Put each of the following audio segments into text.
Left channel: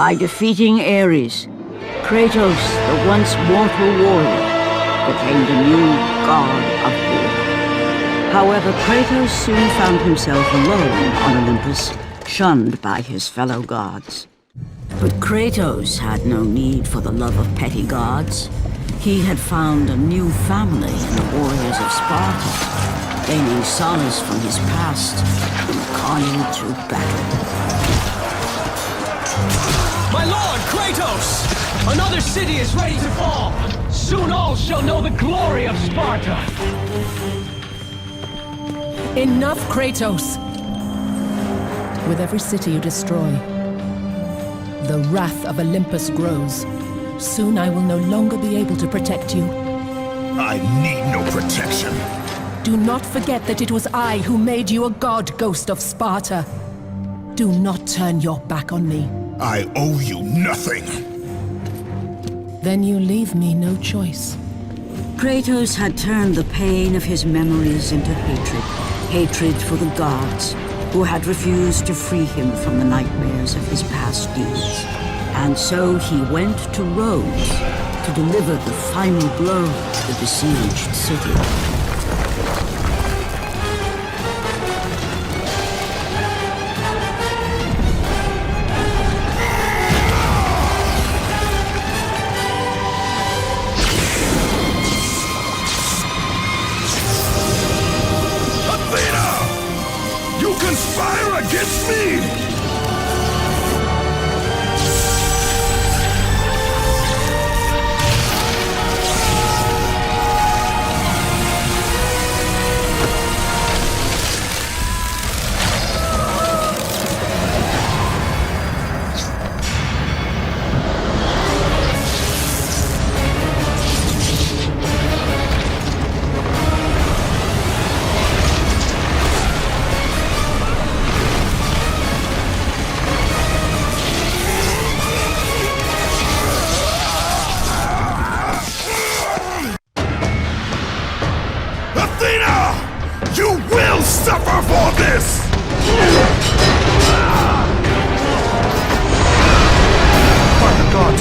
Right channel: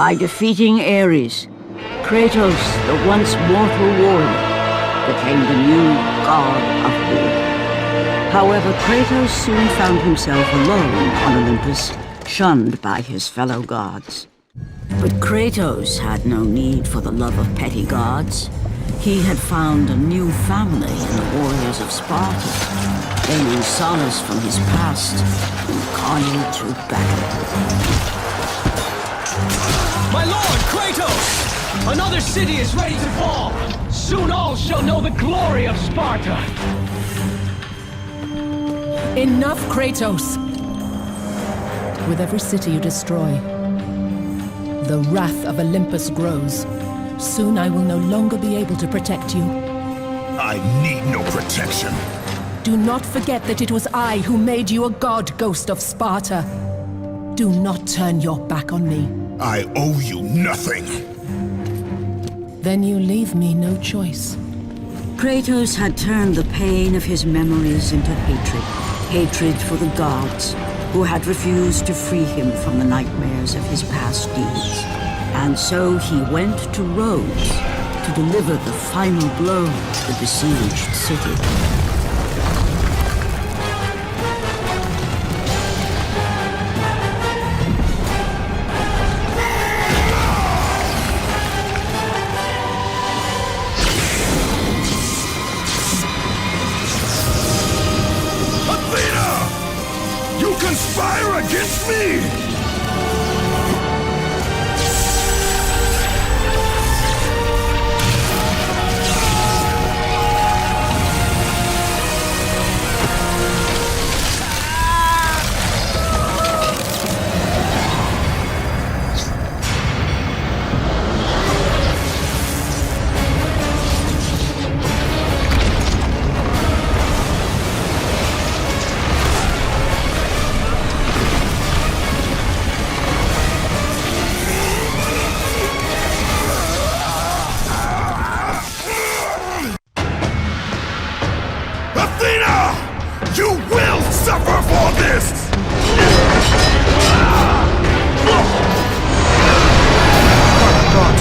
By defeating Ares, Kratos, the once mortal warrior, became the new god of war. However, Kratos soon found himself alone on Olympus, shunned by his fellow gods. But Kratos had no need for the love of petty gods. He had found a new family in the warriors of Sparta, gaining solace from his past in carnage of battle. My lord, Kratos! Another city is ready to fall! Soon all shall know the glory of Sparta! Enough, Kratos! With every city you destroy, the wrath of Olympus grows. Soon I will no longer be able to protect you. I need no protection. Do not forget that it was I who made you a god, Ghost of Sparta. Do not turn your back on me. I owe you nothing. Then you leave me no choice. Kratos had turned the pain of his memories into hatred. Hatred for the gods, who had refused to free him from the nightmares of his past deeds. And so he went to Rhodes to deliver the final blow to the besieged city. Conspire against me!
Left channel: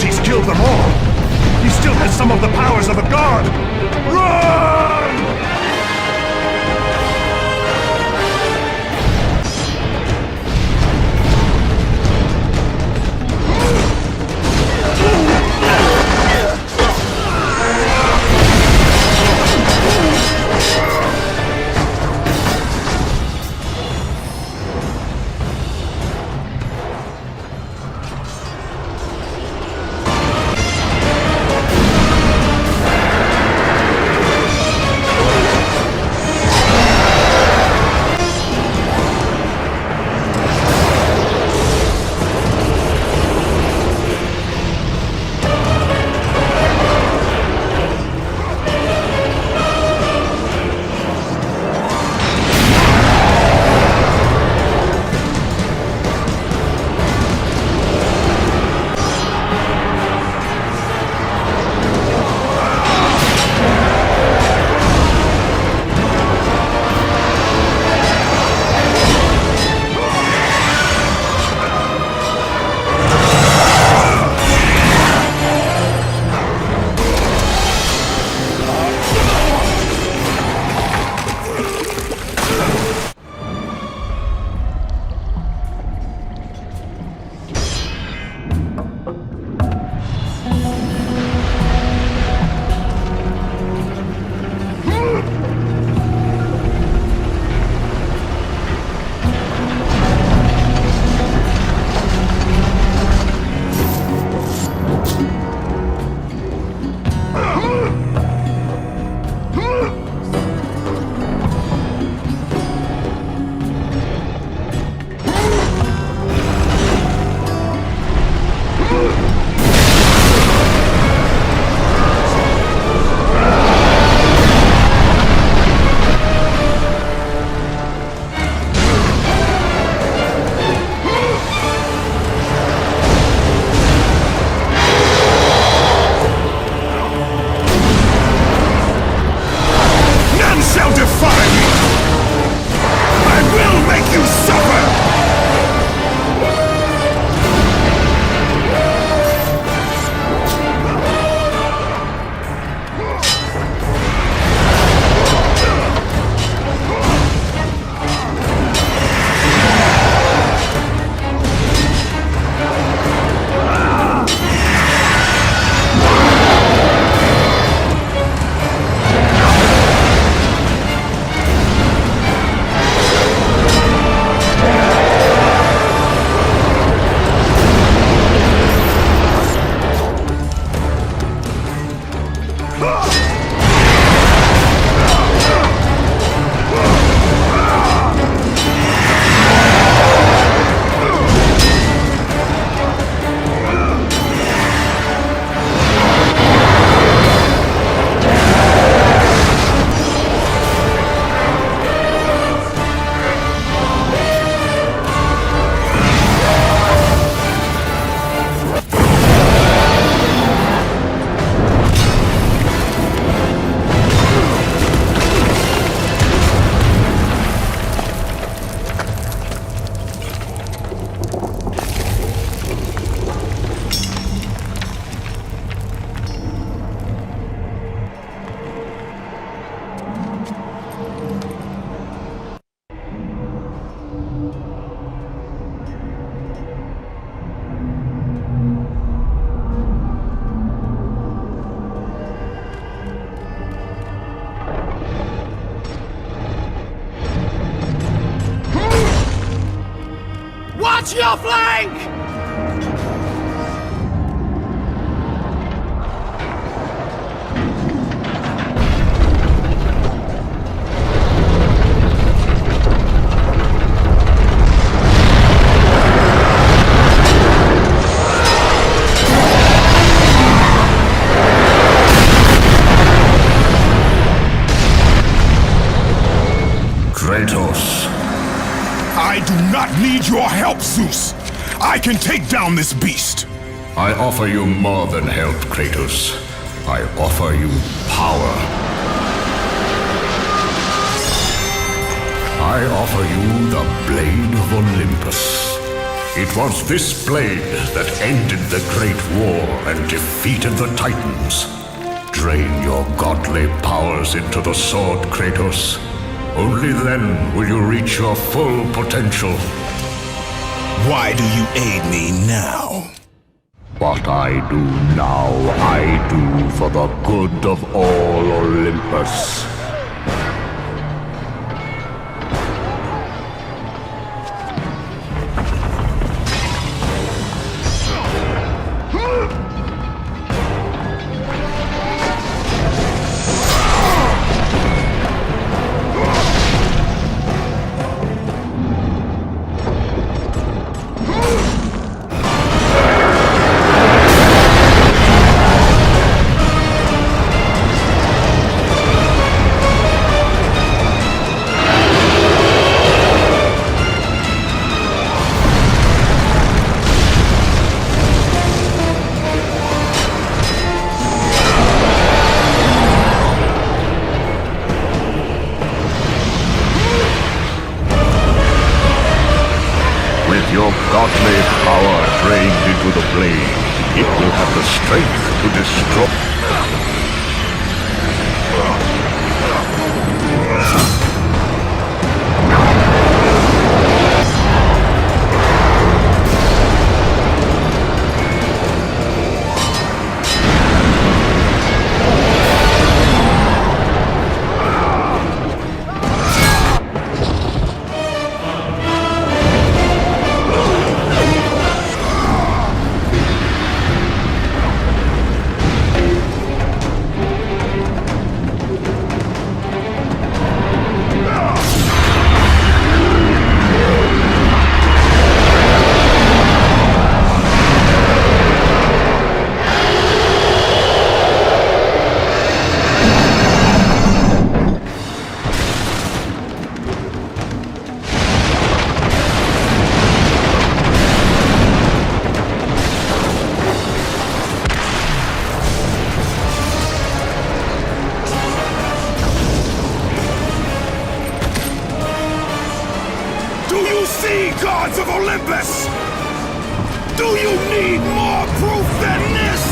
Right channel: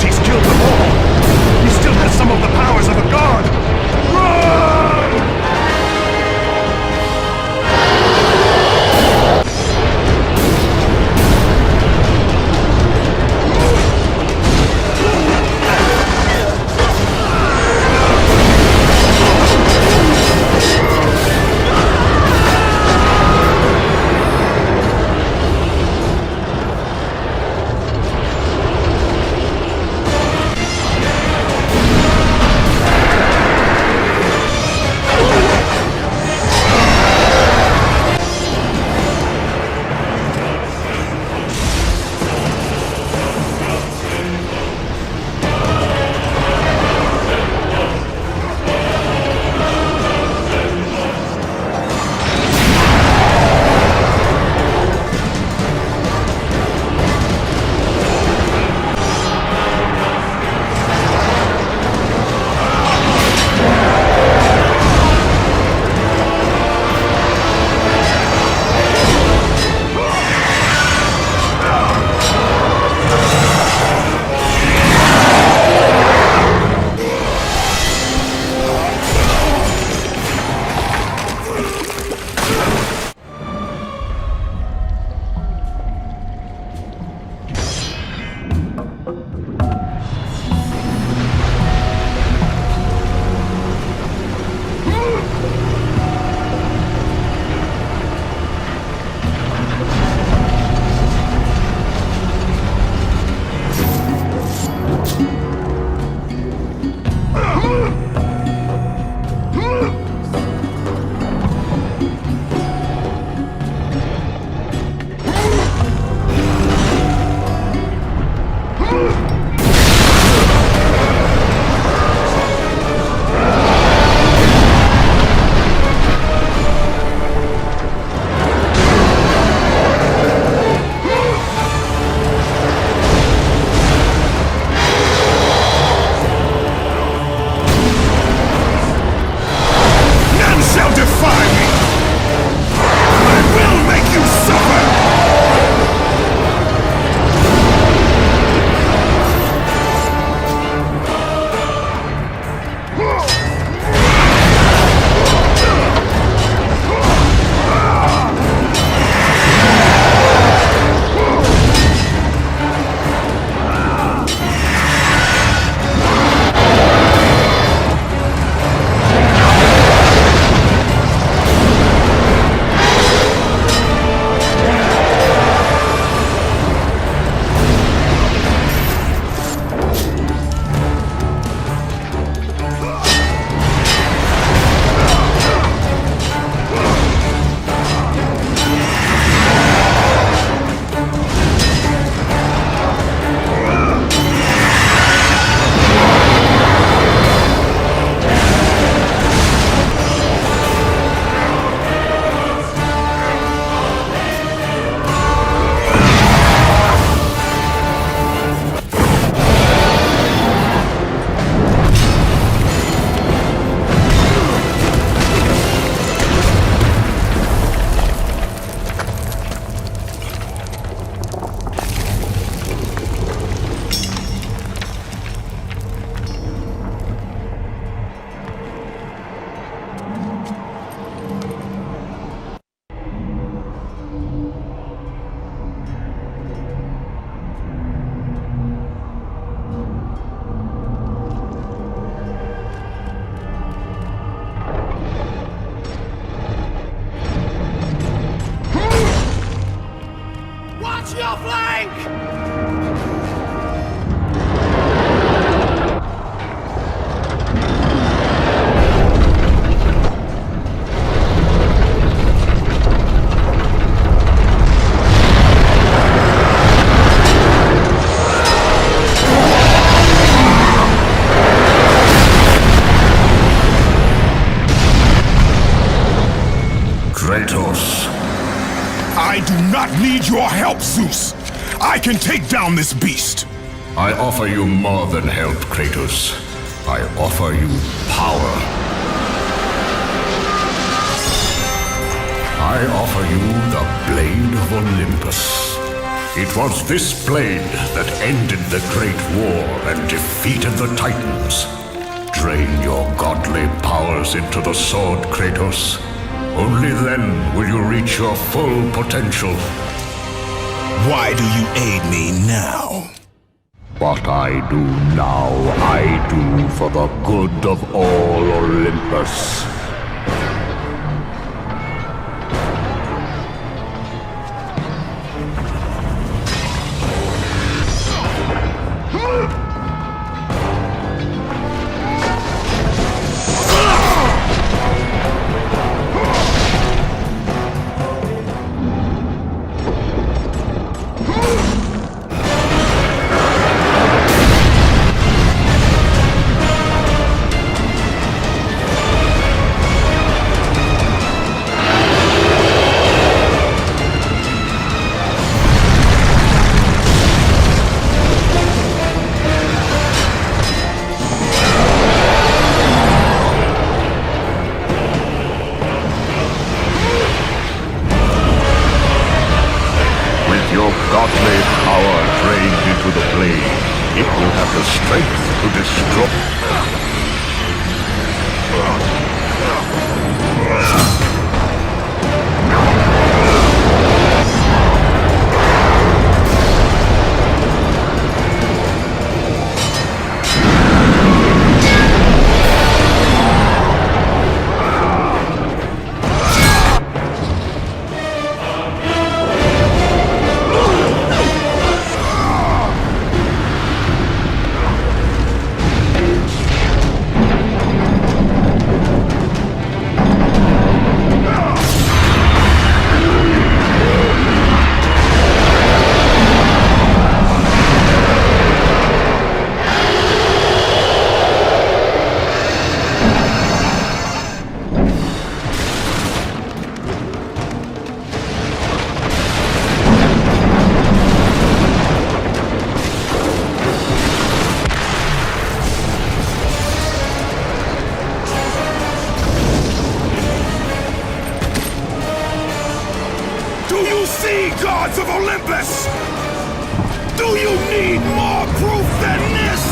He's killed them all! He still has some of the powers of a god! Run! To your flank! Kratos. I do not need your help, Zeus. I can take down this beast. I offer you more than help, Kratos. I offer you power. I offer you the Blade of Olympus. It was this blade that ended the Great War and defeated the Titans. Drain your godly powers into the sword, Kratos. Only then will you reach your full potential. Why do you aid me now? What I do now, I do for the good of all Olympus. Your godly power drained into the blade, it will have the strength to destroy. Gods of Olympus! Do you need more proof than this?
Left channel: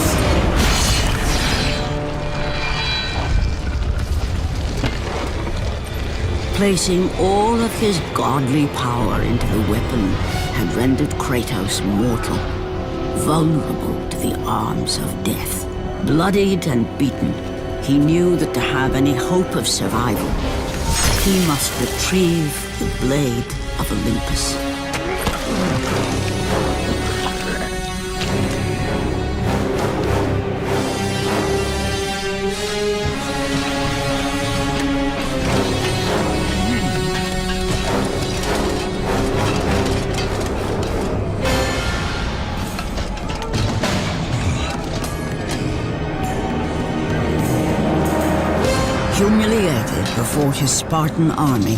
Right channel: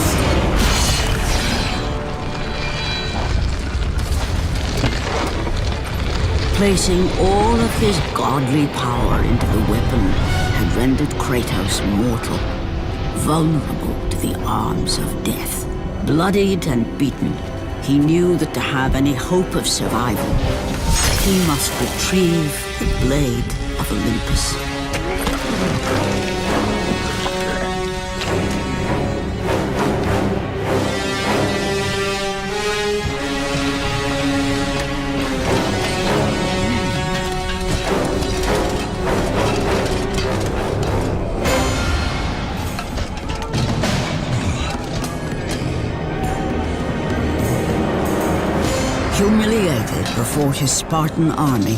Placing all of his godly power into the weapon had rendered Kratos mortal, vulnerable to the arms of death. Bloodied and beaten, he knew that to have any hope of survival, he must retrieve the Blade of Olympus. Humiliated before his Spartan army,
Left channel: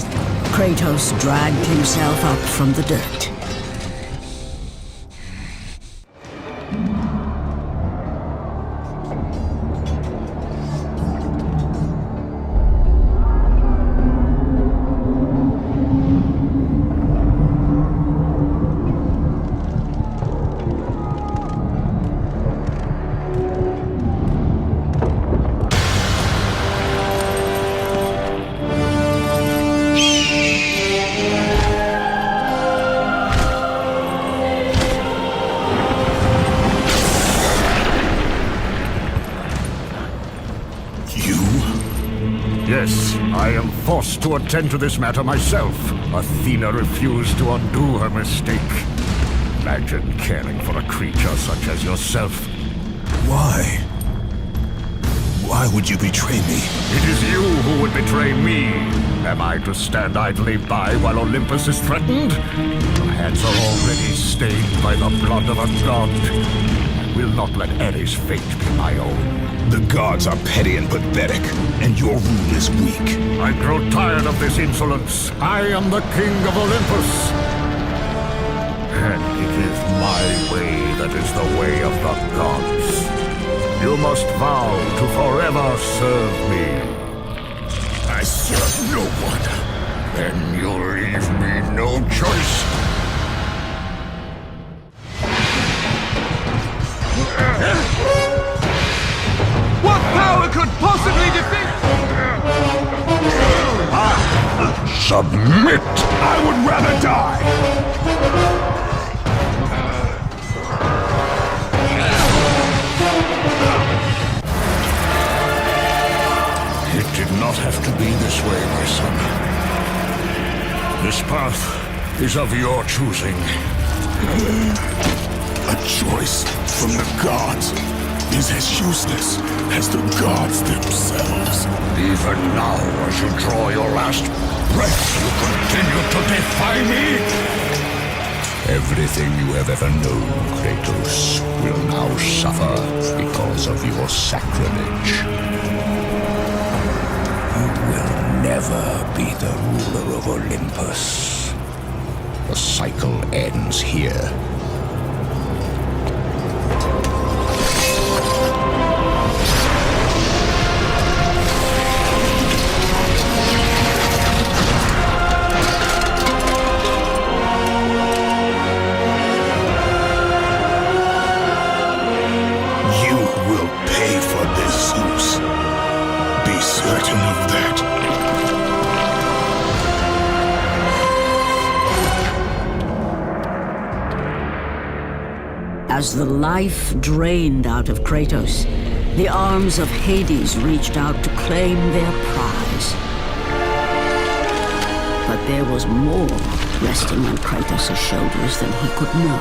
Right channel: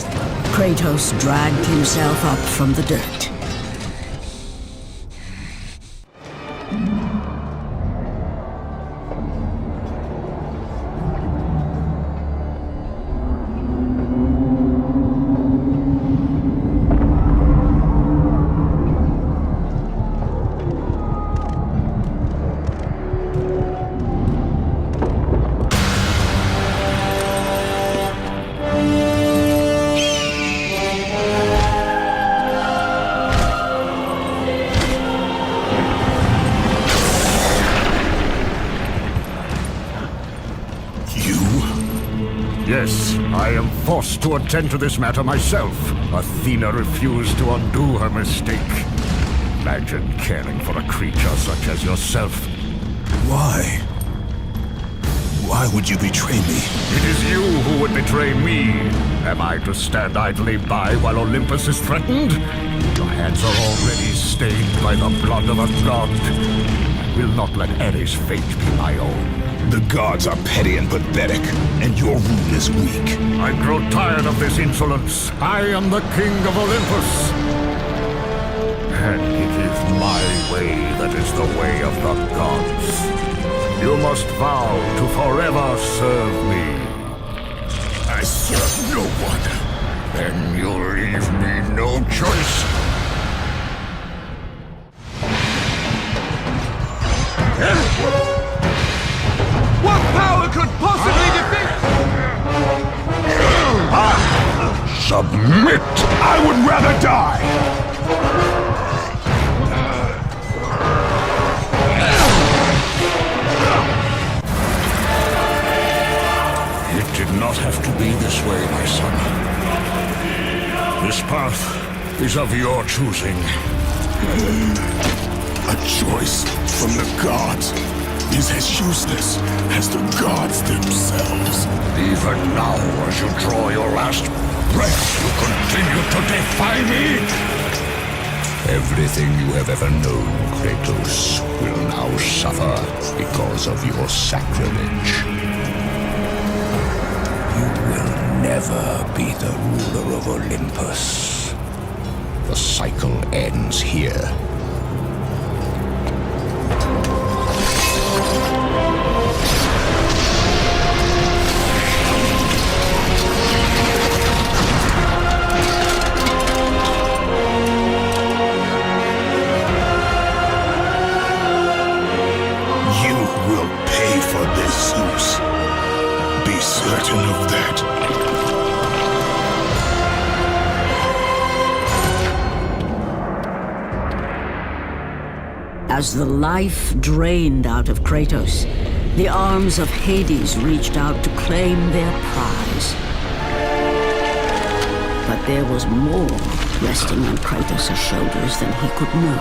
Kratos dragged himself up from the dirt. Yes, I am forced to attend to this matter myself. Athena refused to undo her mistake. imagine caring for a creature such as yourself. Why? Why would you betray me? It is you who would betray me. Am I to stand idly by while Olympus is threatened? Your hands are already stained by the blood of a god. I will not let Ares' fate be my own. The gods are petty and pathetic, and your rule is weak. I grow tired of this insolence. I am the king of Olympus. And it is my way that is the way of the gods. You must vow to forever serve me. I serve no one. Then you leave me no choice. What power could possibly defeat? Submit! I would rather die! It did not have to be this way, my son. This path is of your choosing. A choice from the gods is as useless as the gods themselves. Even now, as you draw your last breath, you continue to defy me? Everything you have ever known, Kratos, will now suffer because of your sacrilege. You will never be the ruler of Olympus. The cycle ends here. You will pay for this, Zeus. Be certain of that. As the life drained out of Kratos, the arms of Hades reached out to claim their prize. But there was more resting on Kratos' shoulders than he could know.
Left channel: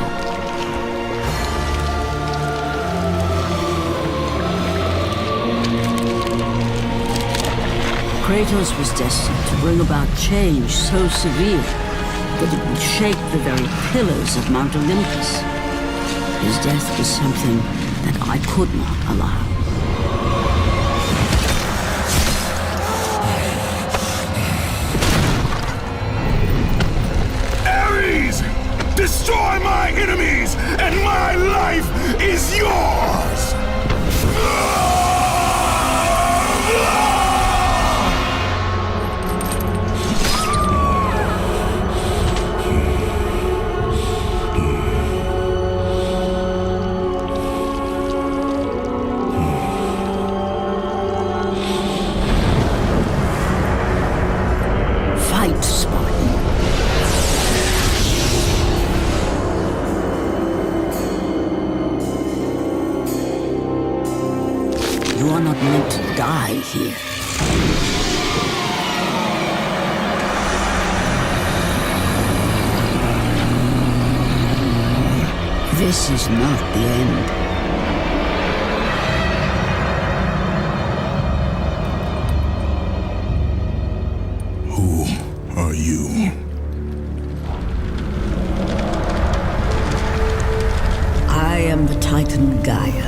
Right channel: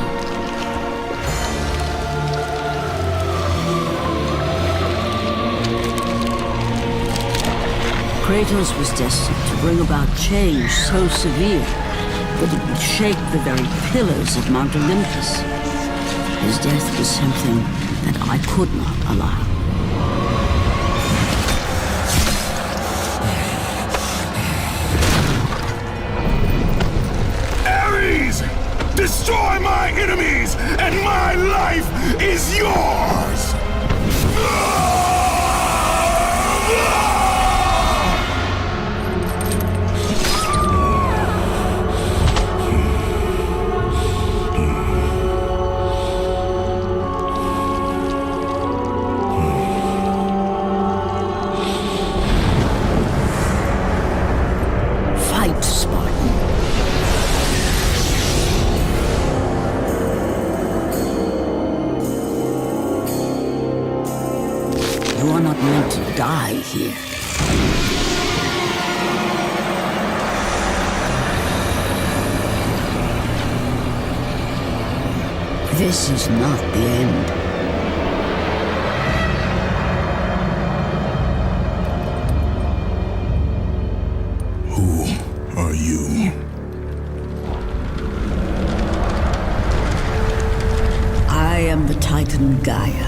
Kratos was destined to bring about change so severe that it would shake the very pillars of Mount Olympus. His death was something that I could not allow. Ares! Destroy my enemies, and my life is yours! Fight, Spartan. You are not meant to die here. This is not the end. Who are you? I am the Titan Gaia,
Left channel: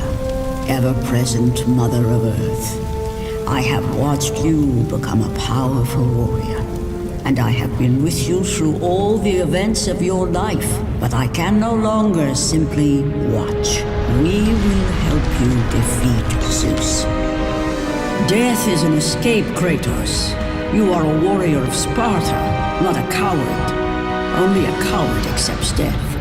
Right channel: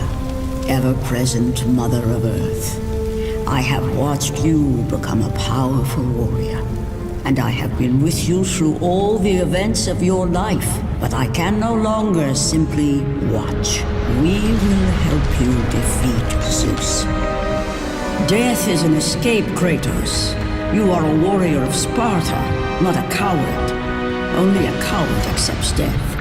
ever-present Mother of Earth. I have watched you become a powerful warrior, and I have been with you through all the events of your life, but I can no longer simply watch. We will help you defeat Zeus. Death is an escape, Kratos. You are a warrior of Sparta, not a coward. Only a coward accepts death.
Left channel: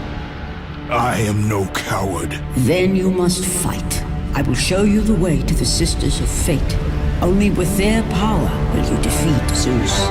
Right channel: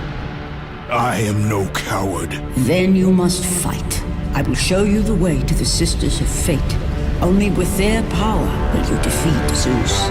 I am no coward. Then you must fight. I will show you the way to the Sisters of Fate. Only with their power will you defeat Zeus.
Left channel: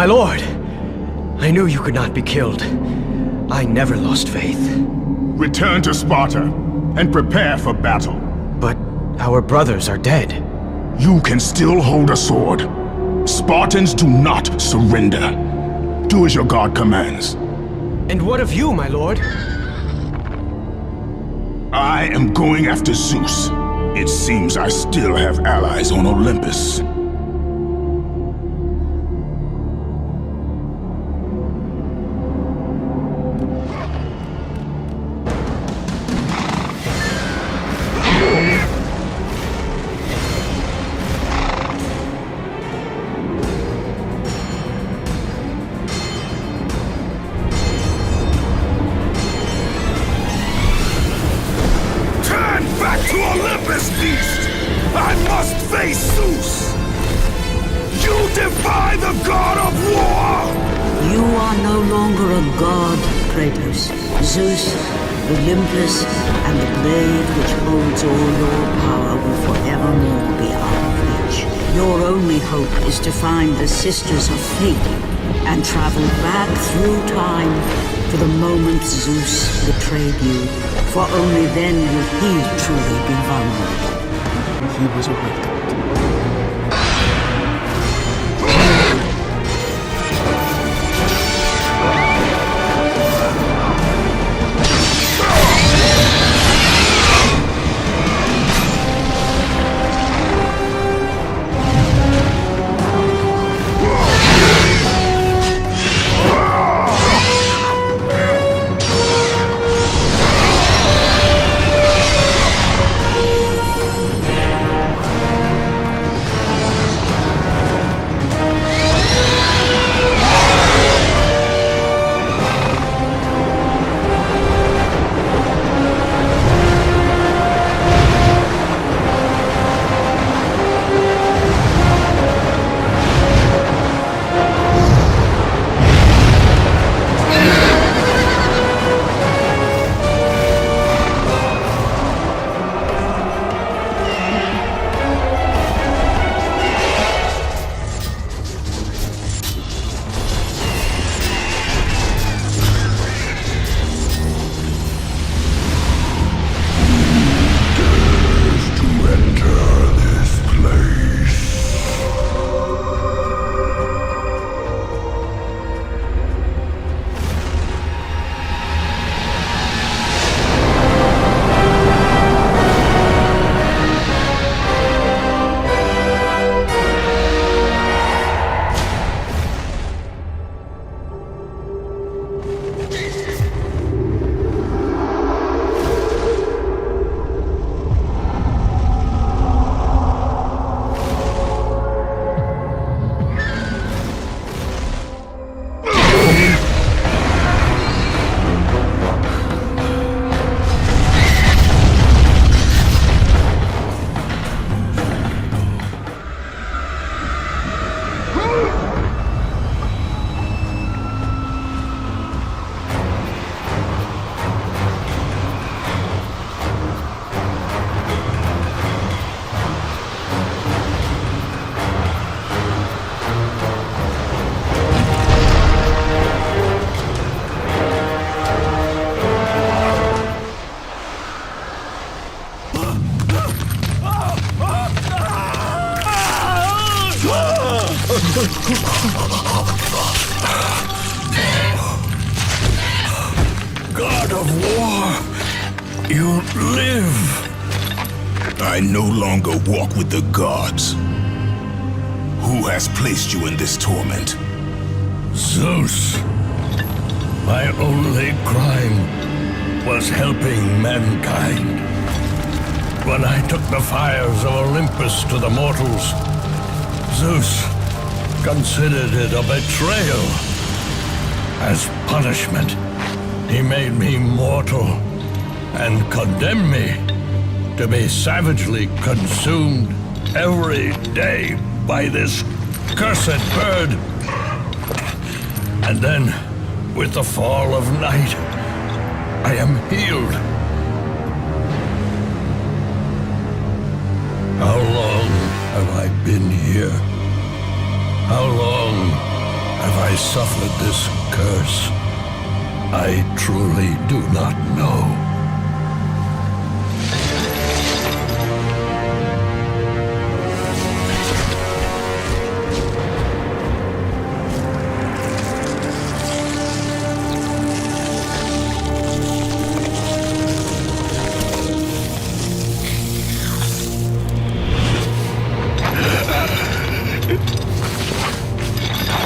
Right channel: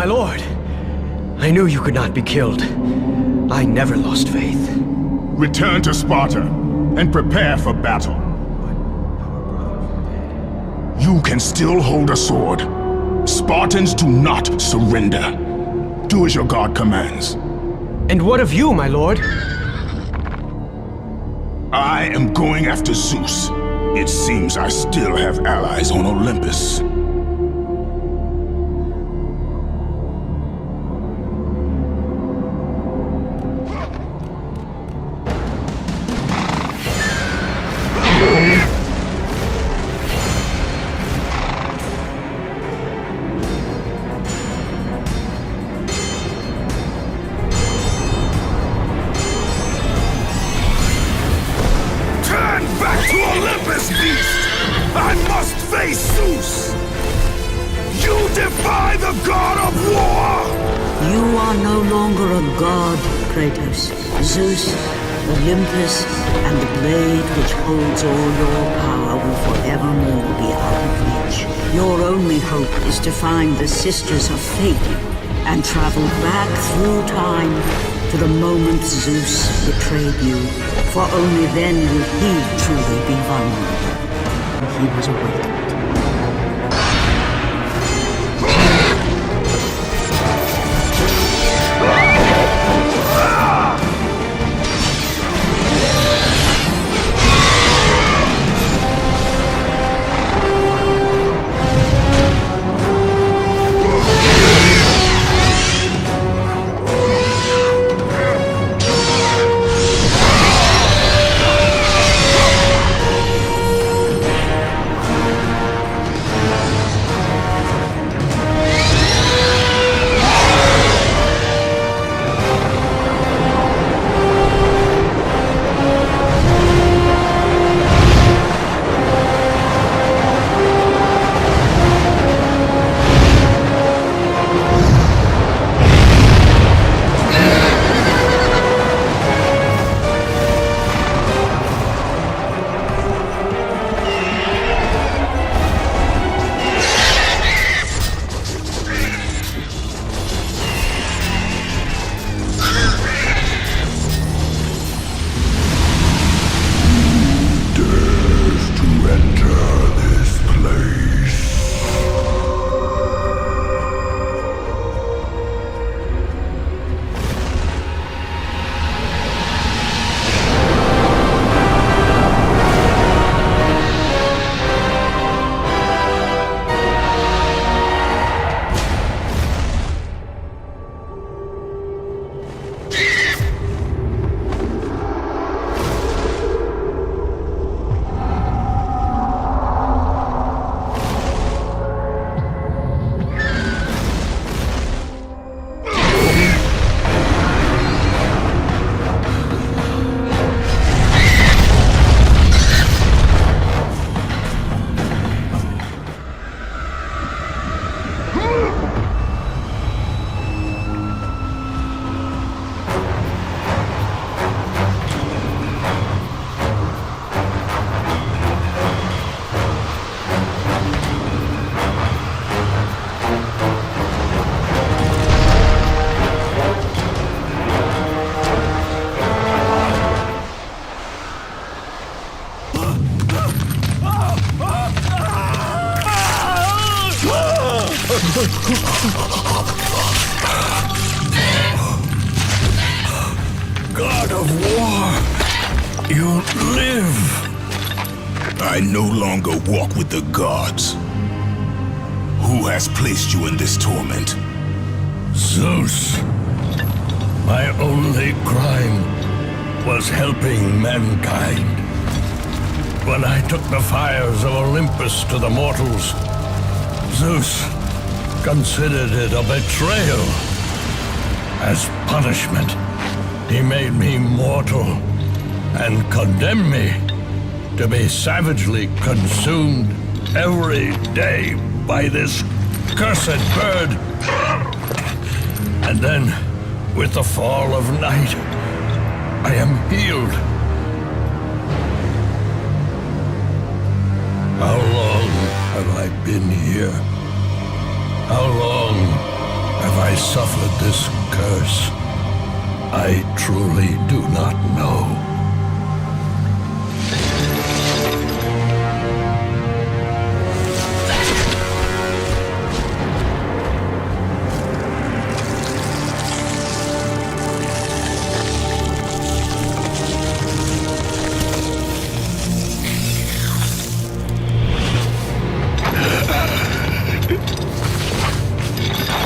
My lord, I knew you could not be killed. I never lost faith. But our brothers are dead. And what of you, my lord? To Olympus, beast! I must face Zeus! You defy the god of war! You are no longer a god, Kratos. Zeus, Olympus, and the blade which holds all your power will forevermore be out of reach. Your only hope is to find the Sisters of Fate and travel back through time to the moment Zeus betrayed you, for only then will he truly be vulnerable. And he was awakened. God of war, you live. I no longer walk with the gods. Who has placed you in this torment? Zeus. My only crime was helping mankind. When I took the fires of Olympus to the mortals, Zeus considered it a betrayal. As punishment, he made me mortal and condemned me to be savagely consumed every day by this cursed bird. And then, with the fall of night, I am healed. How long have I been here? How long have I suffered this curse? I truly do not know.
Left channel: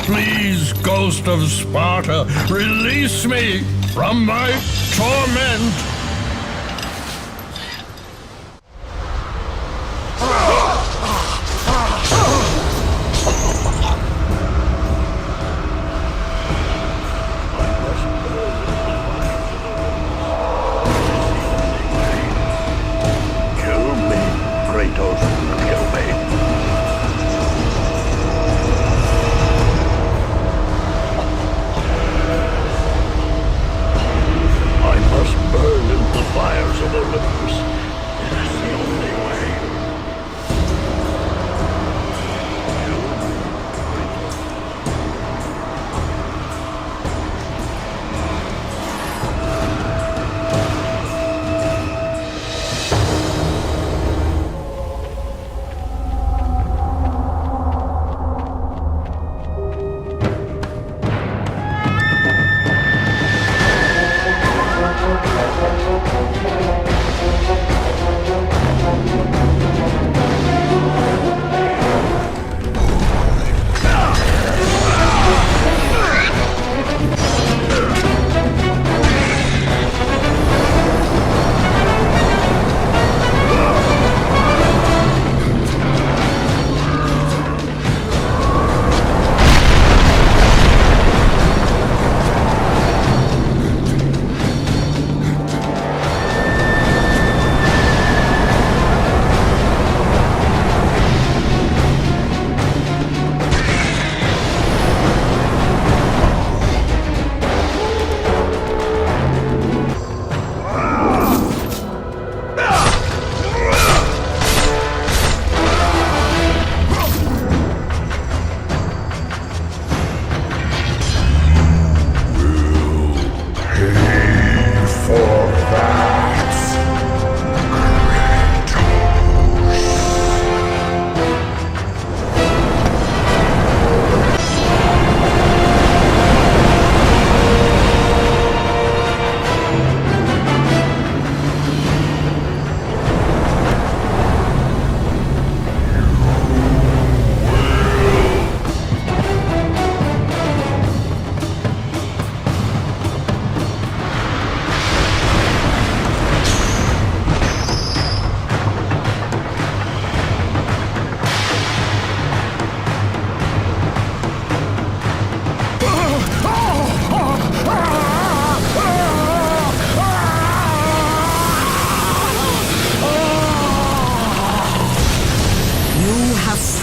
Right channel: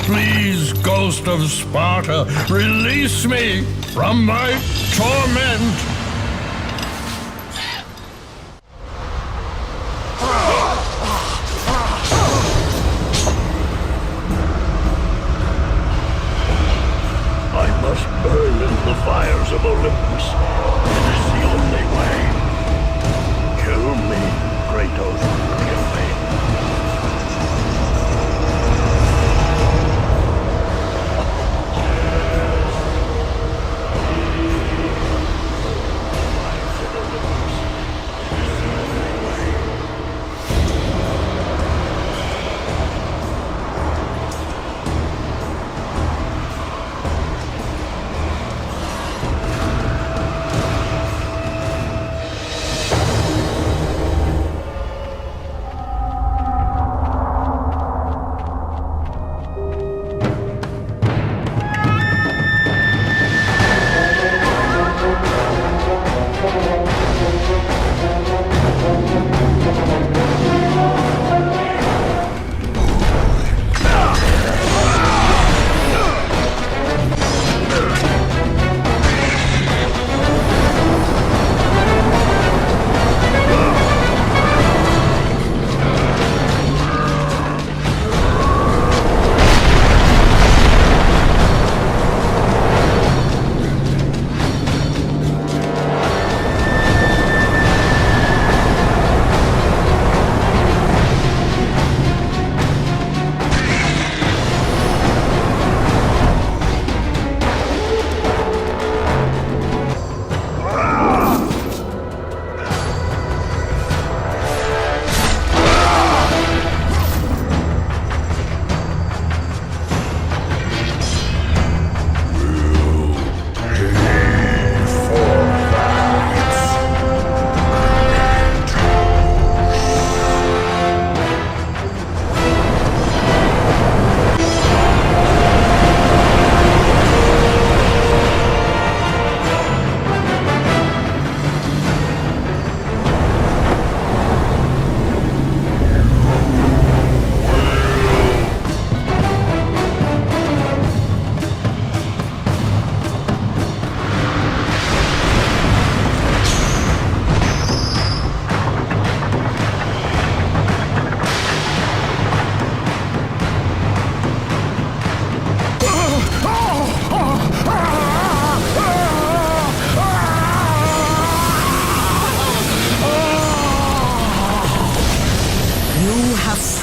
Please, Ghost of Sparta, release me from my torment! I must burn in the fires of Olympus. It is the only way. Kill me, Kratos, kill me.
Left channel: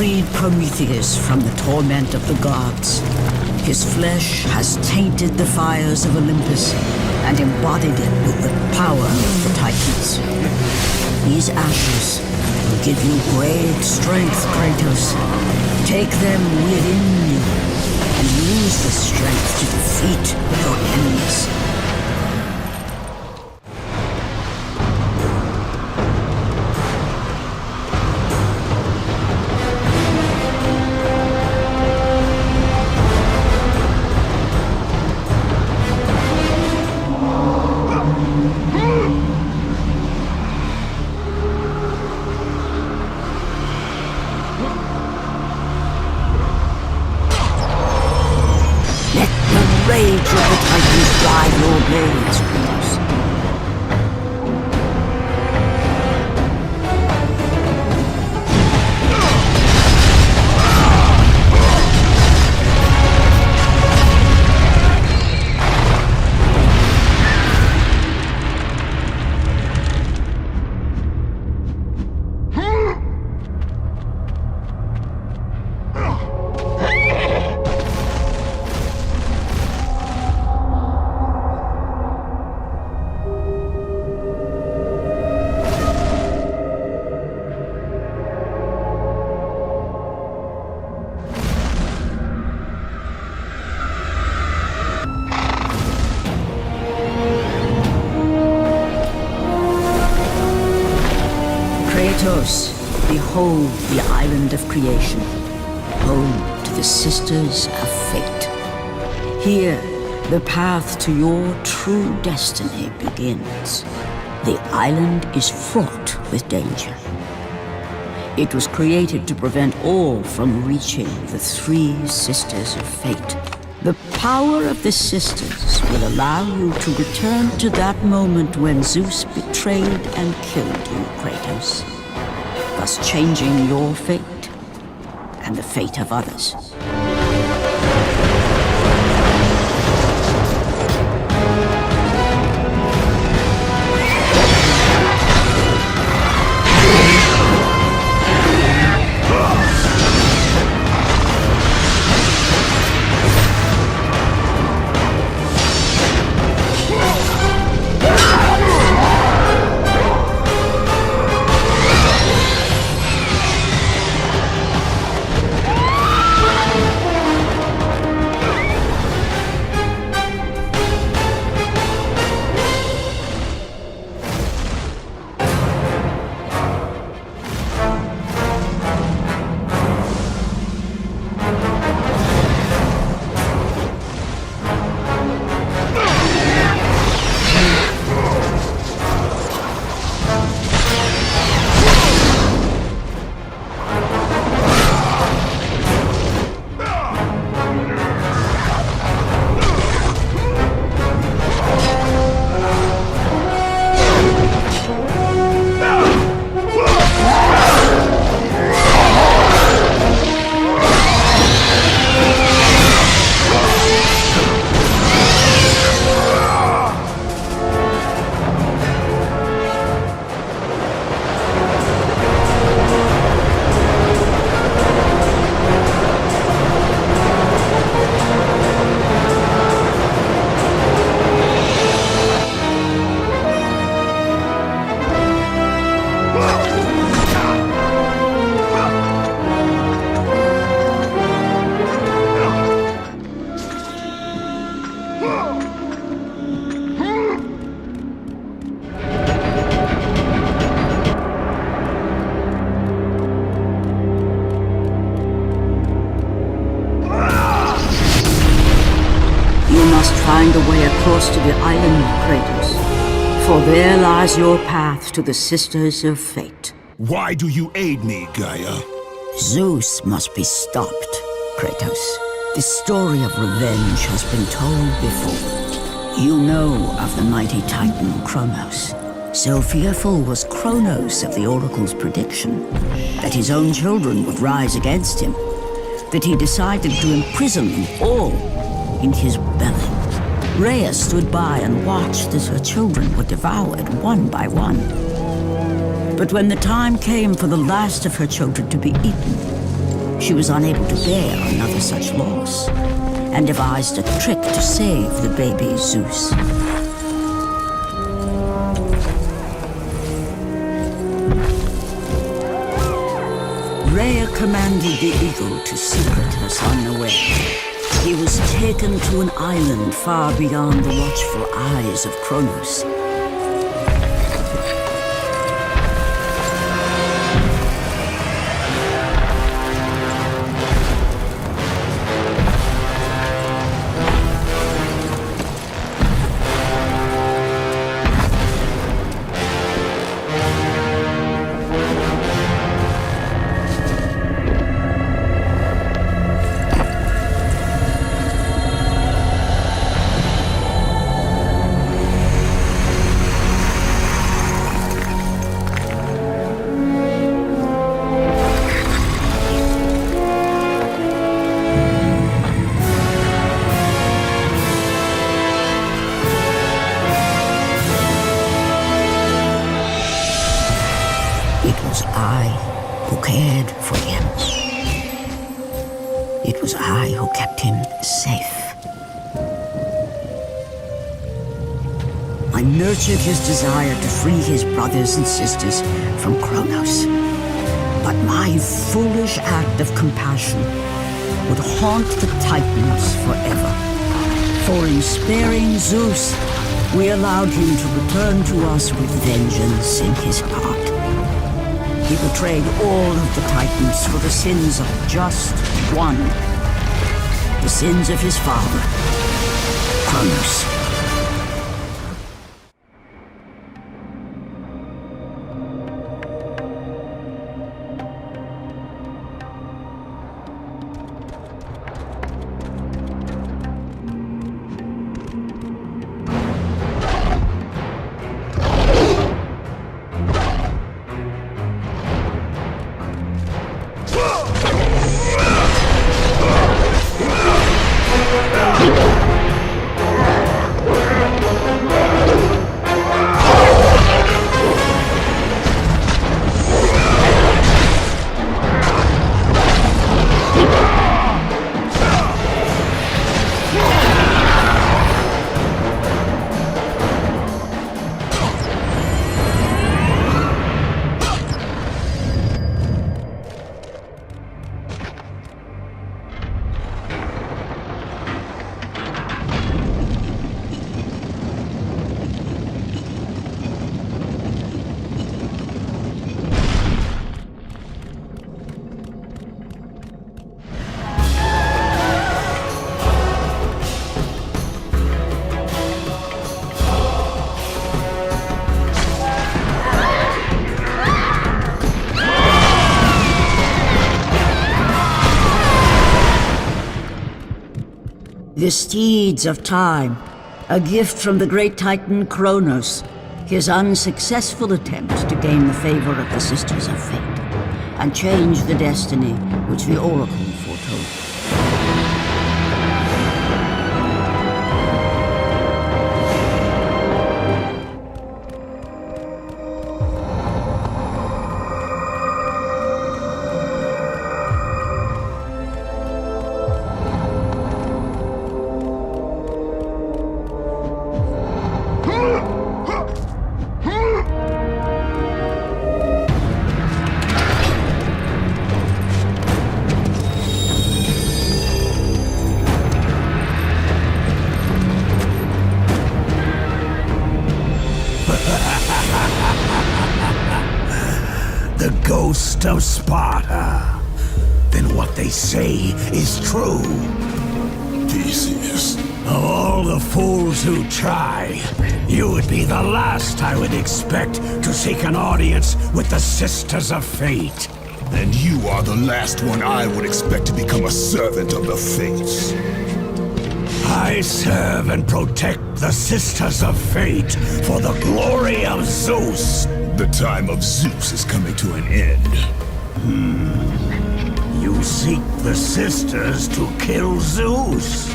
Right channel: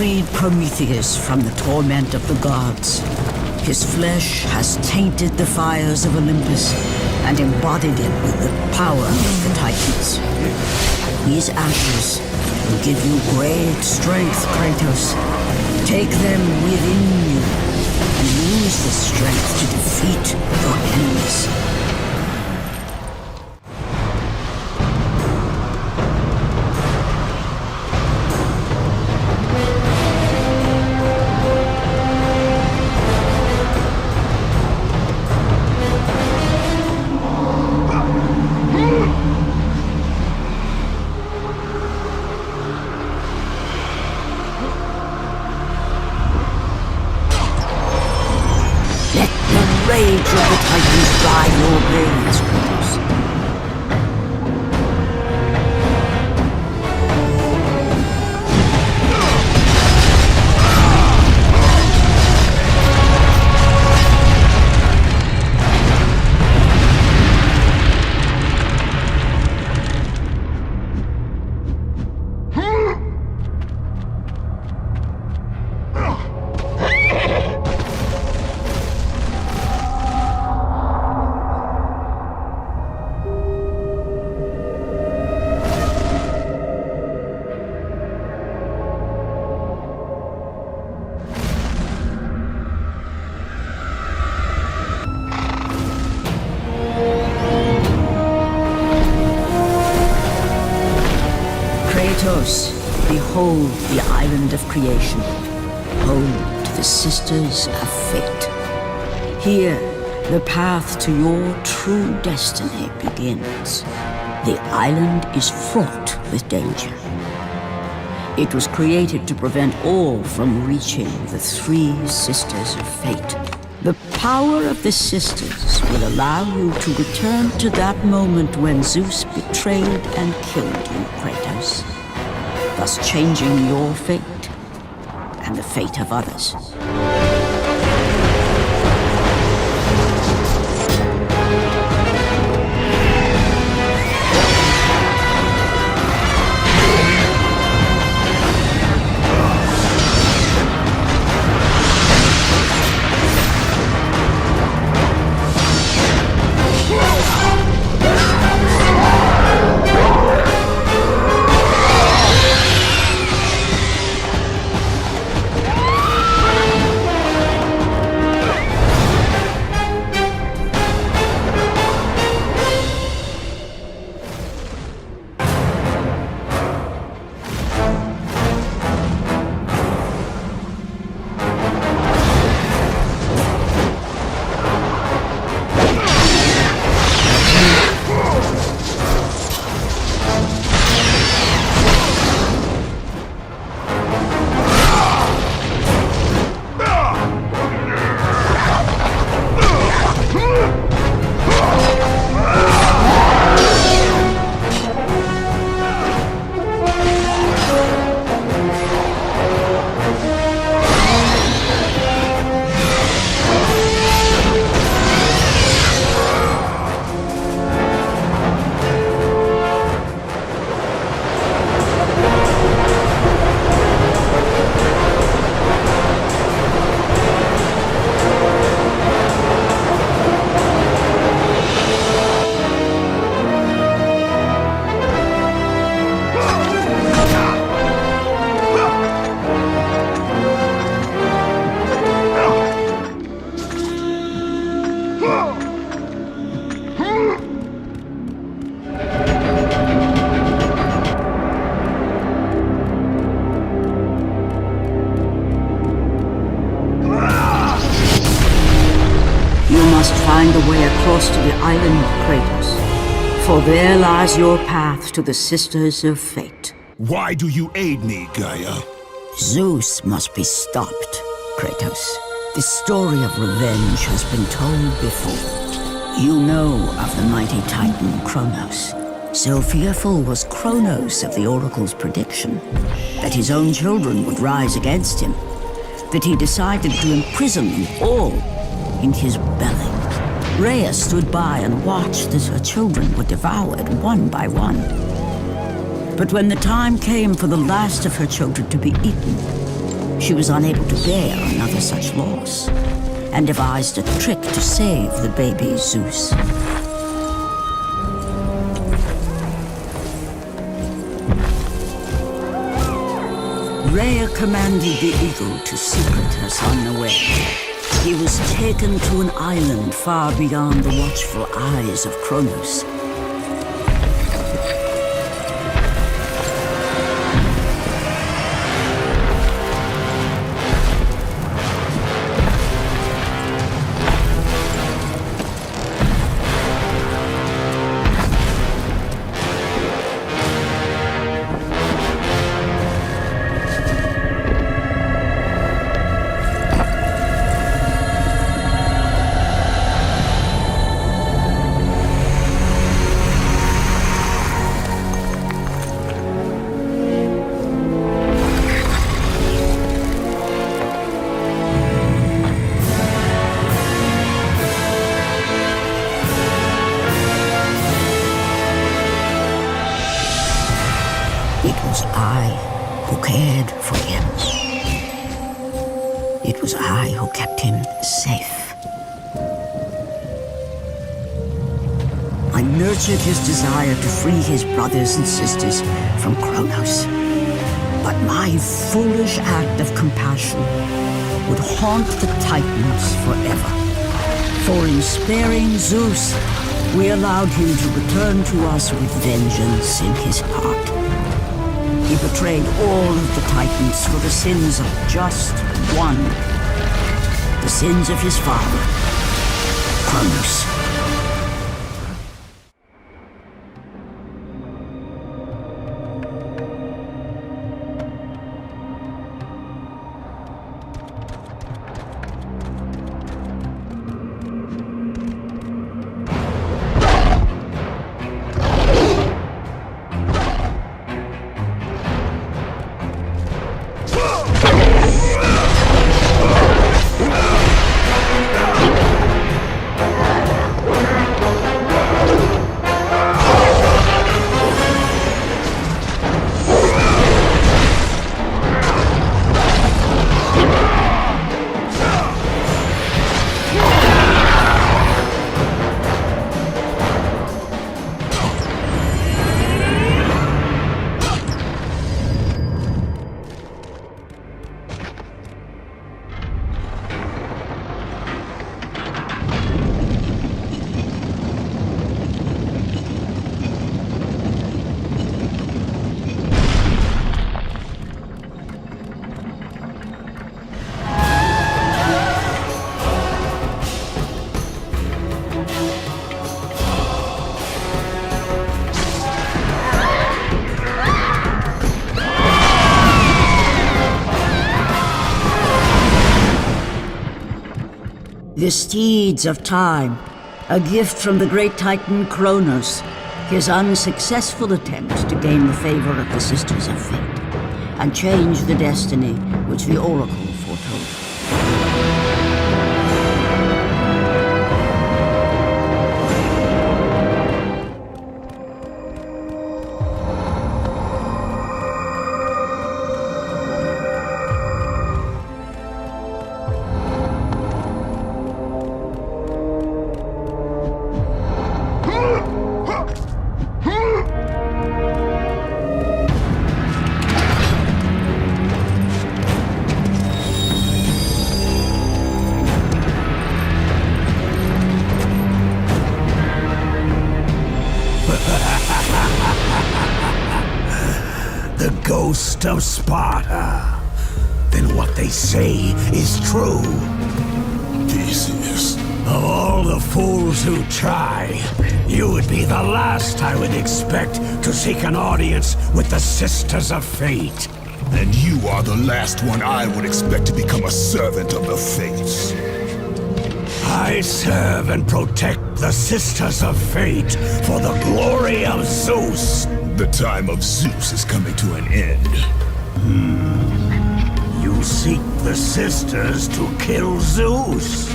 Freed Prometheus from the torment of the gods. His flesh has tainted the fires of Olympus and embodied it with the power of the Titans. These ashes will give you great strength, Kratos. Take them within you and use the strength to defeat your enemies. Rage of the Titans drive your blades, Kratos. Kratos, behold the island of creation, home to the Sisters of Fate. Here, the path to your true destiny begins. The island is fraught with danger. It was created to prevent all from reaching the three Sisters of Fate. The power of the Sisters will allow you to return to that moment when Zeus betrayed and killed you, Kratos, thus changing your fate and the fate of others. You must find a way across to the island, Kratos. For there lies your path to the Sisters of Fate. Why do you aid me, Gaia? Zeus must be stopped, Kratos. The story of revenge has been told before. You know of the mighty Titan Kronos. So fearful was Kronos of the Oracle's prediction that his own children would rise against him, that he decided to imprison them all in his belly. Rhea stood by and watched as her children were devoured one by one. But when the time came for the last of her children to be eaten, she was unable to bear another such loss, and devised a trick to save the baby Zeus. Rhea commanded the eagle to secret her son away. He was taken to an island far beyond the watchful eyes of Kronos. It was I who cared for him. It was I who kept him safe. I nurtured his desire to free his brothers and sisters from Kronos. But my foolish act of compassion would haunt the Titans forever. For in sparing Zeus, we allowed him to return to us with vengeance in his heart. He betrayed all of the Titans for the sins of just one. The sins of his father, Kratos. The steeds of time, a gift from the great titan Kratos, his unsuccessful attempt to gain the favor of the Sisters of Fate, and change the destiny which the Oracle foretold. The ghost of Sparta. Then what they say is true. Theseus. Of all the fools who try, you would be the last I would expect to seek an audience with the Sisters of Fate. And you are the last one I would expect to become a servant of the Fates. I serve and protect the Sisters of Fate for the glory of Zeus. The time of Zeus is coming to an end. You seek the Sisters to kill Zeus.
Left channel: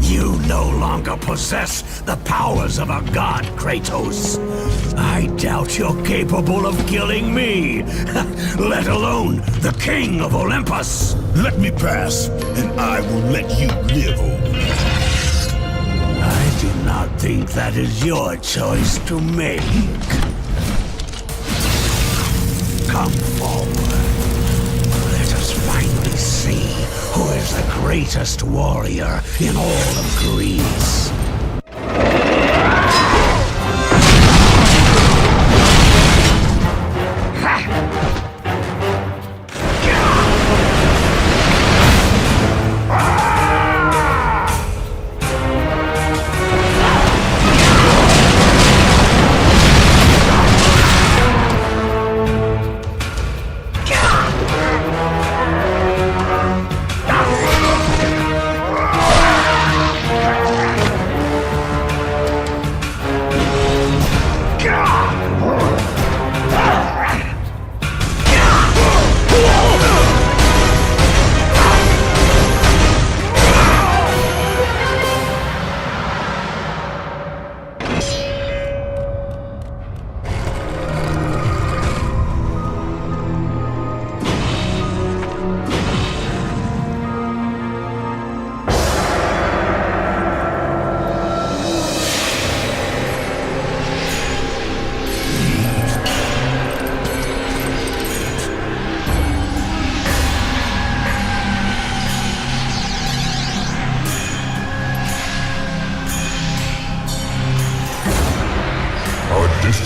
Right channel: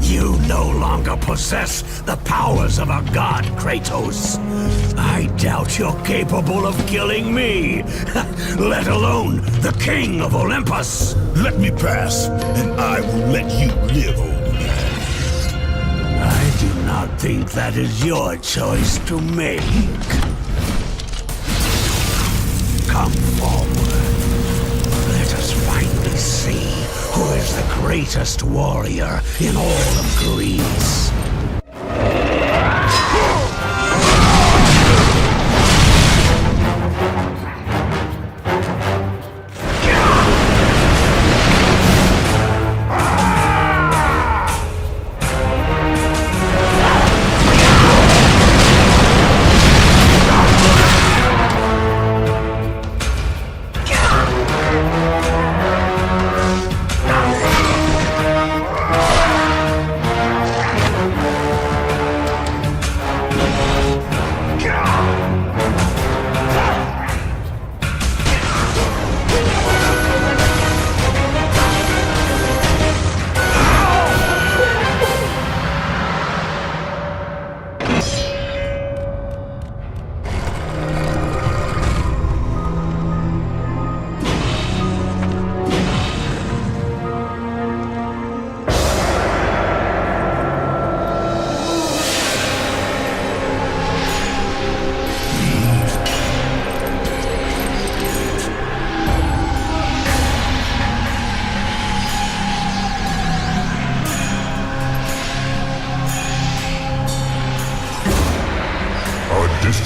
You no longer possess the powers of a god, Kratos. I doubt you're capable of killing me, let alone the king of Olympus. Let me pass, and I will let you live over. I do not think that is your choice to make. Come forward. Let us finally see who is the greatest warrior in all of Greece.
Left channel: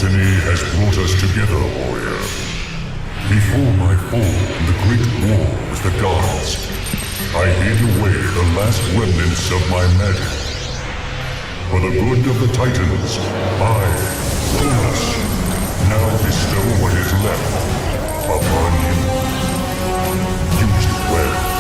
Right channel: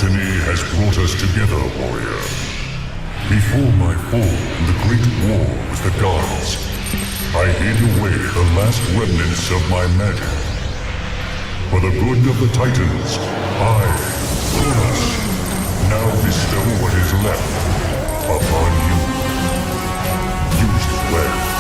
Destiny has brought us together, warrior. Before my fall in the great war with the gods, I hid away the last remnants of my magic. For the good of the Titans, I, Kratos, now bestow what is left upon you. Use it well.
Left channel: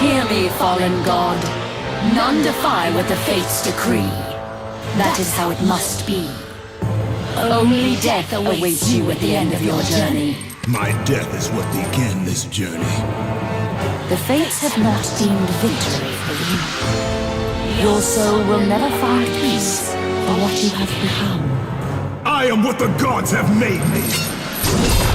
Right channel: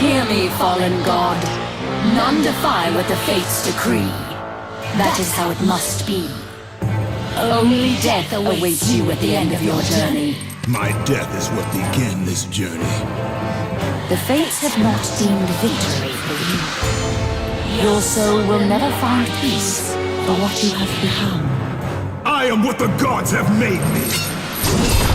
Hear me, fallen god. None defy what the fates decree. That is how it must be. Only death awaits you at the end of your journey. My death is what began this journey. The fates have not deemed victory for you. Your soul will never find peace for what you have become. I am what the gods have made me!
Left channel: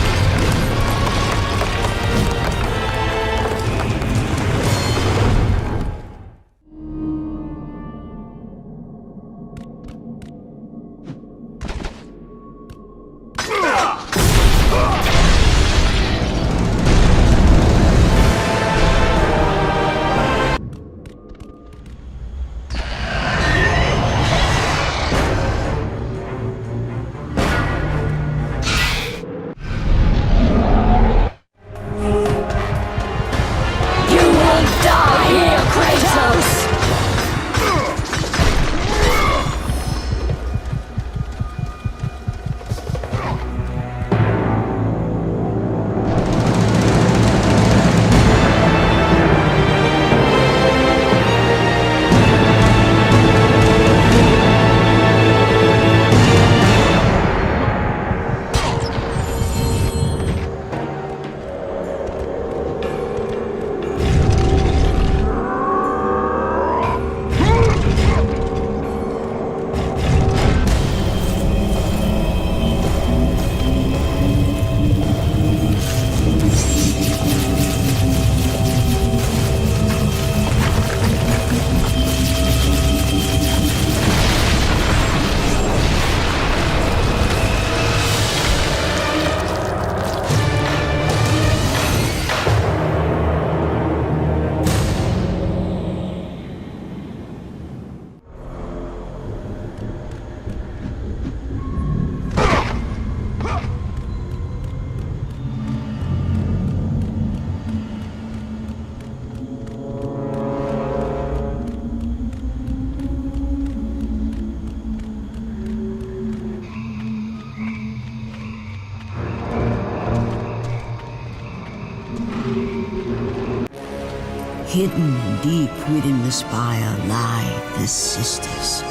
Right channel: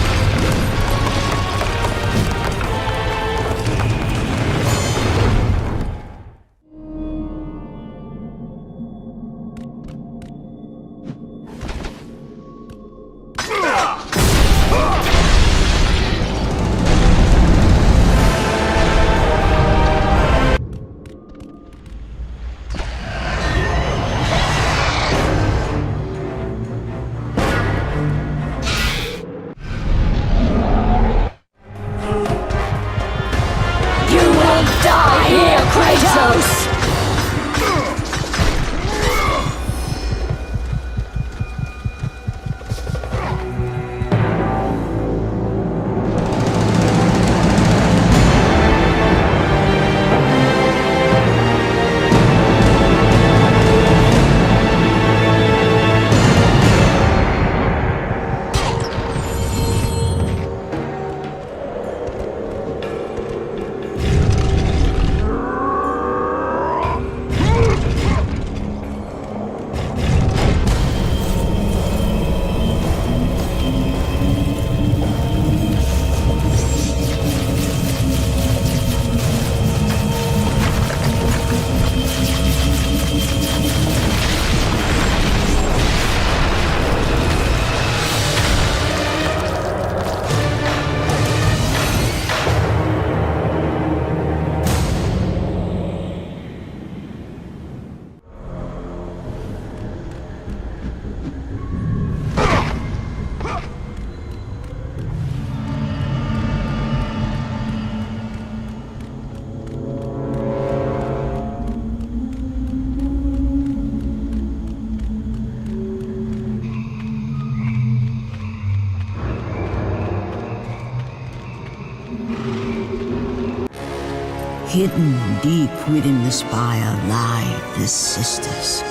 Hidden deep within the spire lie the sisters.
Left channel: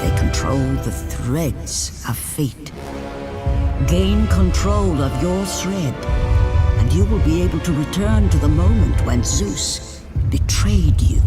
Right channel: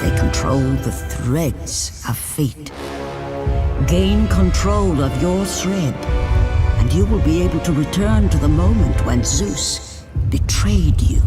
They control the threads of fate. Gain control of your thread, and you will be able to return to the moment when Zeus betrayed you.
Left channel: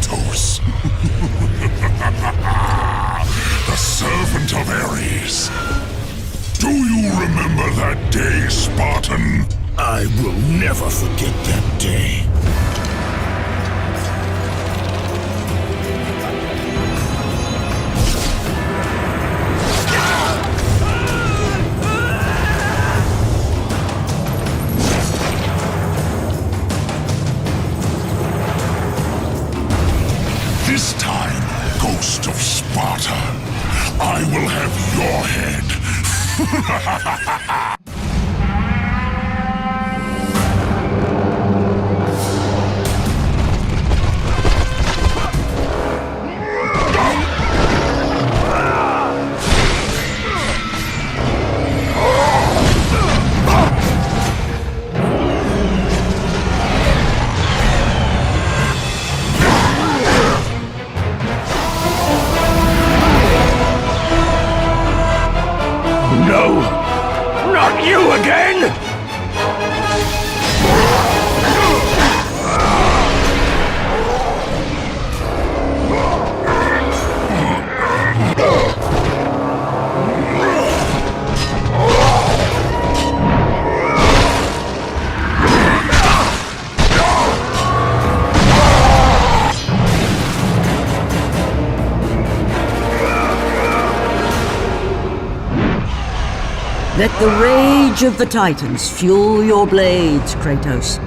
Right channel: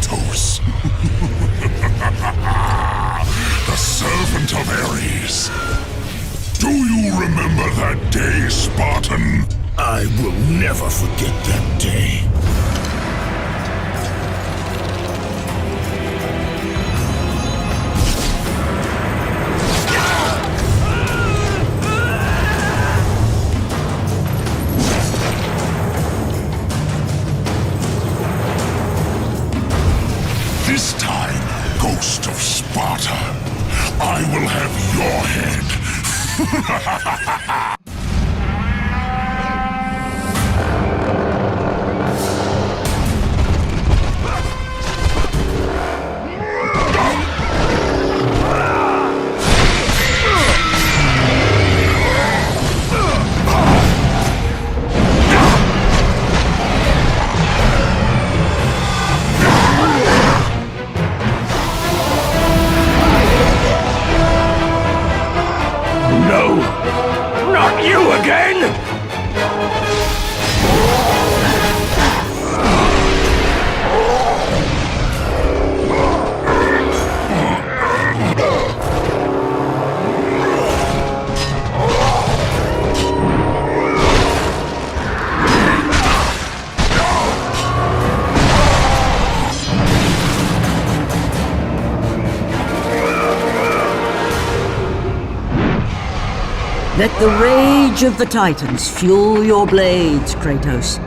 Kratos. The servant of Ares. Do you remember that day, Spartan? I will never forget that day. This time, Ghost of Sparta, I will have your head. No! Not you again! Let the rage of the Titans fuel your blades, Kratos.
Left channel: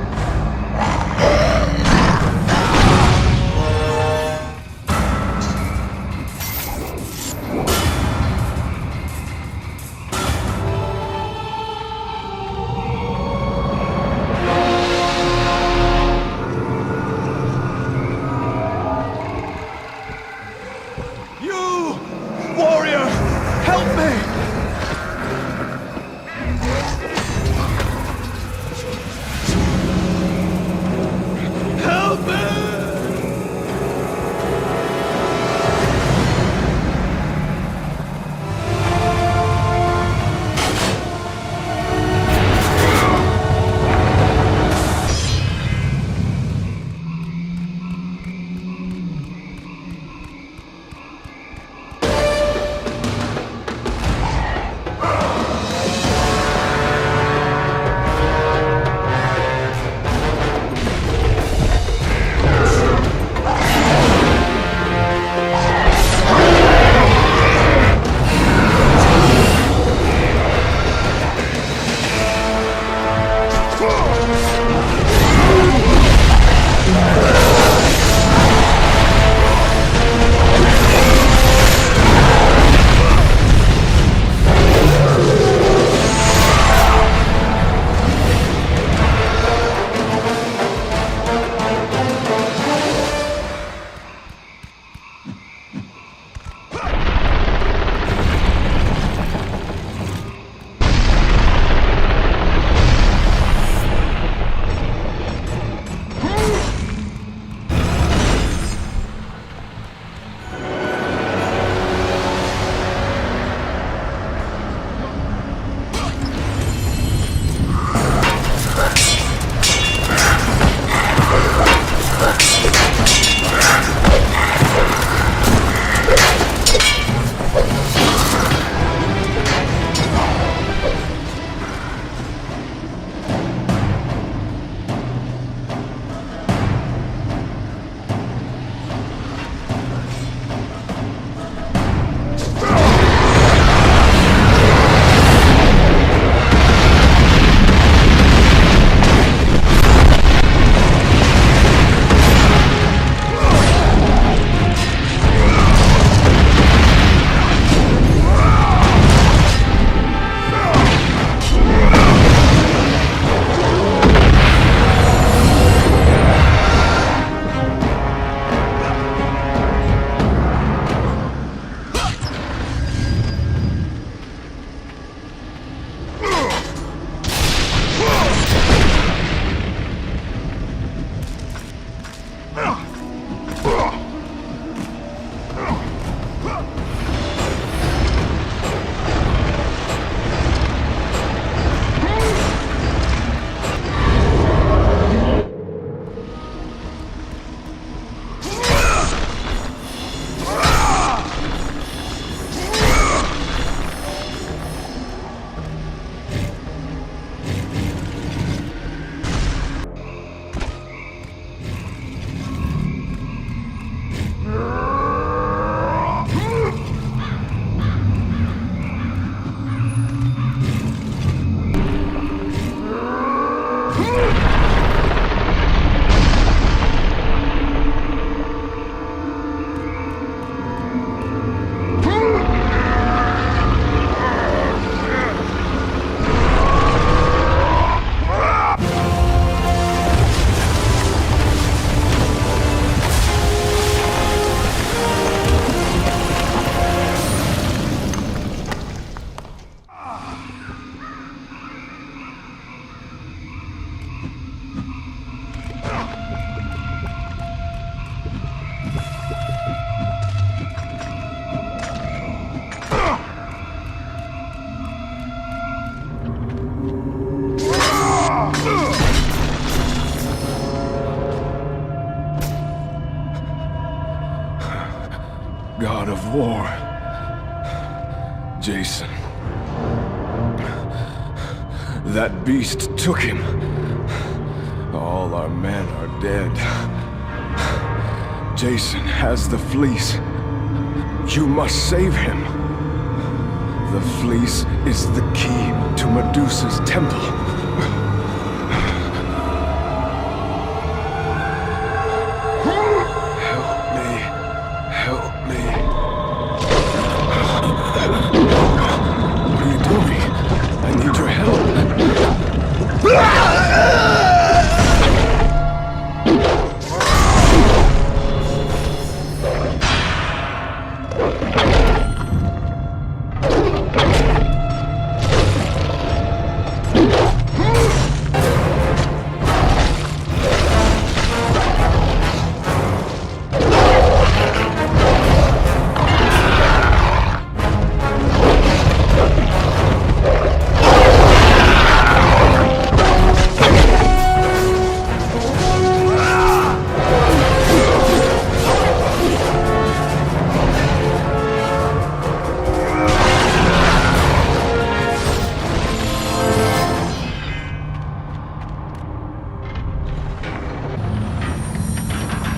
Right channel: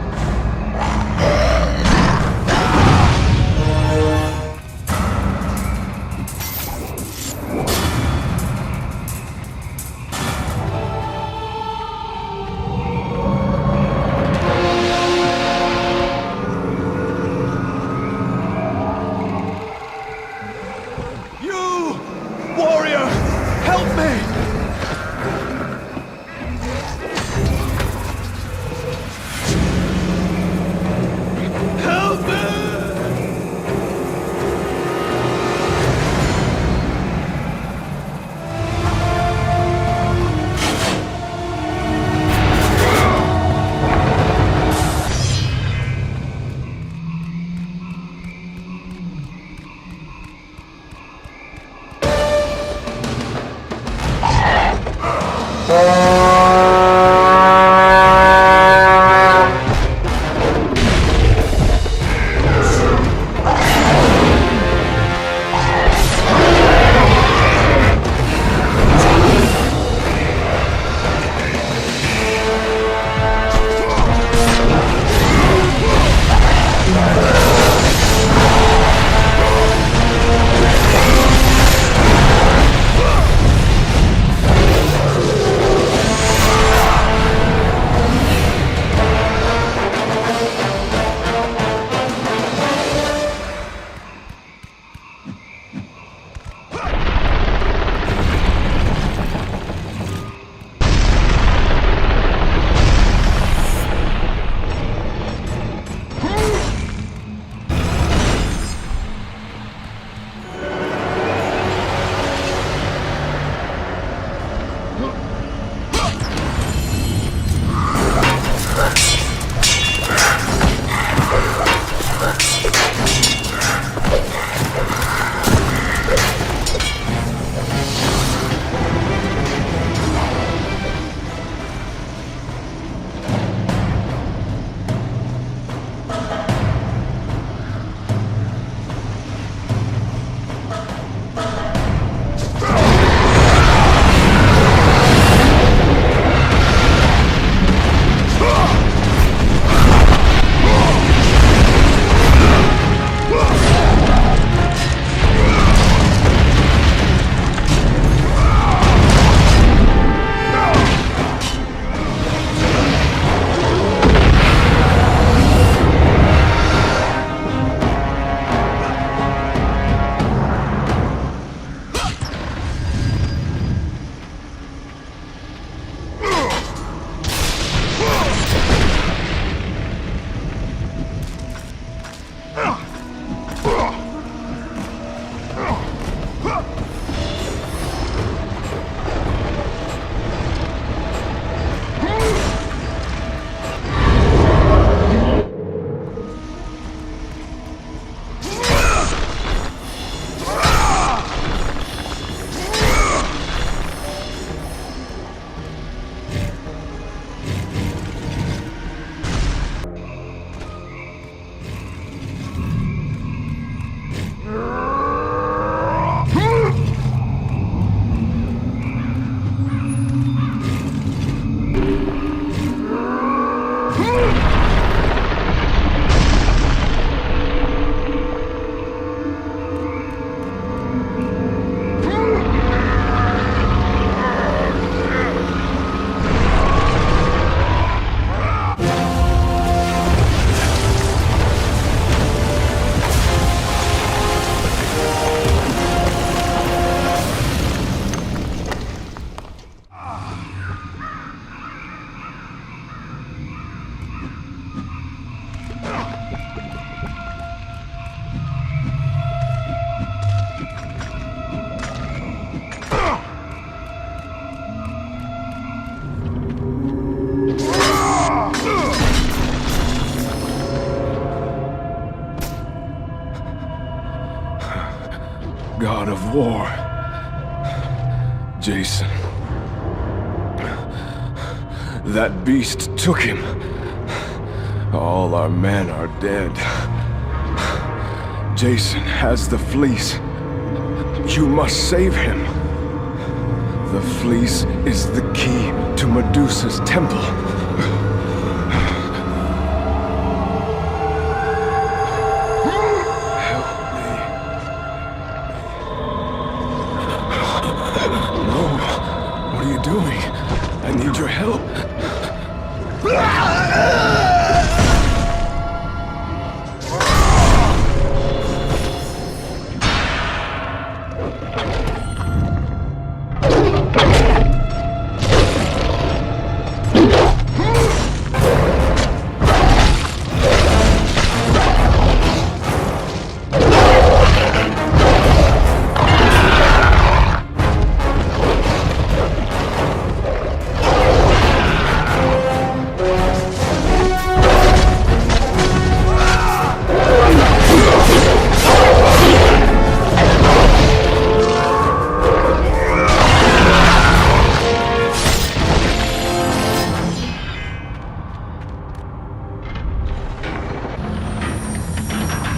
You! Warrior! Help me! god of war. Jason. That beast took him. All our men are dead. Jason has the fleece. You must save him. The fleece is the key to Medusa's temple. Help me. Help me. No. What are you doing? I need your help.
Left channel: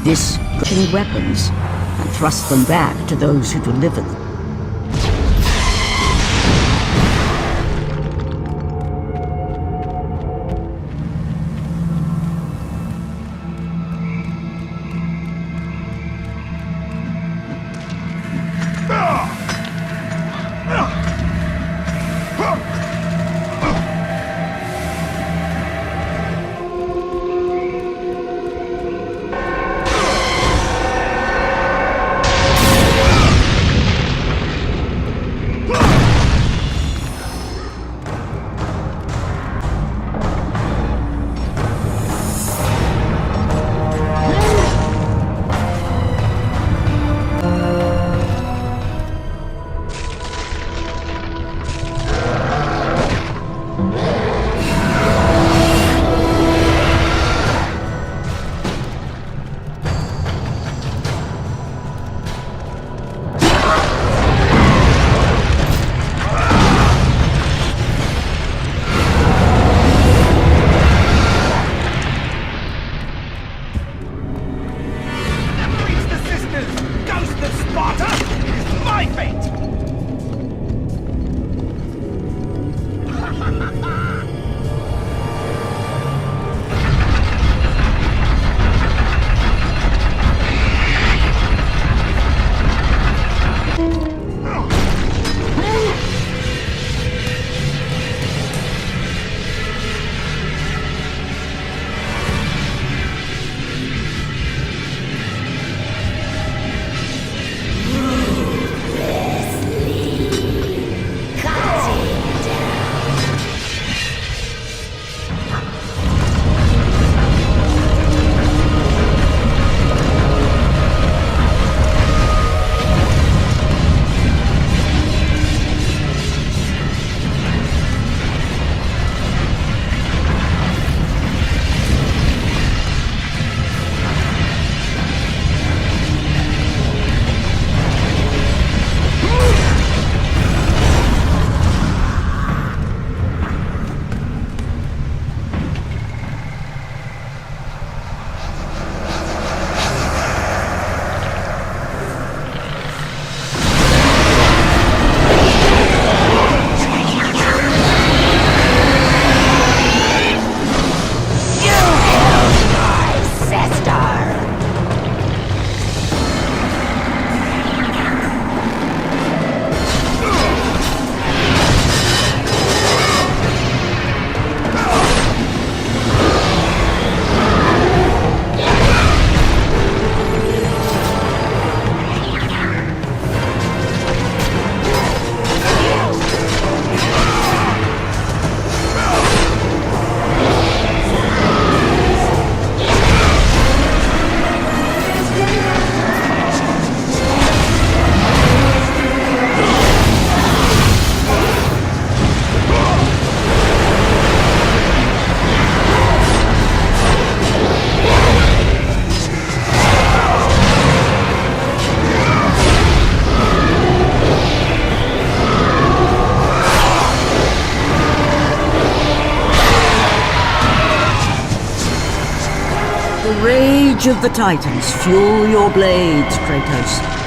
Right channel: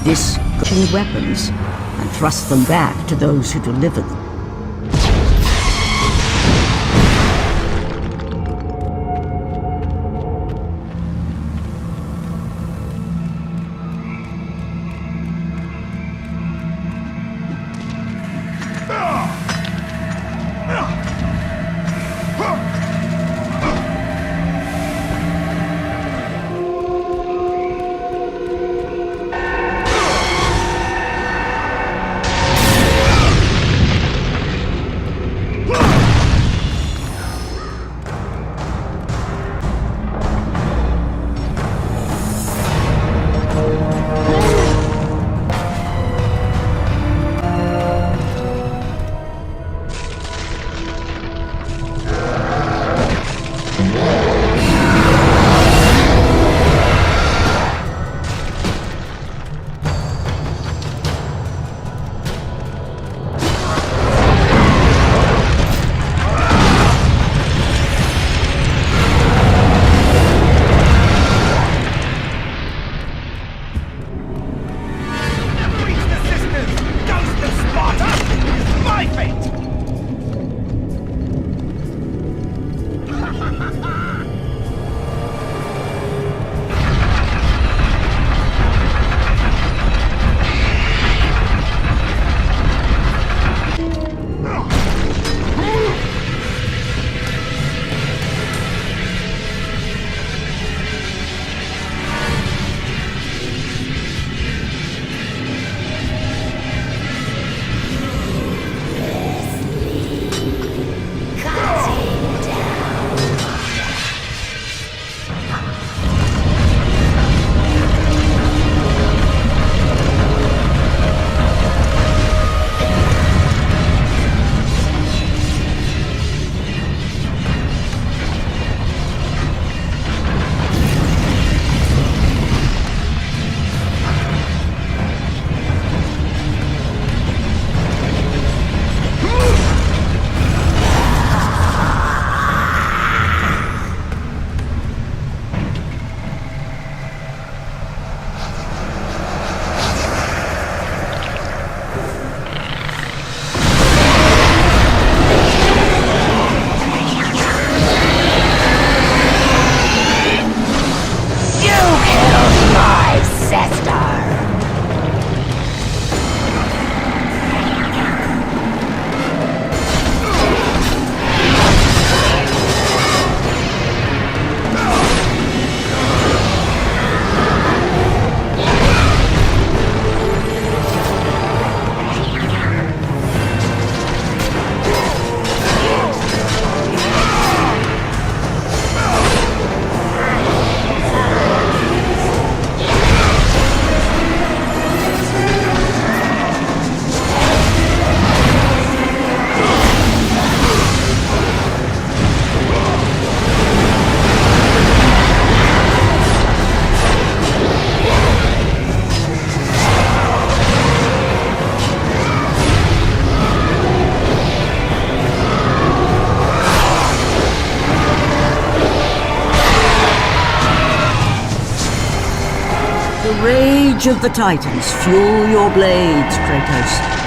This weapons and thrust them back to those who deliver them. rage of the Titans fuel your blades, Kratos.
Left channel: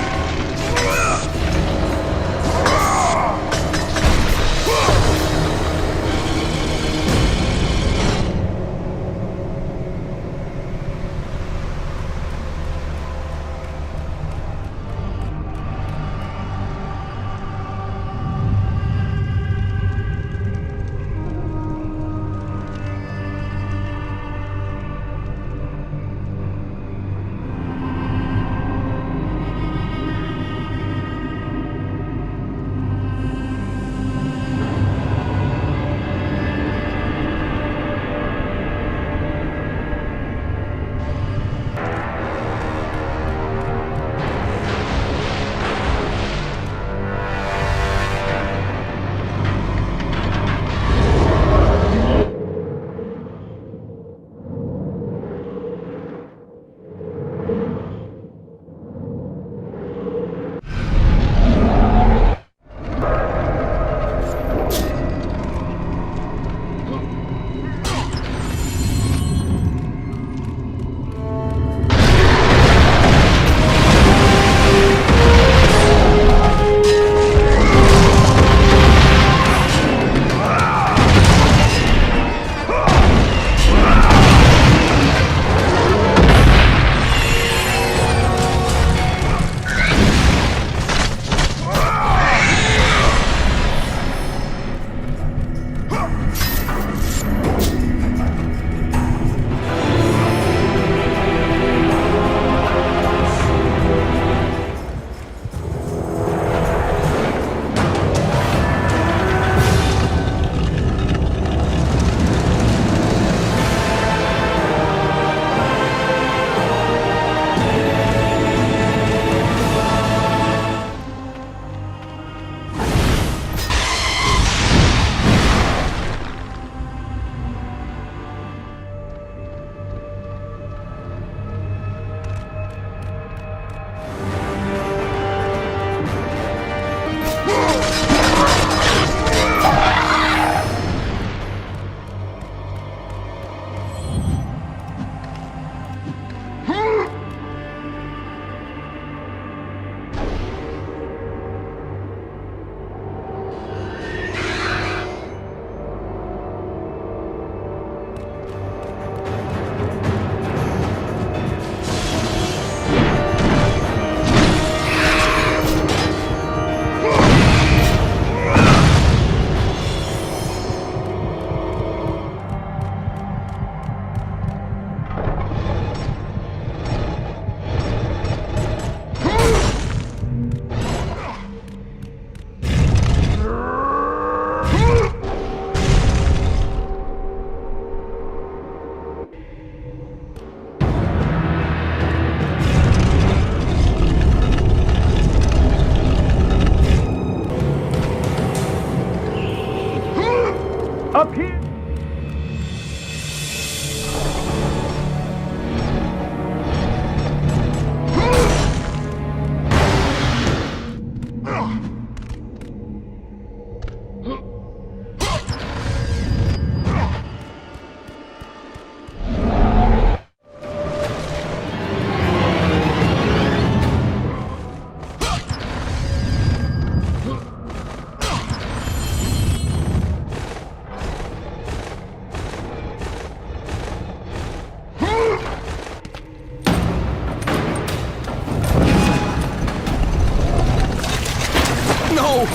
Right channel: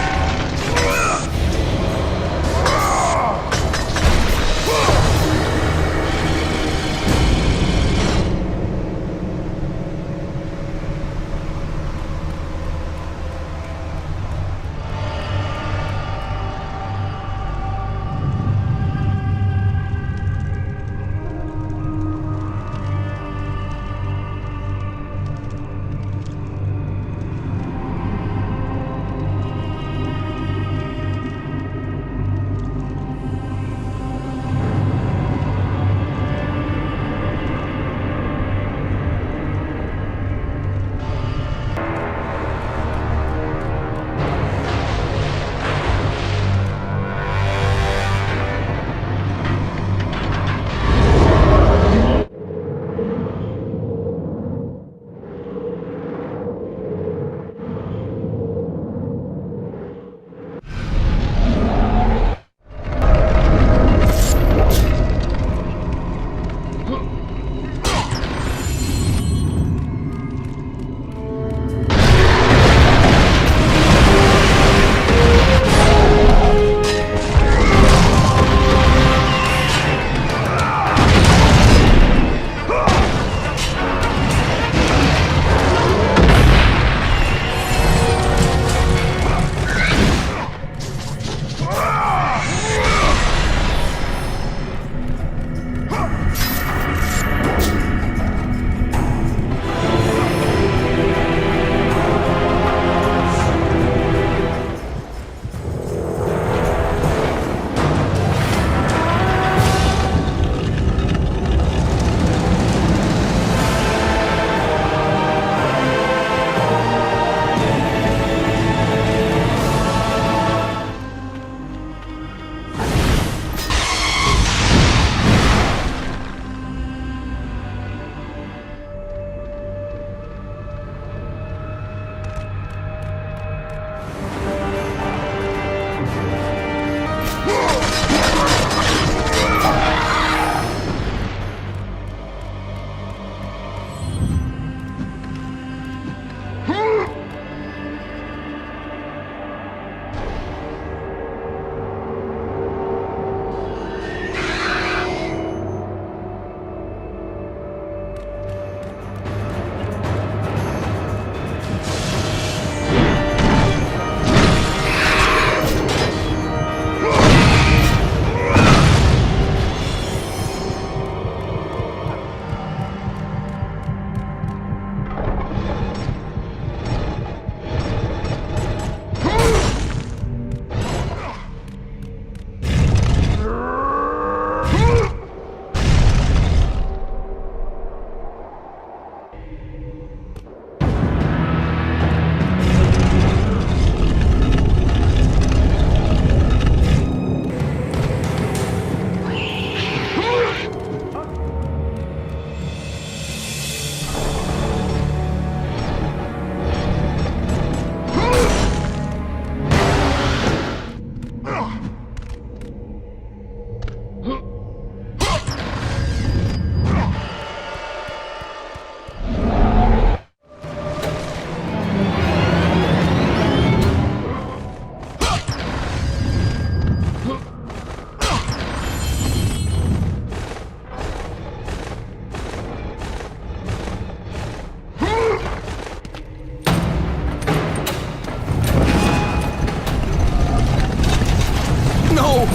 No!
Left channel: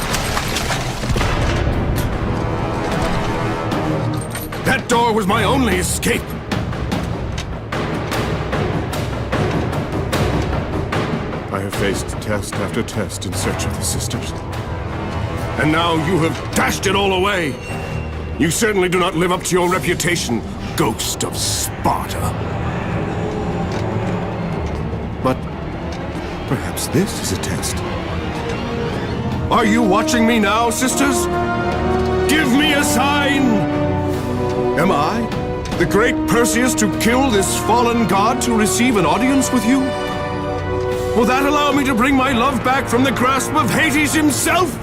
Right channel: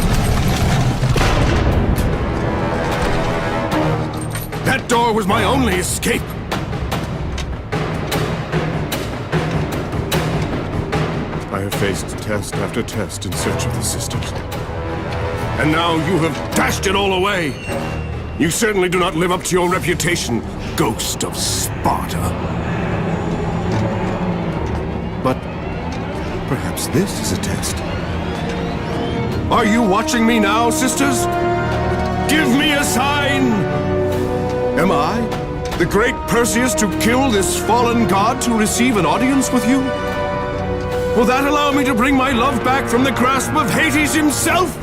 That door was my only escape! I have faced test after test in search of the sisters. And now you have dashed it all away! You certainly do not live up to your reputation, ghost of Sparta. But perhaps this is a test. Are you watching me now, sisters? Give me a sign! Am I, the great Perseus, to kill this fallen god to receive an audience with you? Will that allow me to bring my love back from the grasp of Hades himself?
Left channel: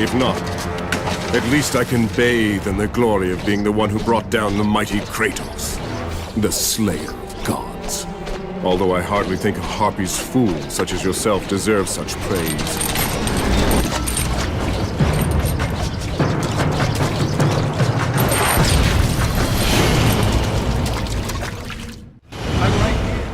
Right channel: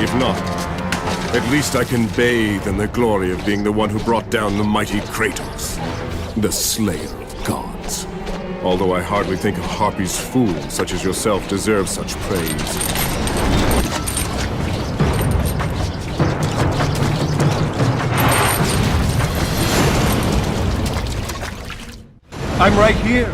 If not, At least I can bathe in the glory of being the one who brought down the mighty Kratos, the slayer of gods. Although I hardly think a Harpy's fool such as yourself deserves such praise. I'm right here.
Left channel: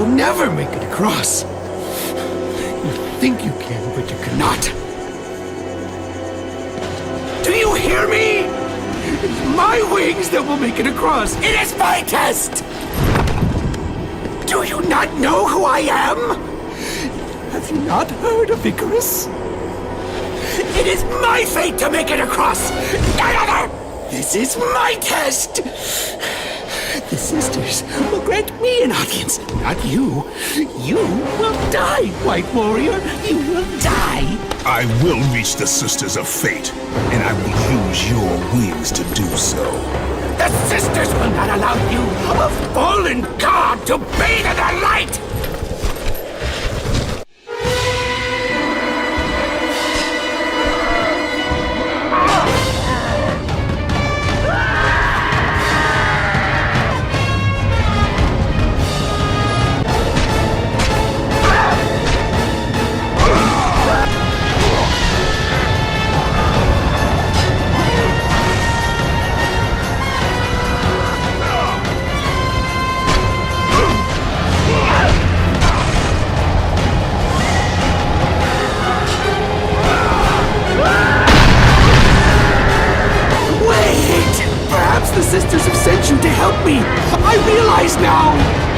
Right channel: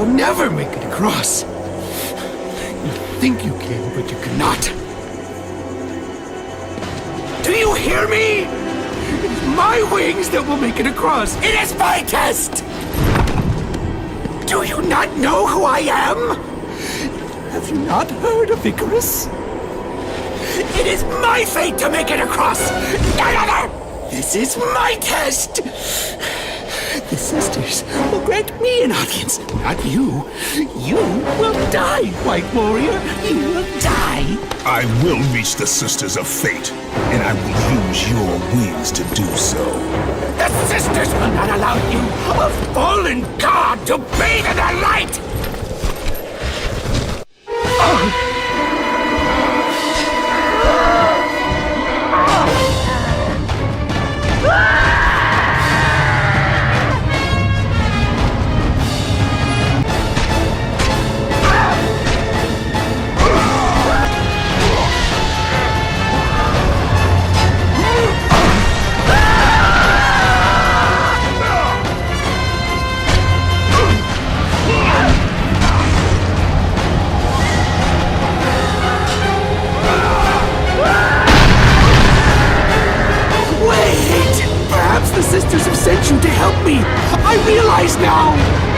will never make it across. You think you can, but you cannot. Do you hear me? It's my wings that will make it across. It is my test! Do you not know who I am? Have you not heard of Icarus? It is my fate to make it across! None other! This is my test! The sisters will grant me an audience, not you. You will die, White Warrior. You will die. I will reach the Sisters of Fate, and I will use your wings to do so. The sisters will not allow you, a fallen god, to bathe in their light! The sisters have sent you to help me! I realize now!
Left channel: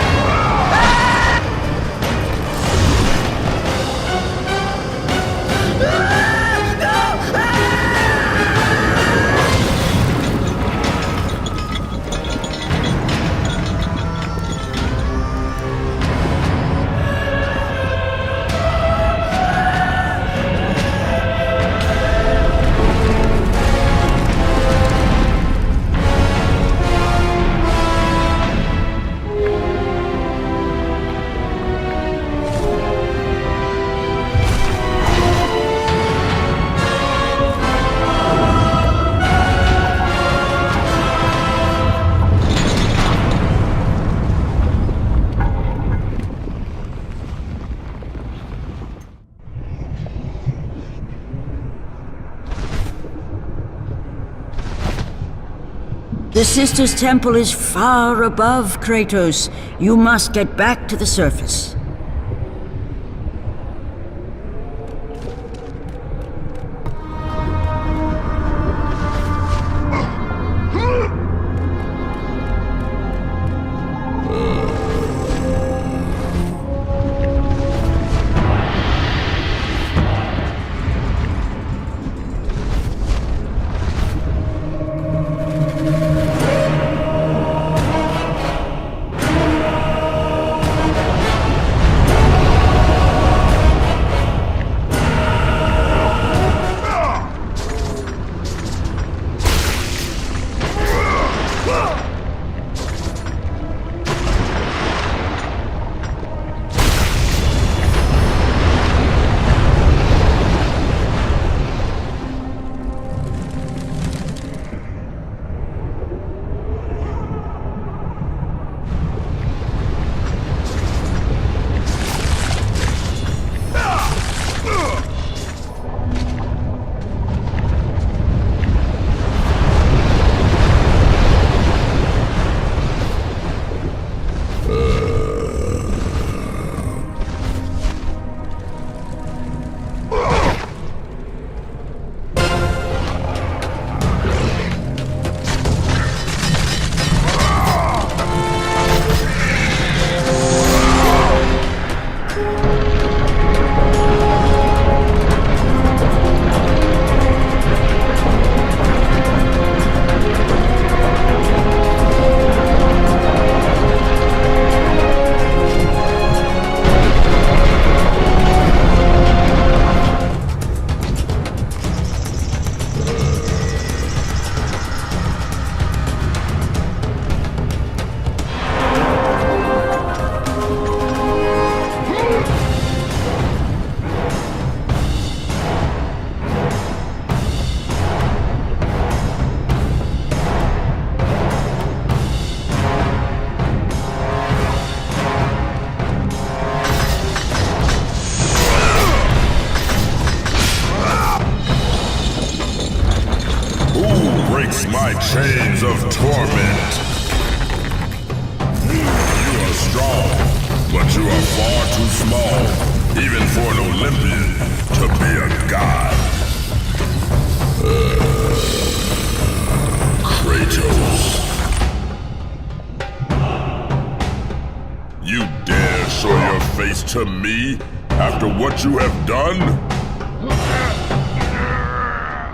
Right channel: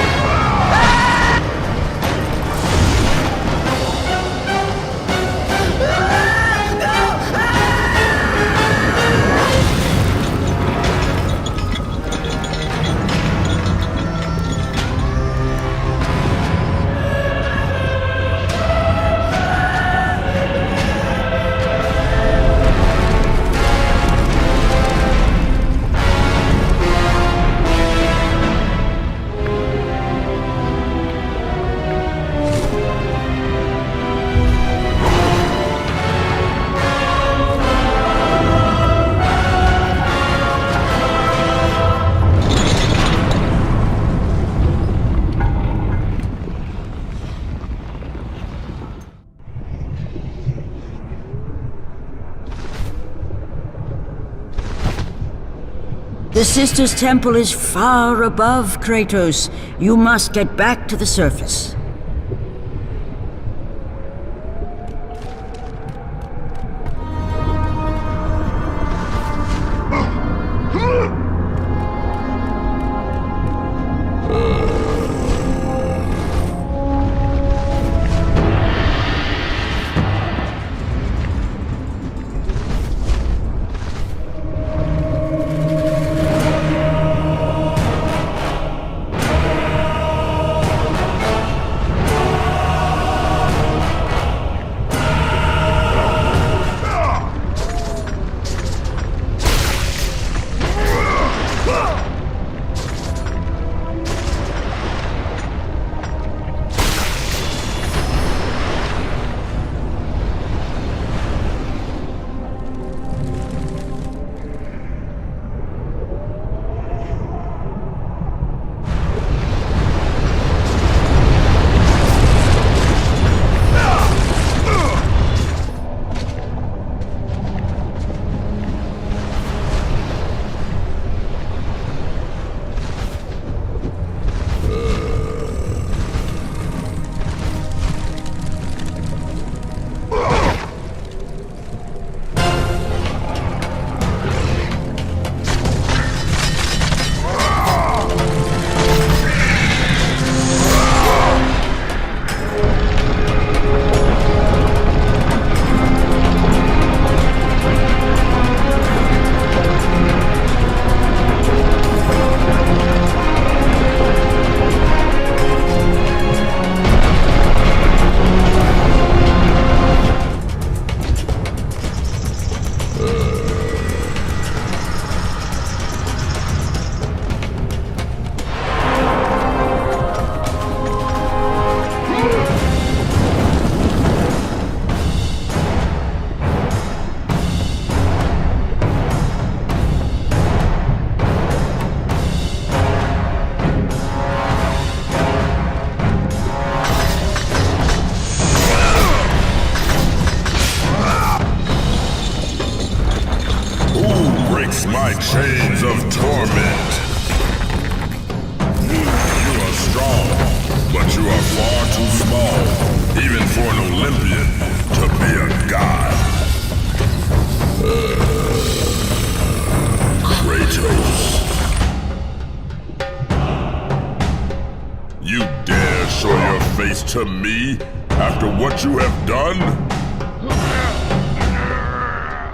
The Sisters' Temple is far above, Kratos. You must get back to the surface. My chains of torment. You are strong, But you are far too small, even for an Olympian, to be a god. Kratos. You dare show your face to me after what you have done?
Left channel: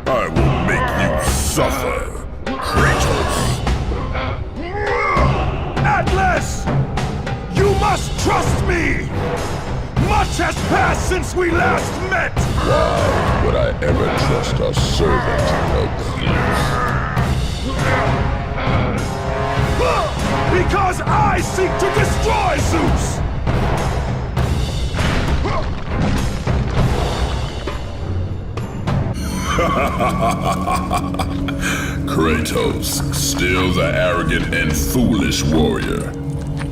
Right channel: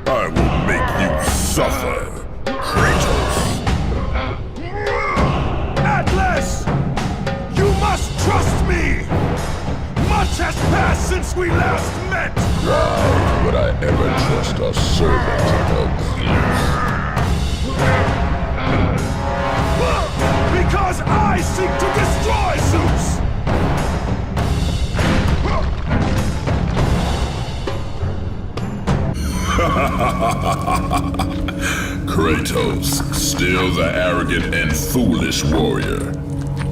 I will make you suffer, Kratos. Why would I ever trust a servant of Zeus? Kratos, still the arrogant and foolish warrior.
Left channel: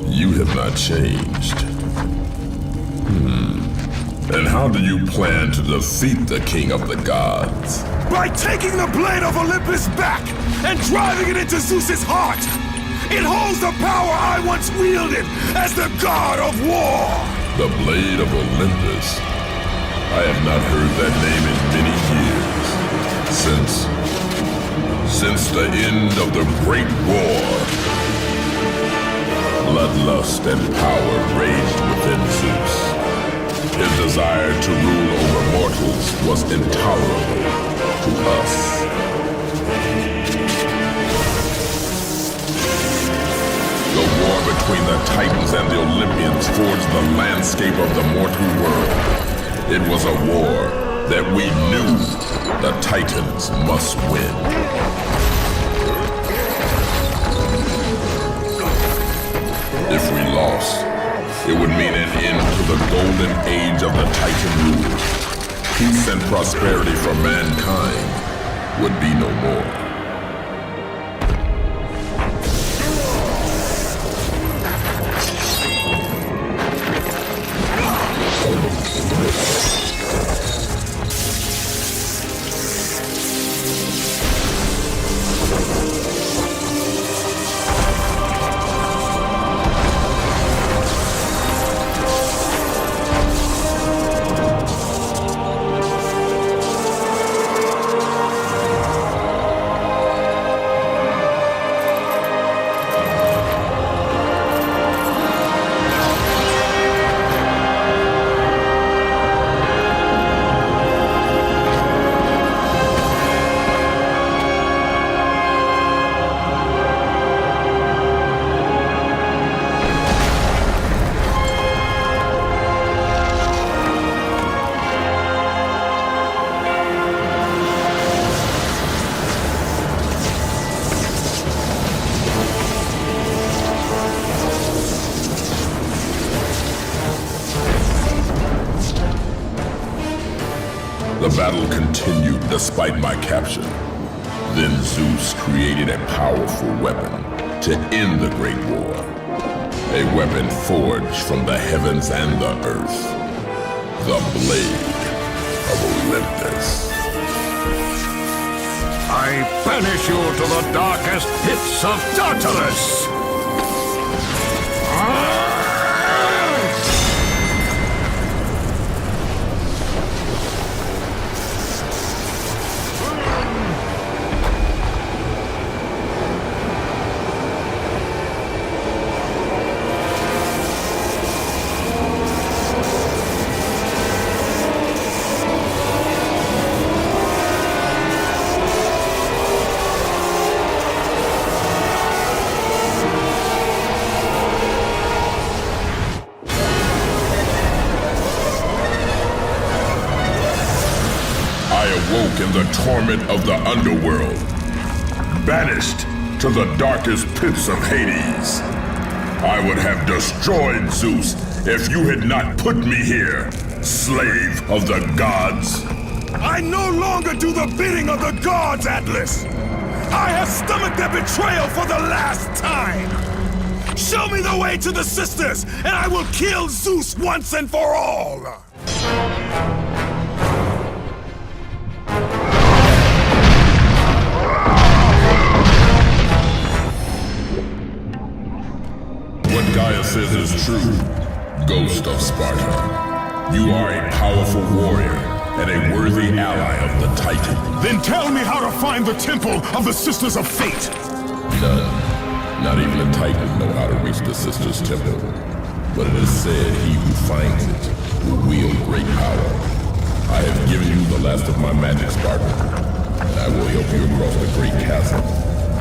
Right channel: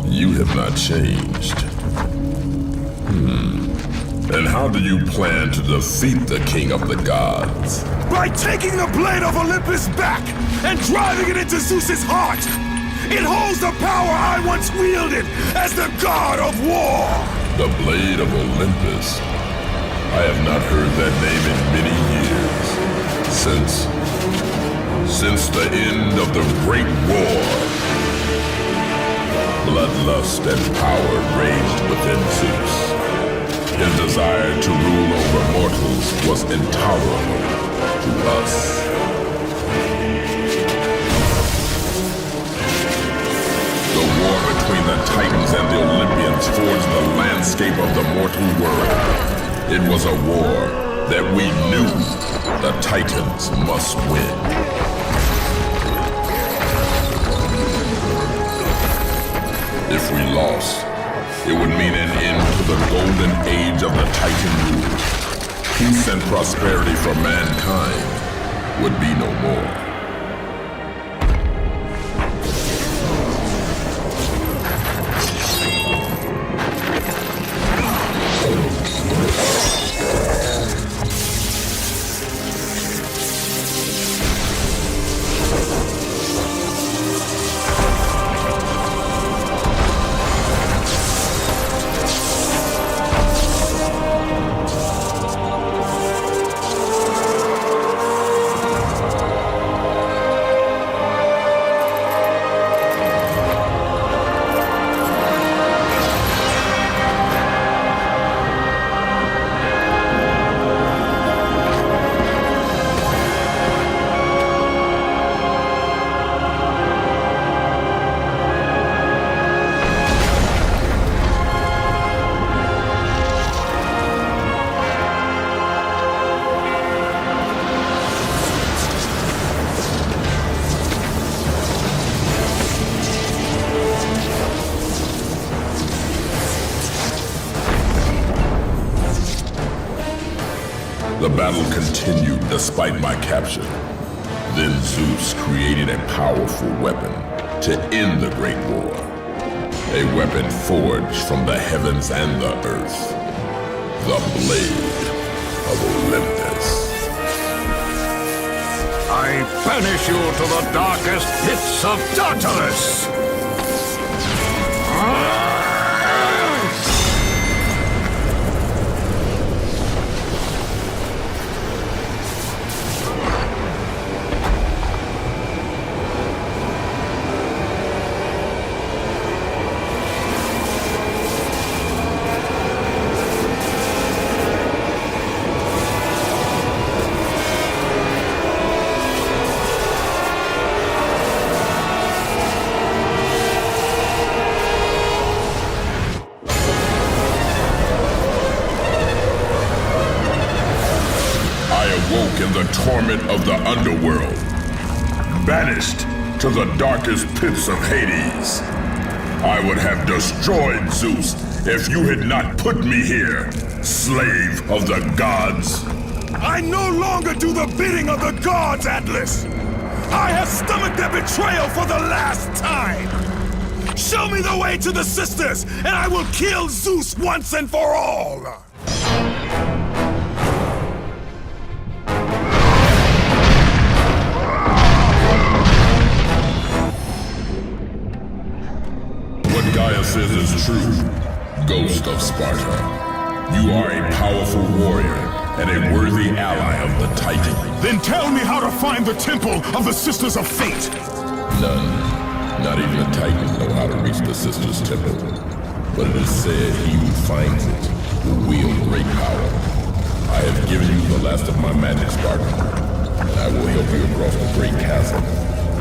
You have not changed. And how do you plan to defeat the King of the Gods? By taking the blade of Olympus back and driving it into Zeus's heart! It holds the power I once wielded as the god of war! The blade of Olympus? I have not heard that name in many years. Since the end of the Great War. Bloodlust and power raged within Zeus. His desire to rule over mortals was intolerable to us. The war between the Titans and the Olympians forged the landscape of the mortal world. It was a war that we knew the Titans must win. If we lost, it would mean an end to the golden age of the Titan rule. Peace and prosperity for mankind would be no more. The battle continued despite my capture. Then Zeus created a powerful weapon to end the Great War. A weapon forged from the heavens and the earth. The Blade of Olympus. I banish you to the darkest pits of Tartarus! Awoke in the torment of the Underworld, banished to the darkest pits of Hades. I would have destroyed Zeus if you had not put me here, slave of the gods. I no longer do the bidding of the gods, Atlas! I have stomached their betrayal for the last time! Show me the way to the sisters, and I will kill Zeus once and for all! What Gaia says is true. Ghost of Sparta. You are a powerful warrior and a worthy ally of the Titan. Then tell me how to find the Temple of the Sisters of Fate! None, not even a Titan, know how to reach the Sisters' Temple. But it is said he who finds it will wield great power. I have given you the last of my magic, Spartan, and I will help you across the great chasm,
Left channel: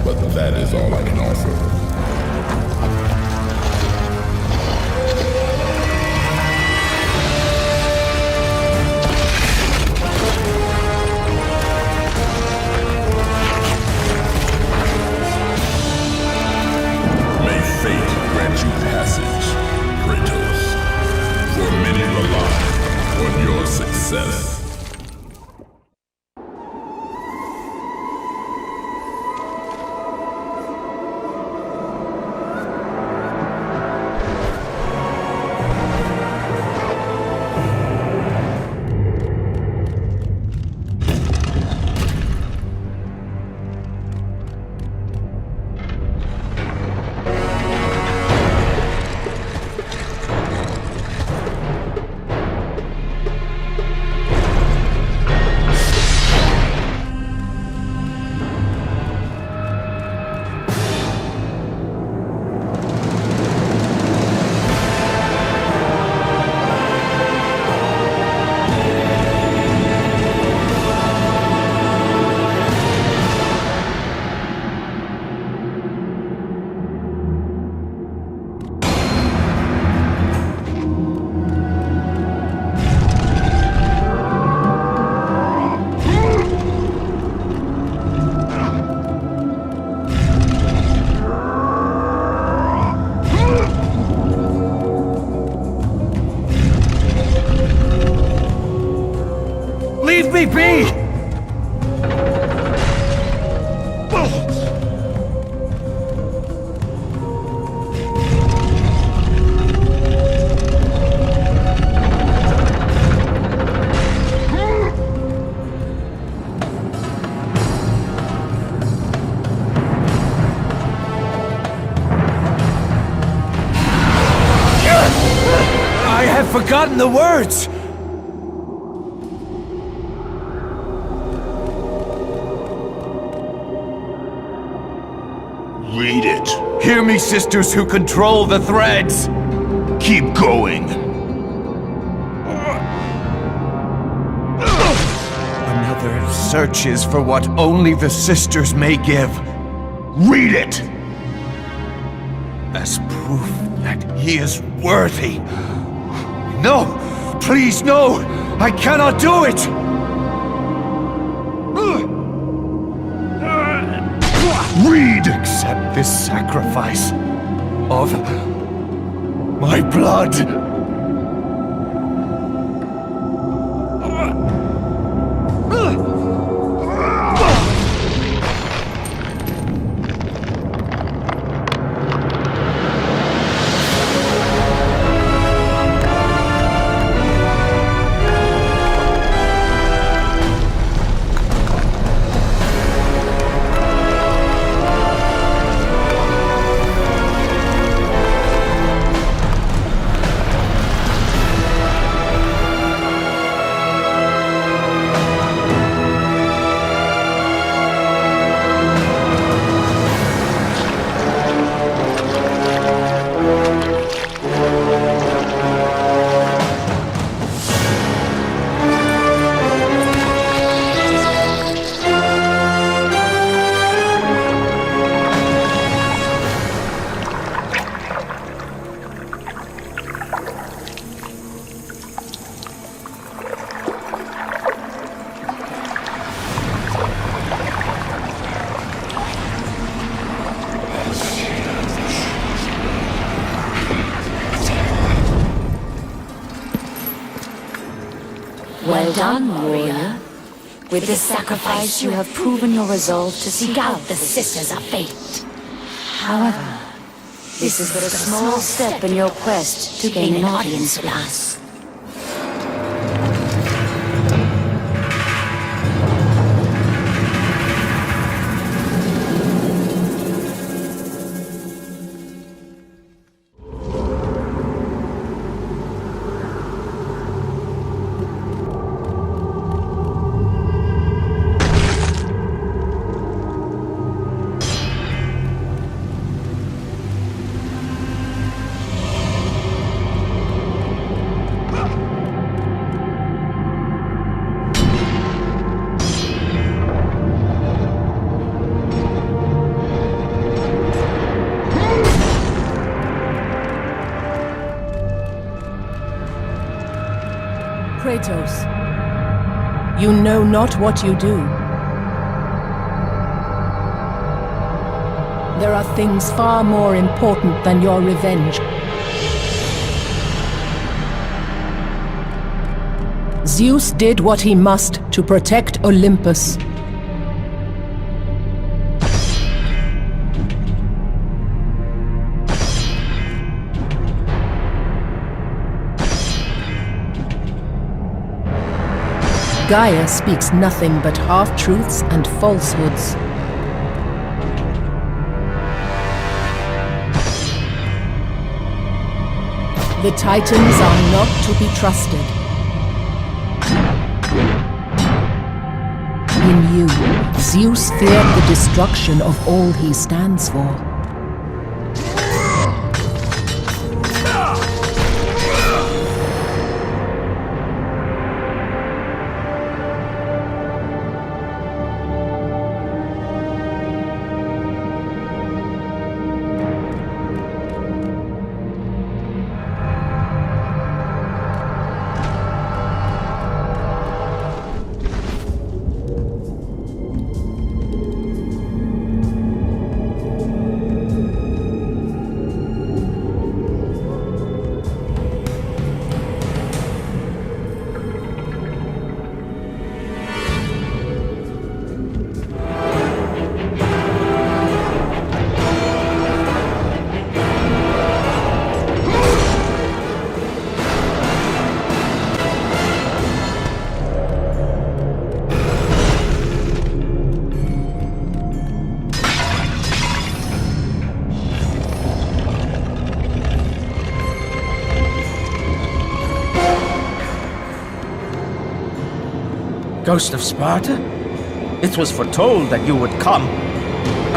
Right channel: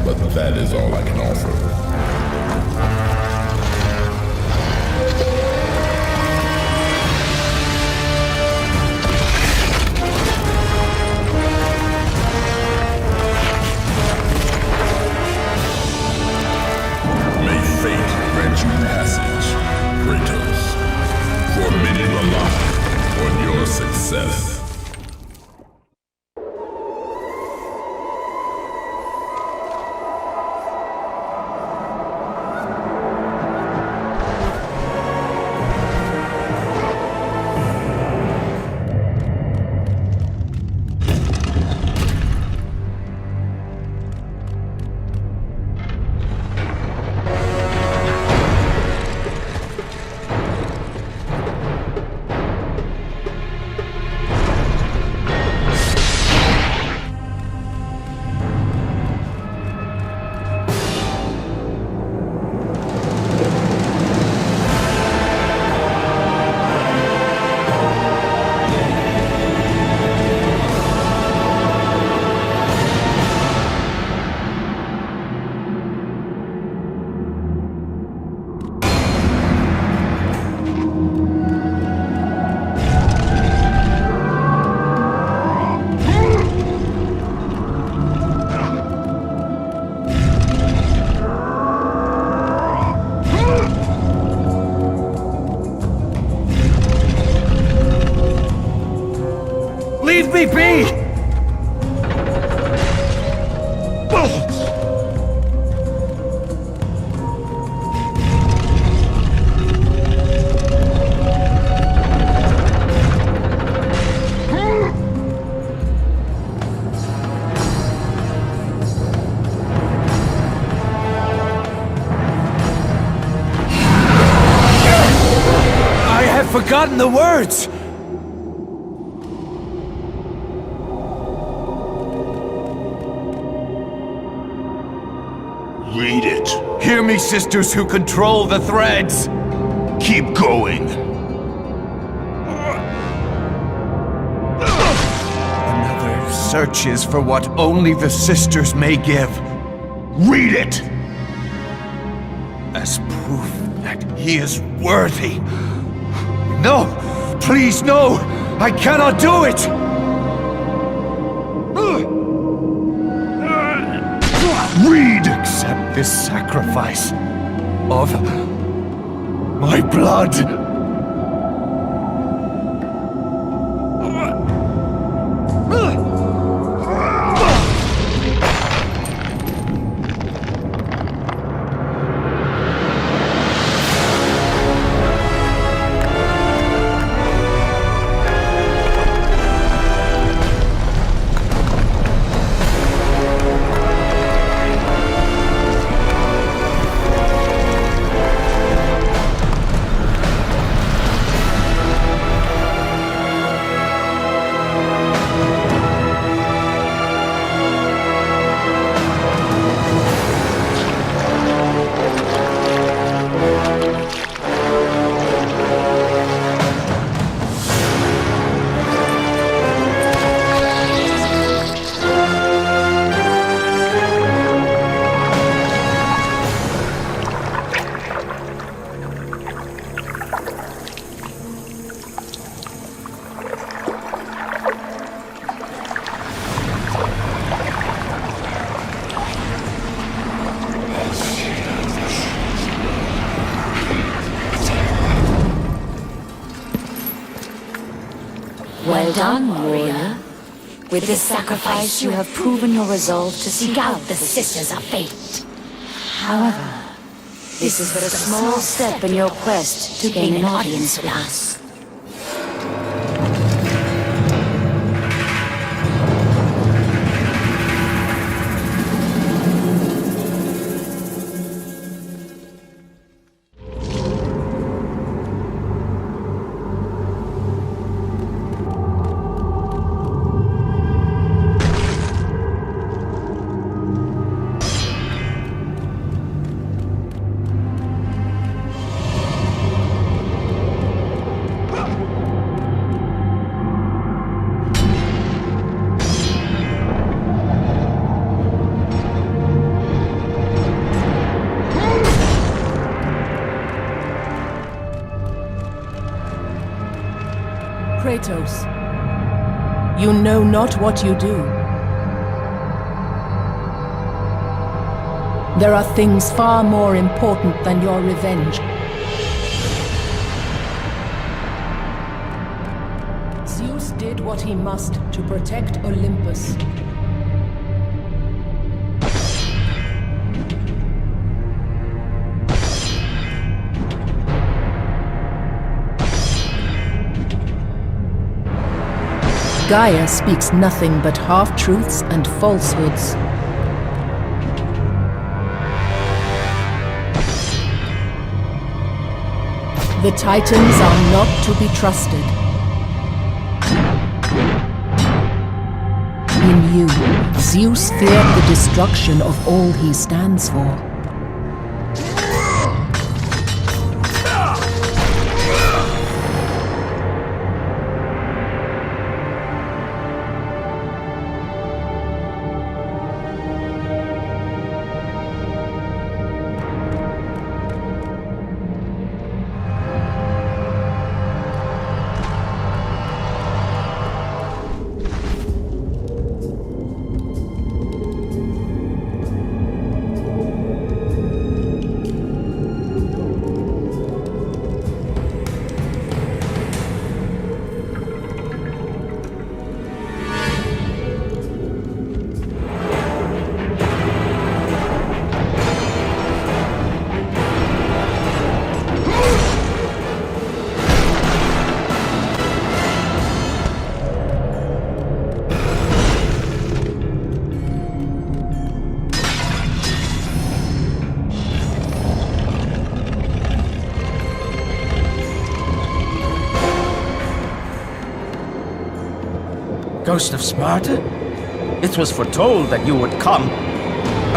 but that is all I can offer. May fate grant you passage, Kratos, for many rely on your success. Leave me be! I have forgotten the words! Read it. Hear me, sisters who control the threads! Keep going. Another searches for what only the sisters may give. Read it! As proof that he is worthy. No! Please, no! I cannot do it! Read! Accept this sacrifice of my blood. Well done, warrior. With this sacrifice, you have proven your resolve to seek out the Sisters of Fate. However, this is but a small step in your quest to gain an audience with us. Kratos. You know not what you do. There are things far more important than your revenge. Zeus did what he must to protect Olympus. Gaia speaks nothing but half-truths and falsehoods. The Titans are not to be trusted. In you, Zeus feared the destruction of all he stands for.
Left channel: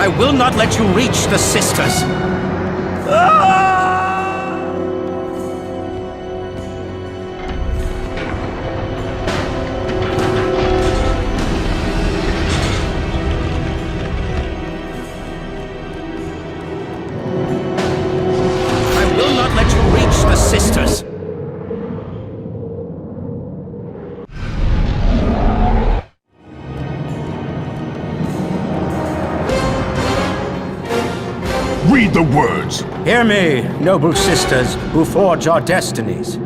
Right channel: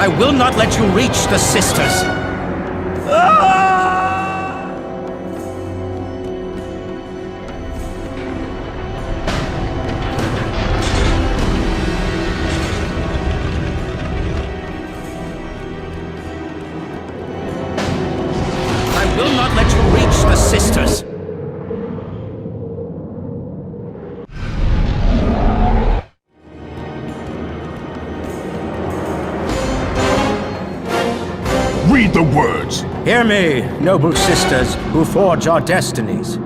I will not let you reach the sisters! I will not let you reach the sisters! Read the words. Hear me, noble sisters who forge our destinies.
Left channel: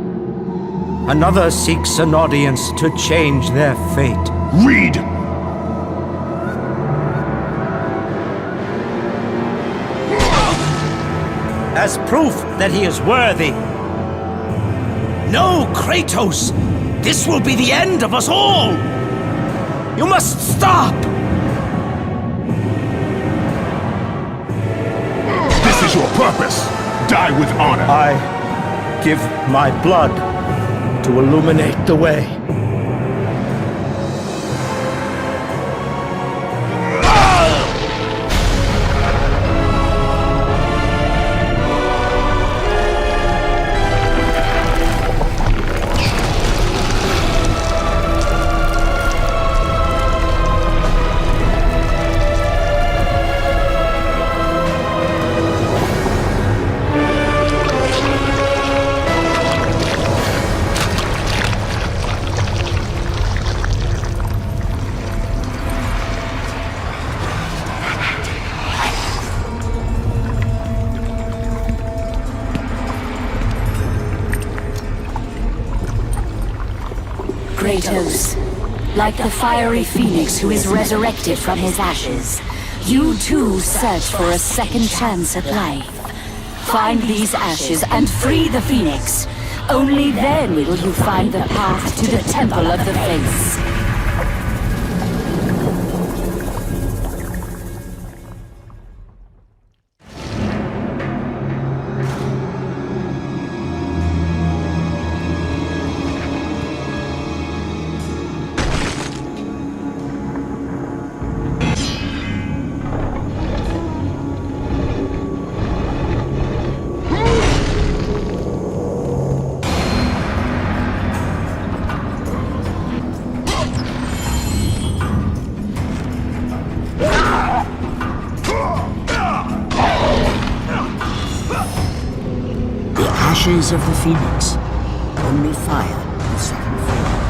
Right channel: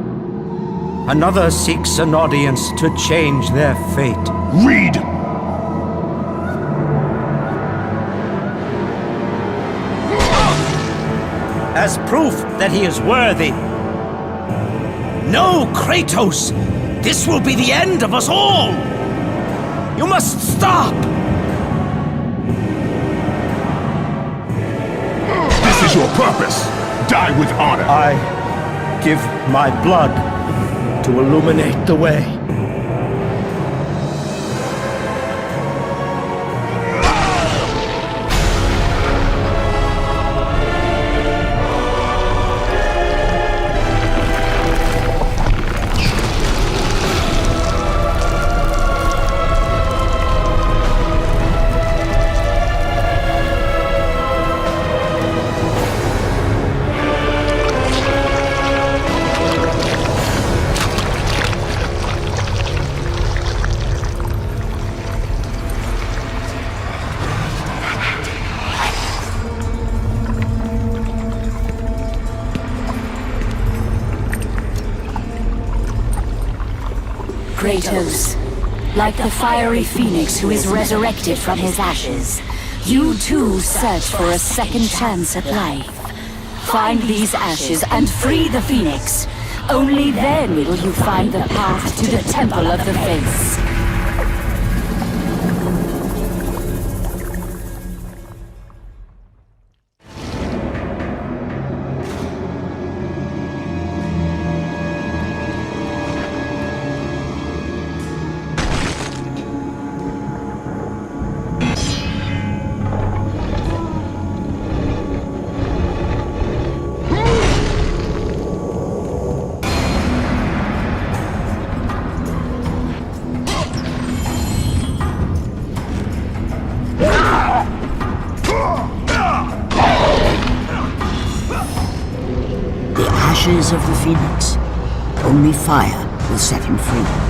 Another seeks an audience to change their fate. Read. As proof that he is worthy. No, Kratos! This will be the end of us all! You must stop! This is your purpose. Die with honor. I give my blood to illuminate the way. Kratos, like the fiery phoenix who is resurrected from his ashes, you too search for a second chance at life. Find these ashes and free the phoenix. Only then will you find the path to the Temple of the Face. Ashes of the Phoenix. Only fire will set him free.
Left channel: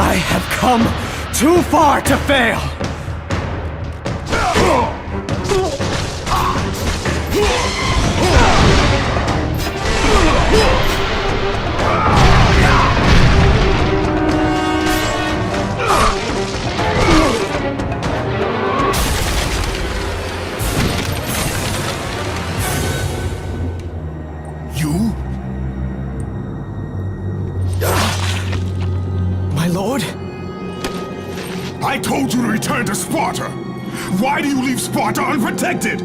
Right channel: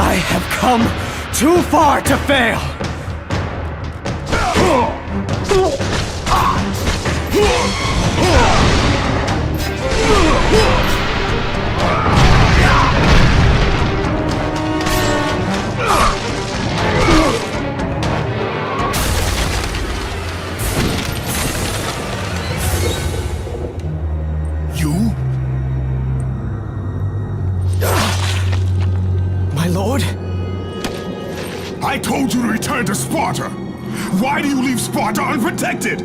I have come too far to fail! You? My lord? I told you to return to Sparta! Why do you leave Sparta unprotected?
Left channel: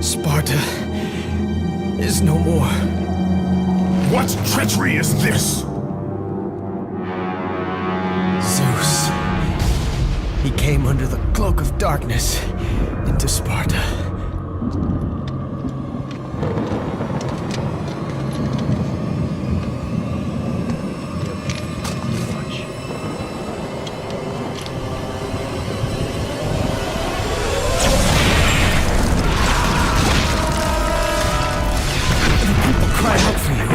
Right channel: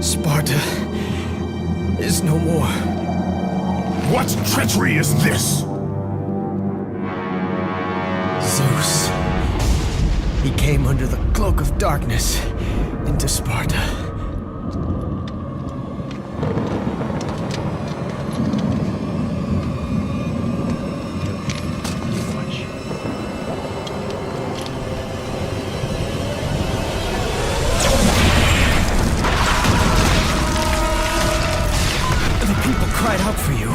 Sparta is no more. What treachery is this? Zeus. He came under the cloak of darkness into Sparta. Keep watch. The people cried out for you.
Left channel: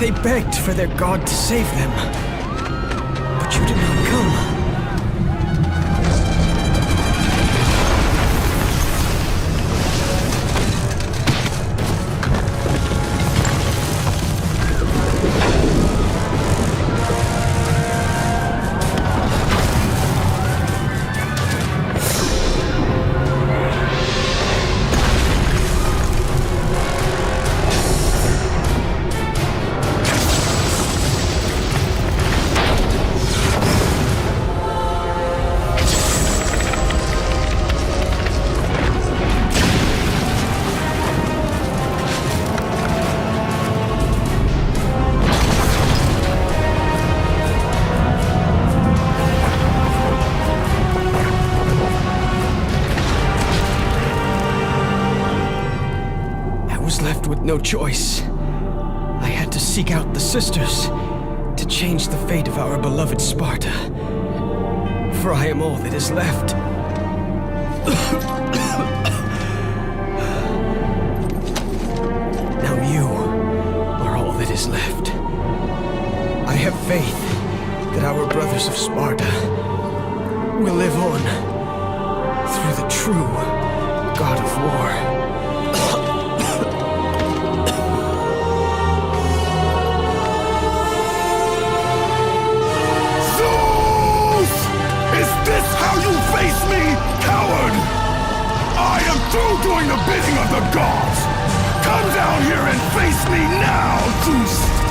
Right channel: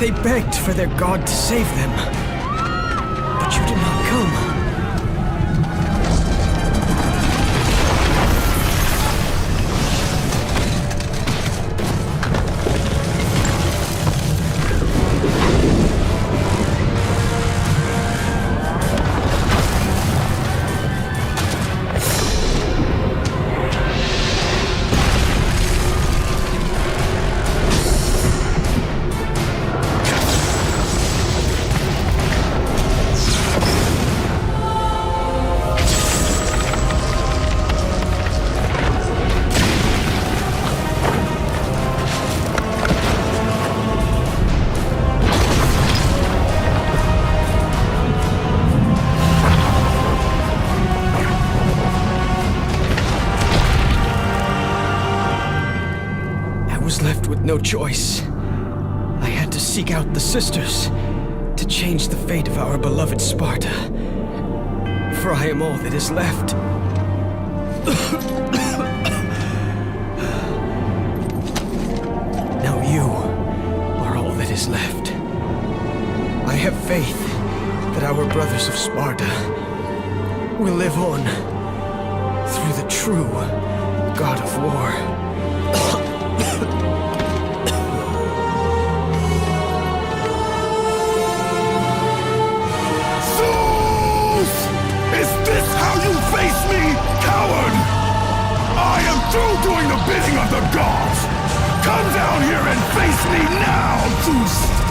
They begged for their god to save them. But you did not come. was left with no choice. I had to seek out the sisters to change the fate of our beloved Sparta. For I am all that is left. Now you are all that is left. I have faith that our brothers of Sparta will live on through the true God of War. Zeus! Is this how you face me, coward? I am through doing the bidding of the gods! Come down here and face me now, Zeus!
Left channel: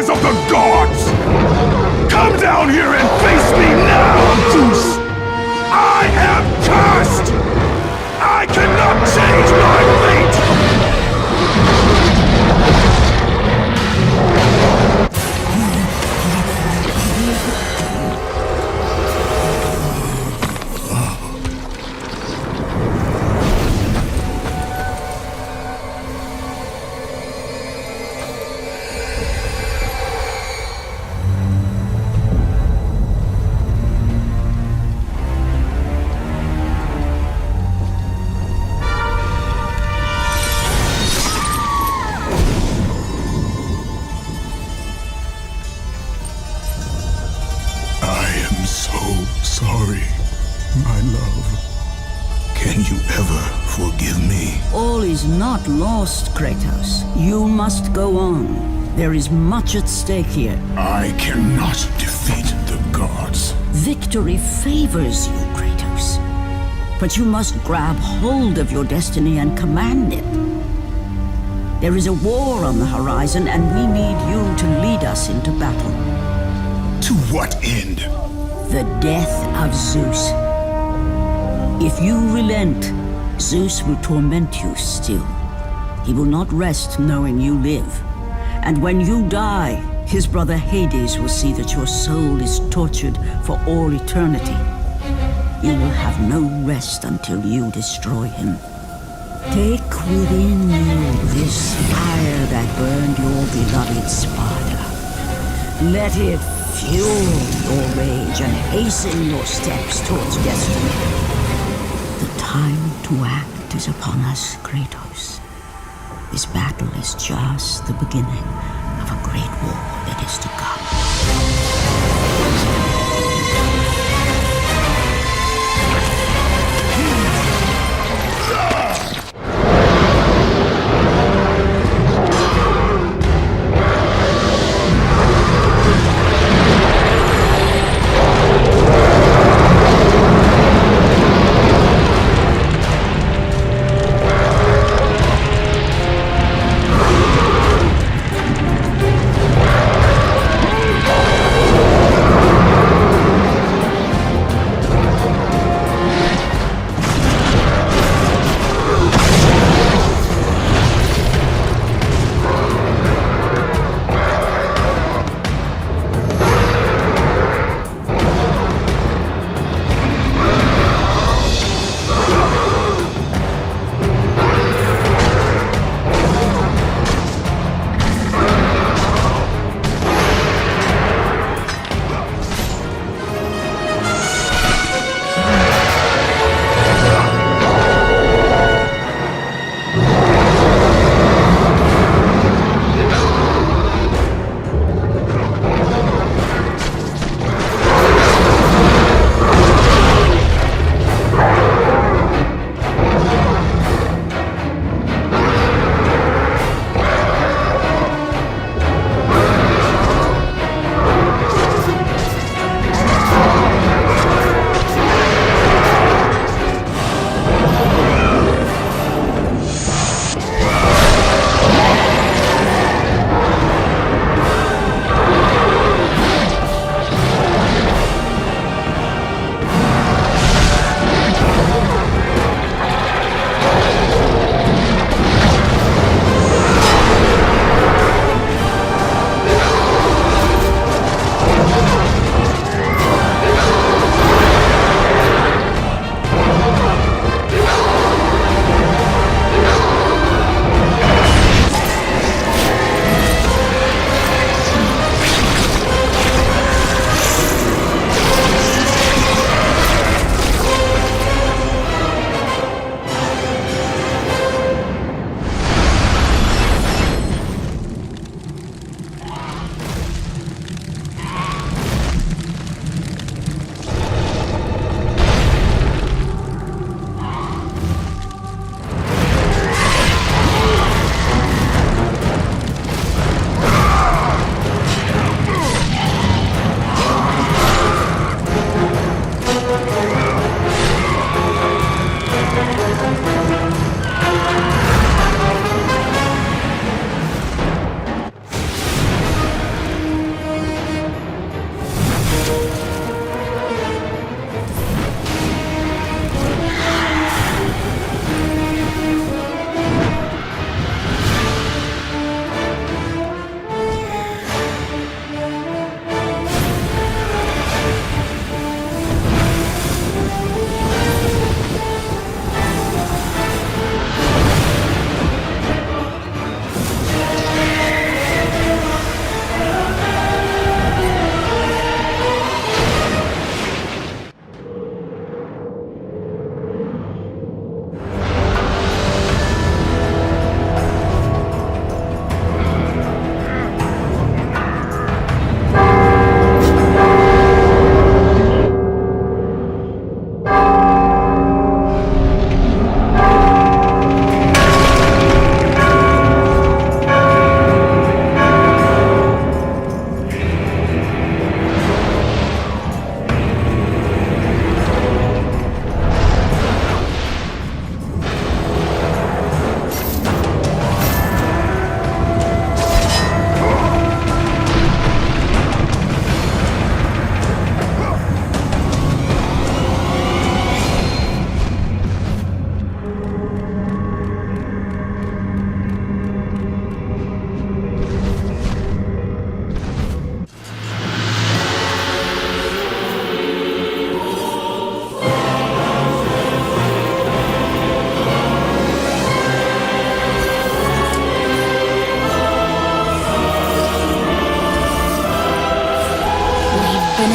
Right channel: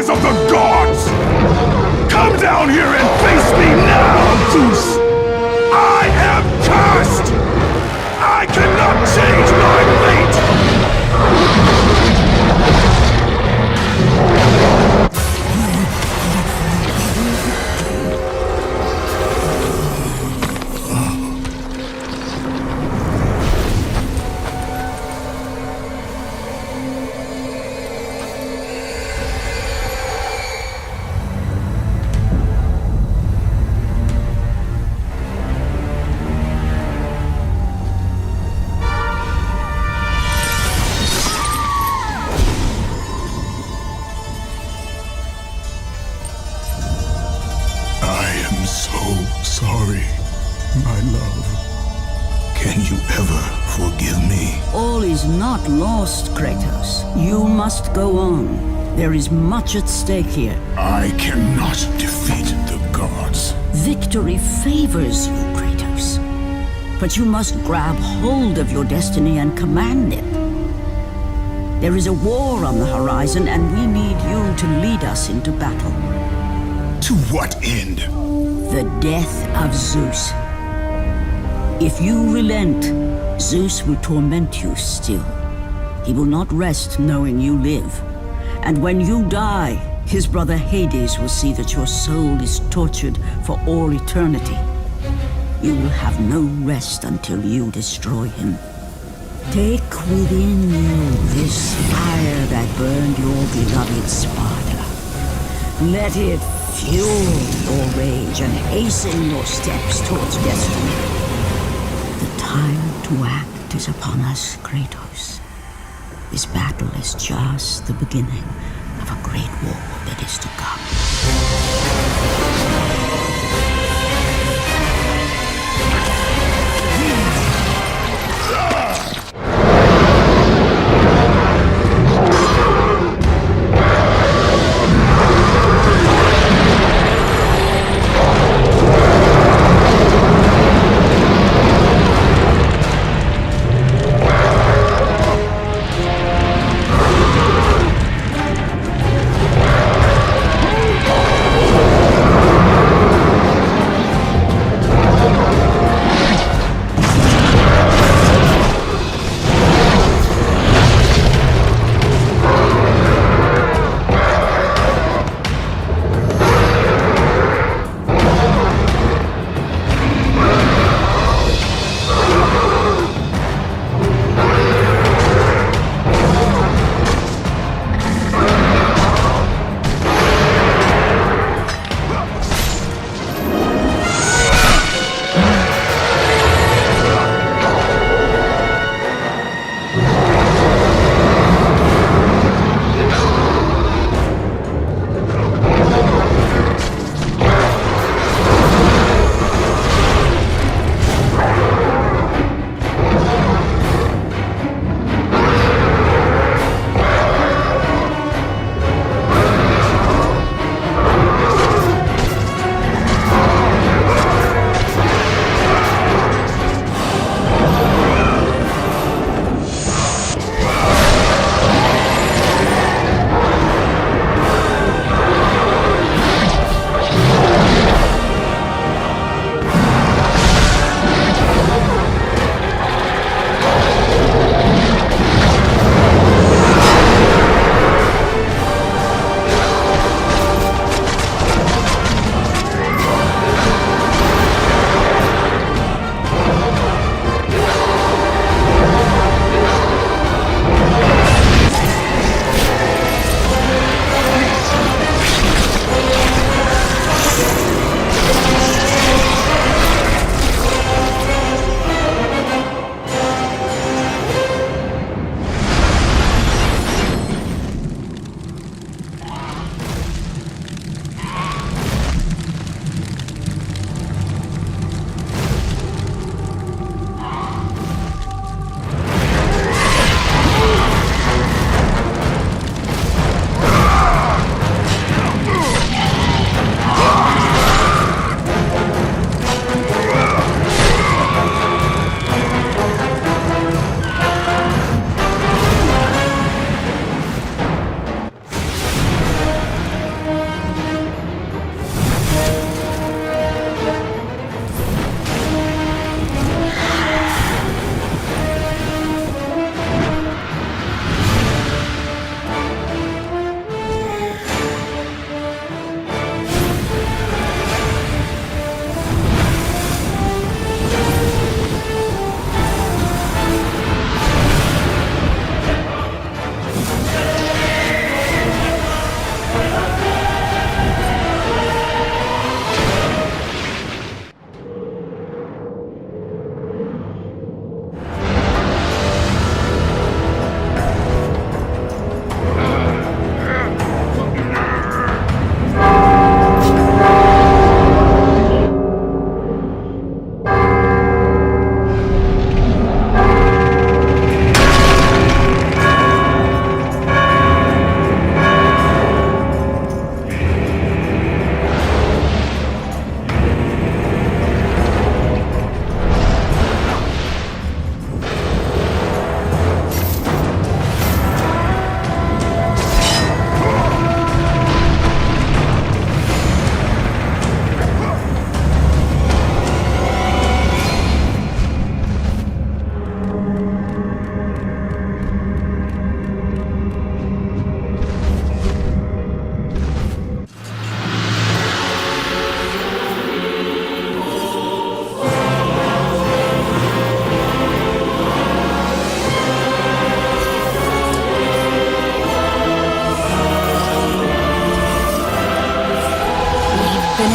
Of the gods! Come down here and face me now, Zeus! I am cursed! I cannot change my fate! Sorry, my love. Can you ever forgive me? All is not lost, Kratos. You must go on. There is much at stake here. I cannot defeat the gods. Victory favors you, Kratos. But you must grab hold of your destiny and command it. There is a war on the horizon, and we need you to lead us into battle. To what end? The death of Zeus. If you relent, Zeus will torment you still. He will not rest knowing you live. And when you die, his brother Hades will see that your soul is tortured for all eternity. You will have no rest until you destroy him. Take within you this fire that burned your beloved Sparta. Let it fuel your rage and hasten your steps towards destiny. The time to act is upon us, Kratos. This battle is just the beginning of a great war that is to come.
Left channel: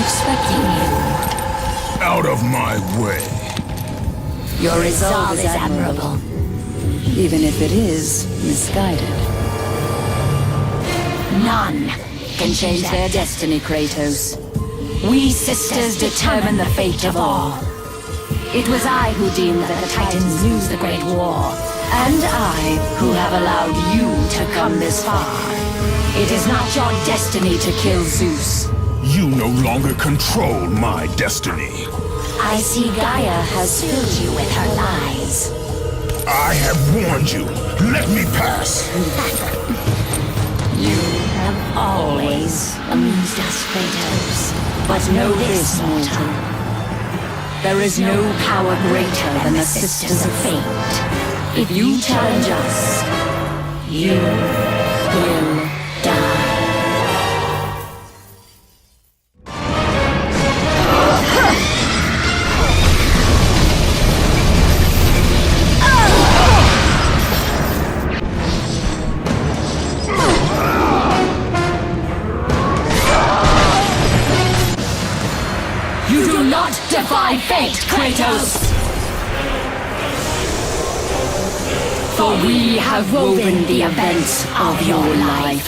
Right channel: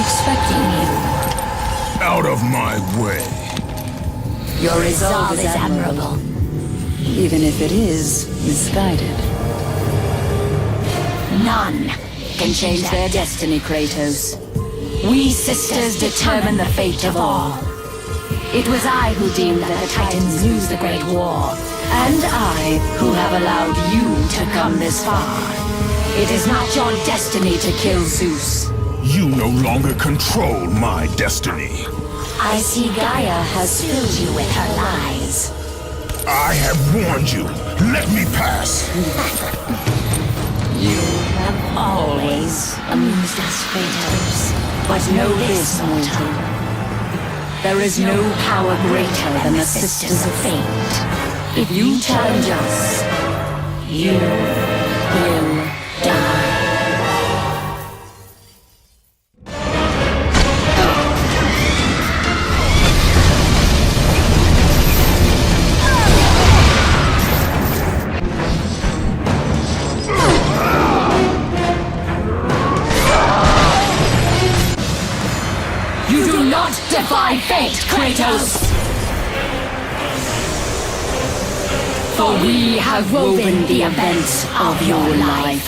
expecting you. Out of my way. Your resolve is admirable. Even if it is misguided. None can change their destiny, Kratos. We sisters determine the fate of all. It was I who deemed that the Titans lose the Great War, and I who have allowed you to come this far. It is not your destiny to kill Zeus. You no longer control my destiny. I see Gaia has filled you with her lies. I have warned you. Let me pass. You have always amused us, Kratos. But know this, mortal. There is no power greater than the Sisters of Fate. If you challenge us, you will die. You do not defy fate, Kratos! For we have woven the events of your life.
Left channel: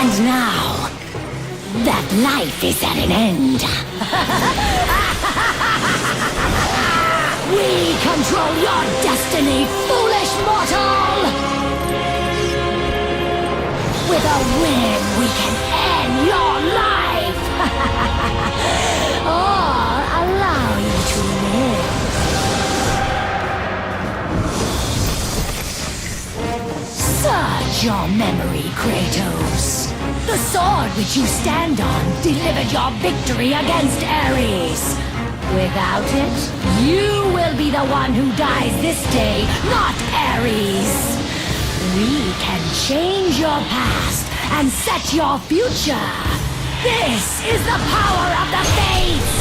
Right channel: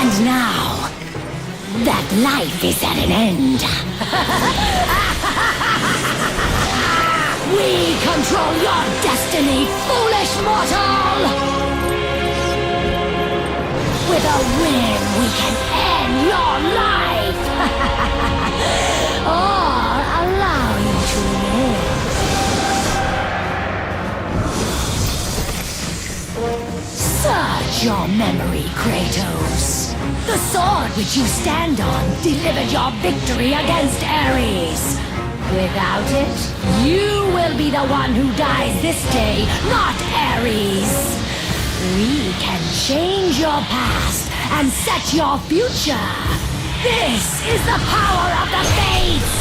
And now, that life is at an end. We control your destiny, foolish mortal! With a win, we can end your life! Or allow you to live. Search your memory, Kratos. The sword which you stand on delivered your victory against Ares. Without it, you will be the one who dies this day, not Ares. We can change your past and set your future. This is the power of the Fates!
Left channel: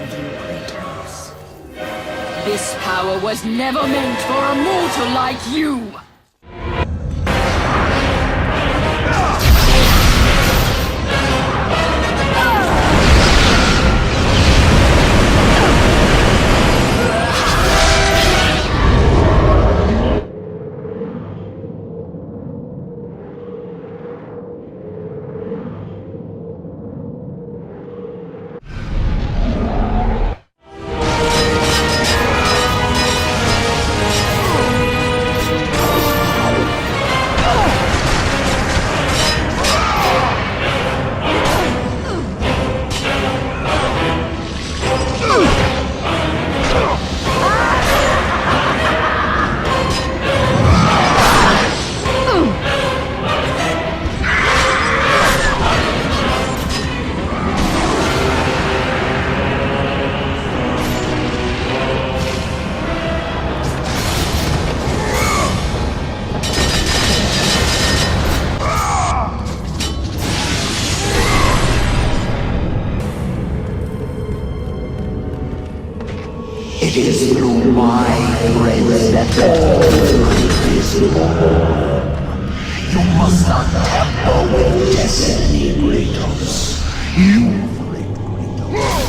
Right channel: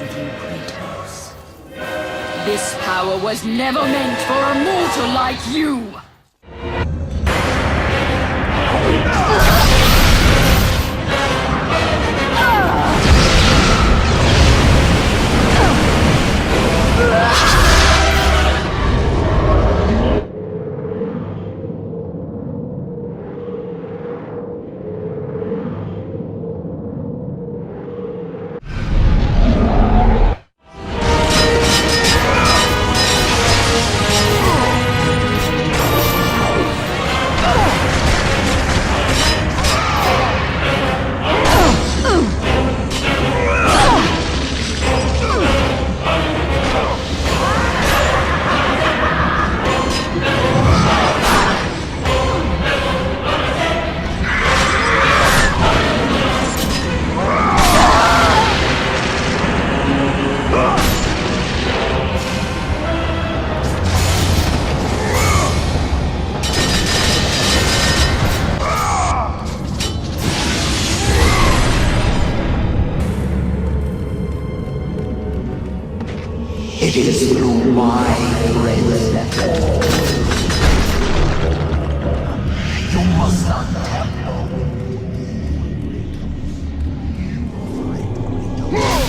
With you, Kratos. This power was never meant for a mortal like you! It is through my threads that all will be born. You must not tamper with destiny, Kratos. You for it, Kratos.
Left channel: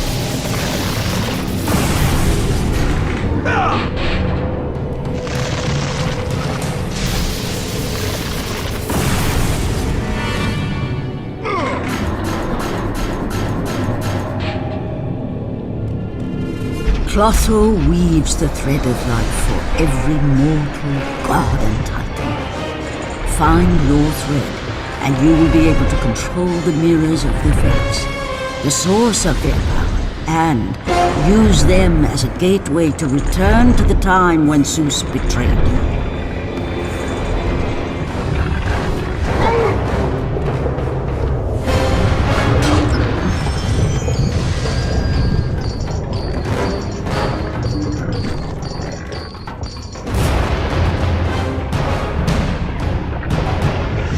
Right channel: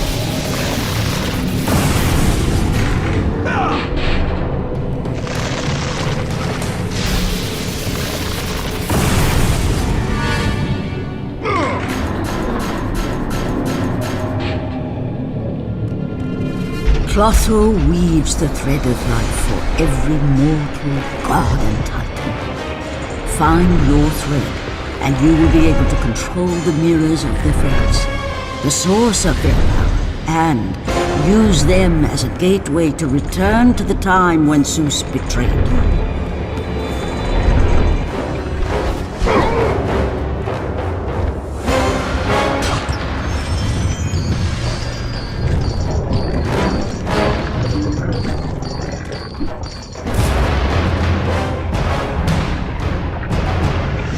Clotho weaves the thread of life for every mortal, god and titan. Find your thread, and you will be able to control the mirrors of the fates, the source of their power, and use them as a gateway to return to the time when Zeus betrayed you.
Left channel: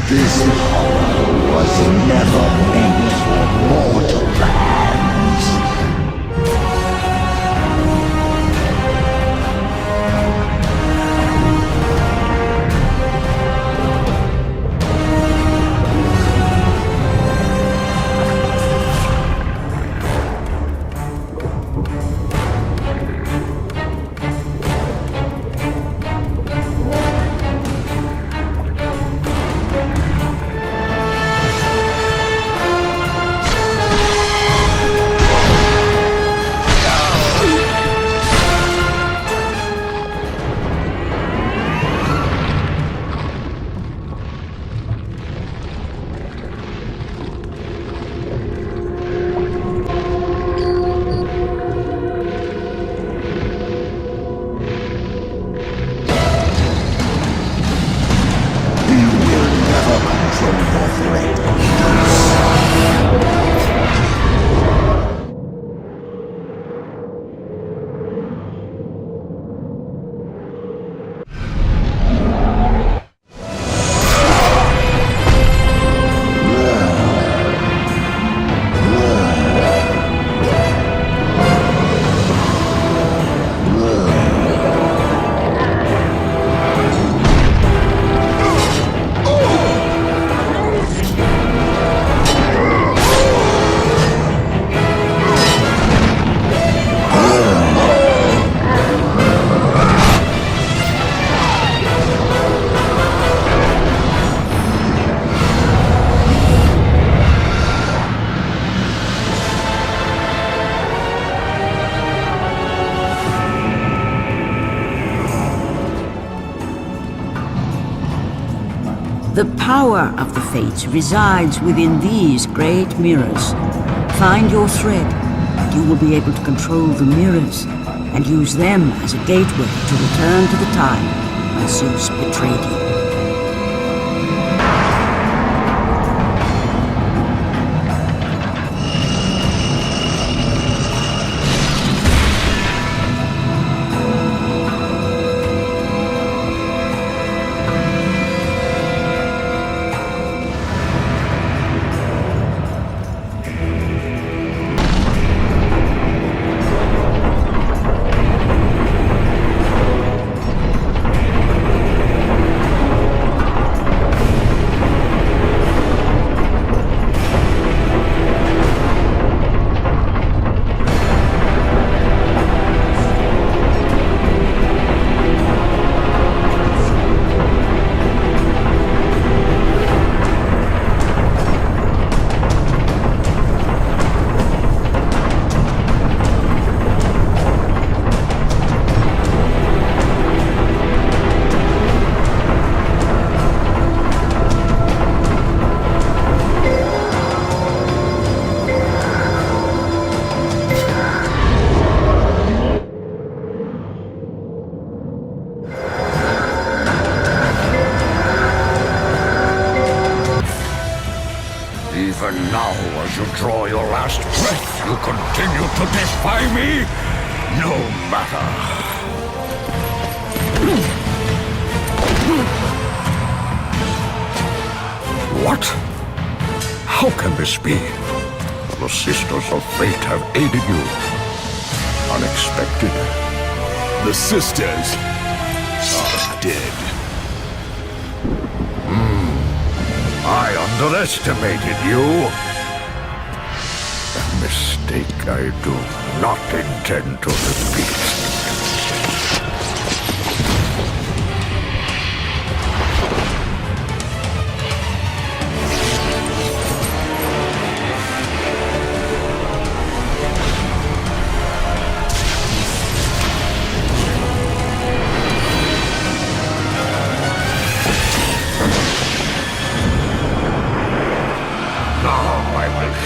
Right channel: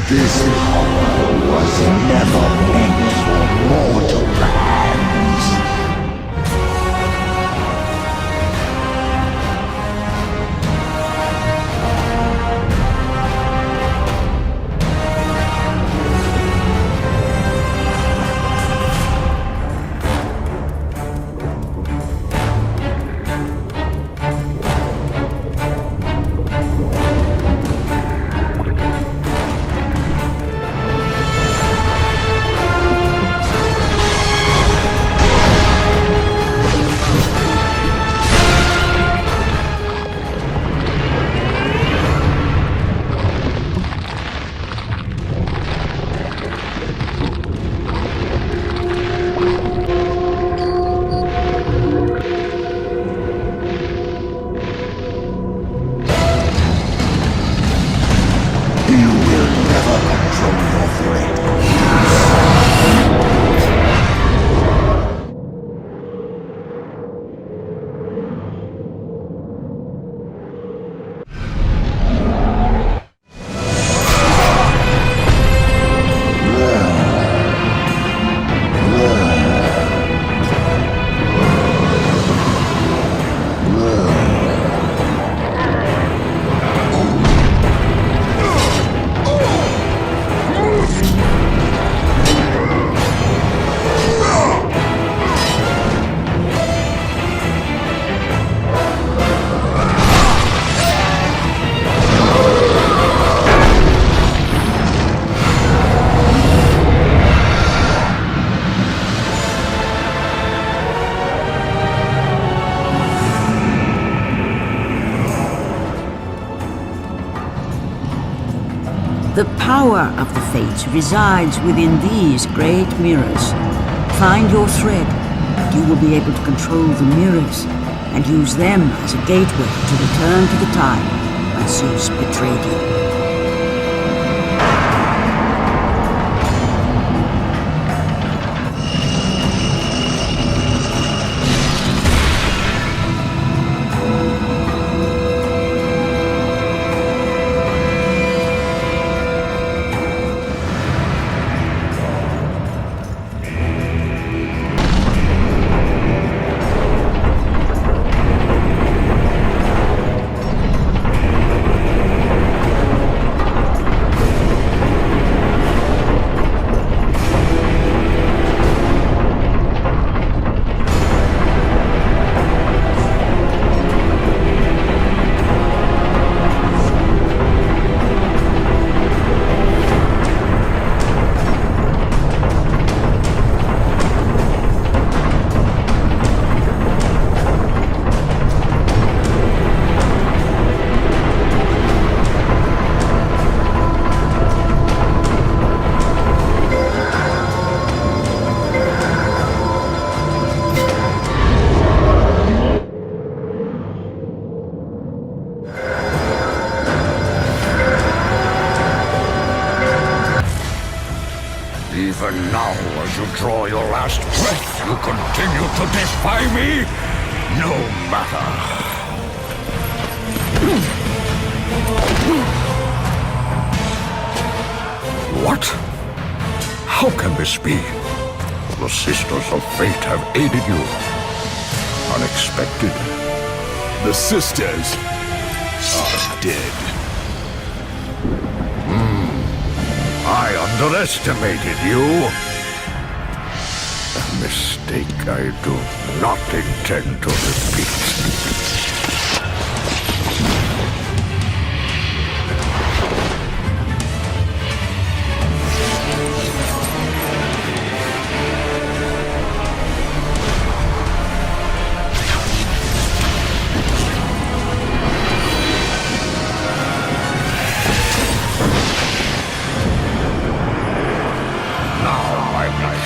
This power was never meant for mortal hands. The power of the Fates resides within these great mirrors. Find your thread, and you will be able to control the mirrors, and use them as a gateway to return to the time when Zeus betrayed you. Even now, as you draw your last breath, you continue to defy me? No matter. What? How can this be? The Sisters of Fate have aided you. Unexpected, The sisters are dead. I underestimated you. A mistake I do not intend to repeat.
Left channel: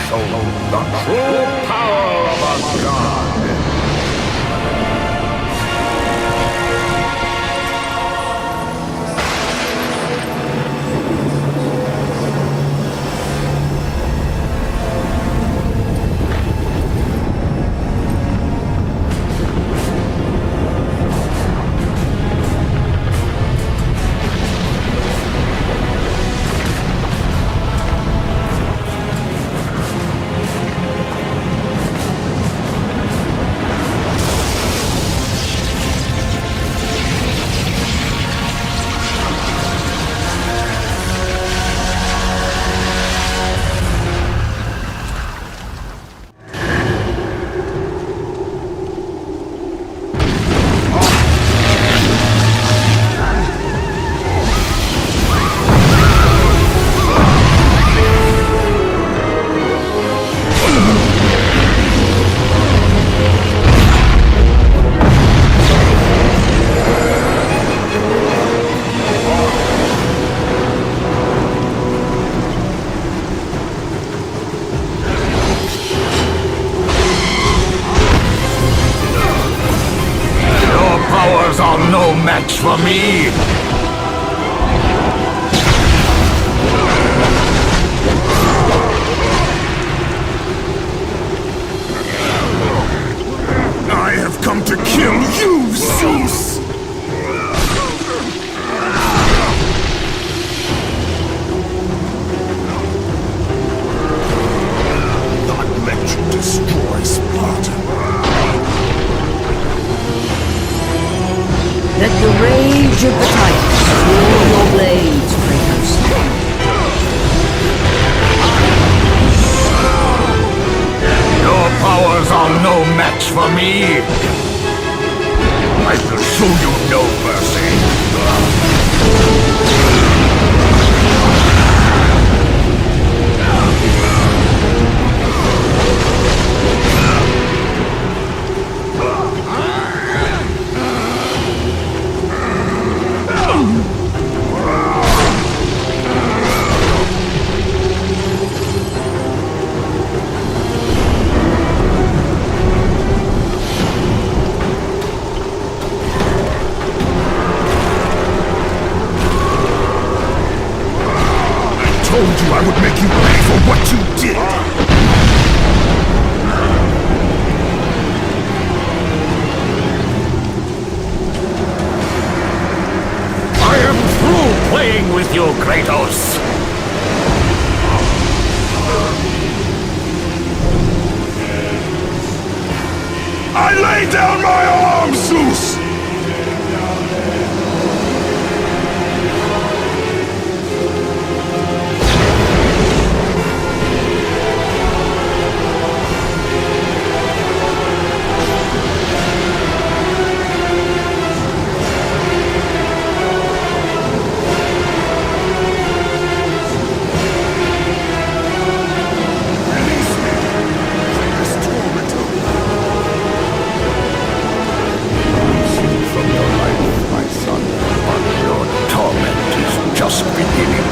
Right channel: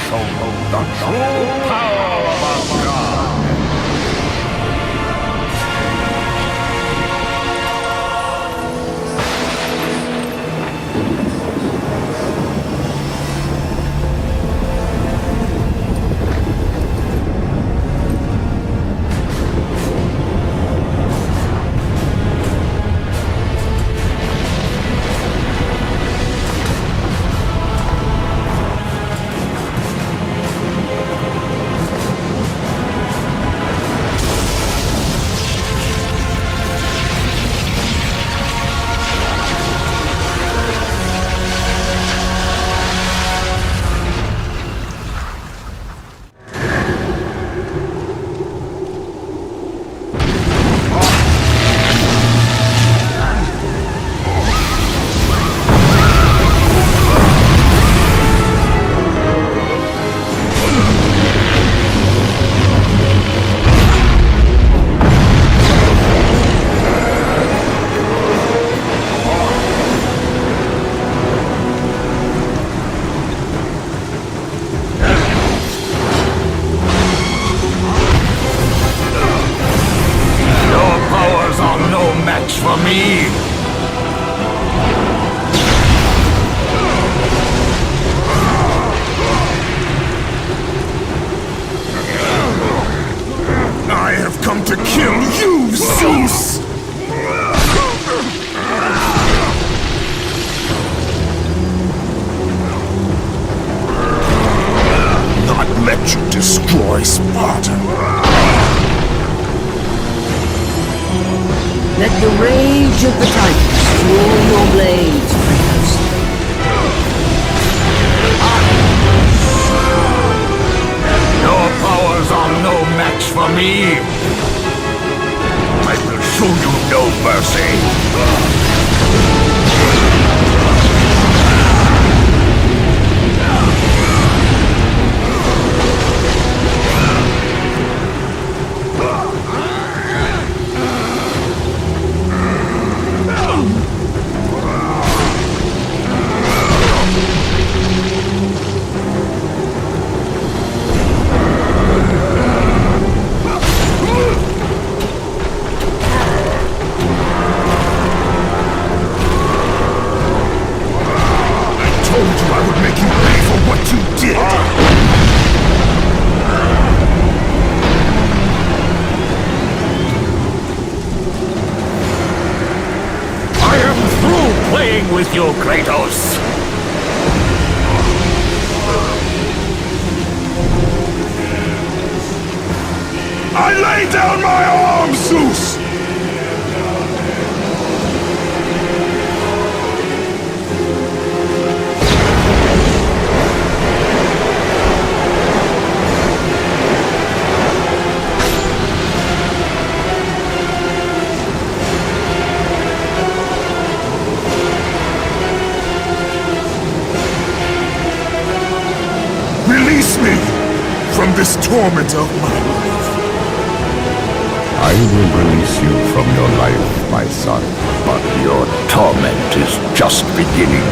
Show the true power of a god. No match for me! I have come to kill you, Zeus! Not let you destroy Spartan. Let the rage of the Titans fuel your blades, Kratos. Your powers are no match for me! I will show you no mercy! I told you I would make you pay for what you did! I am through playing with you, Kratos! This torment of my life. I will release you from your life, my son, but your torment is just beginning.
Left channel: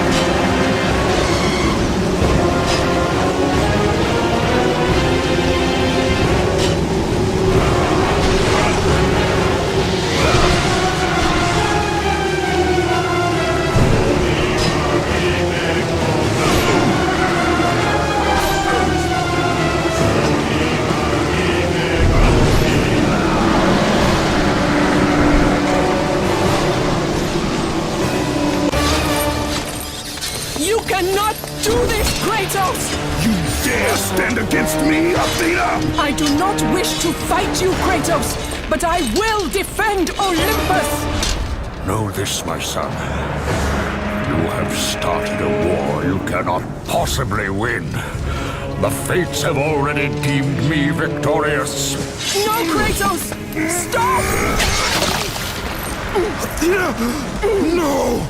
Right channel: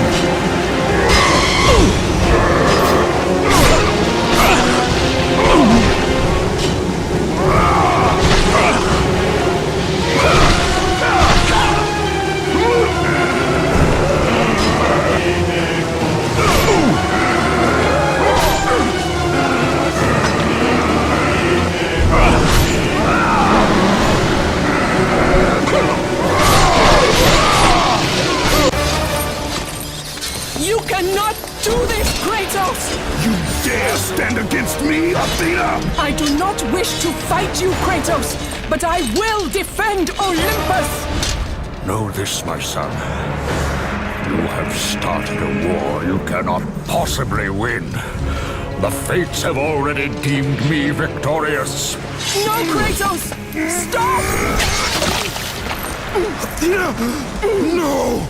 cannot do this, Kratos! You dare stand against me, Athena? I do not wish to fight you, Kratos! but I will defend Olympus! Know this, my son. You have started a war you cannot possibly win. The fates have already deemed me victorious. No, Kratos! Stop! No!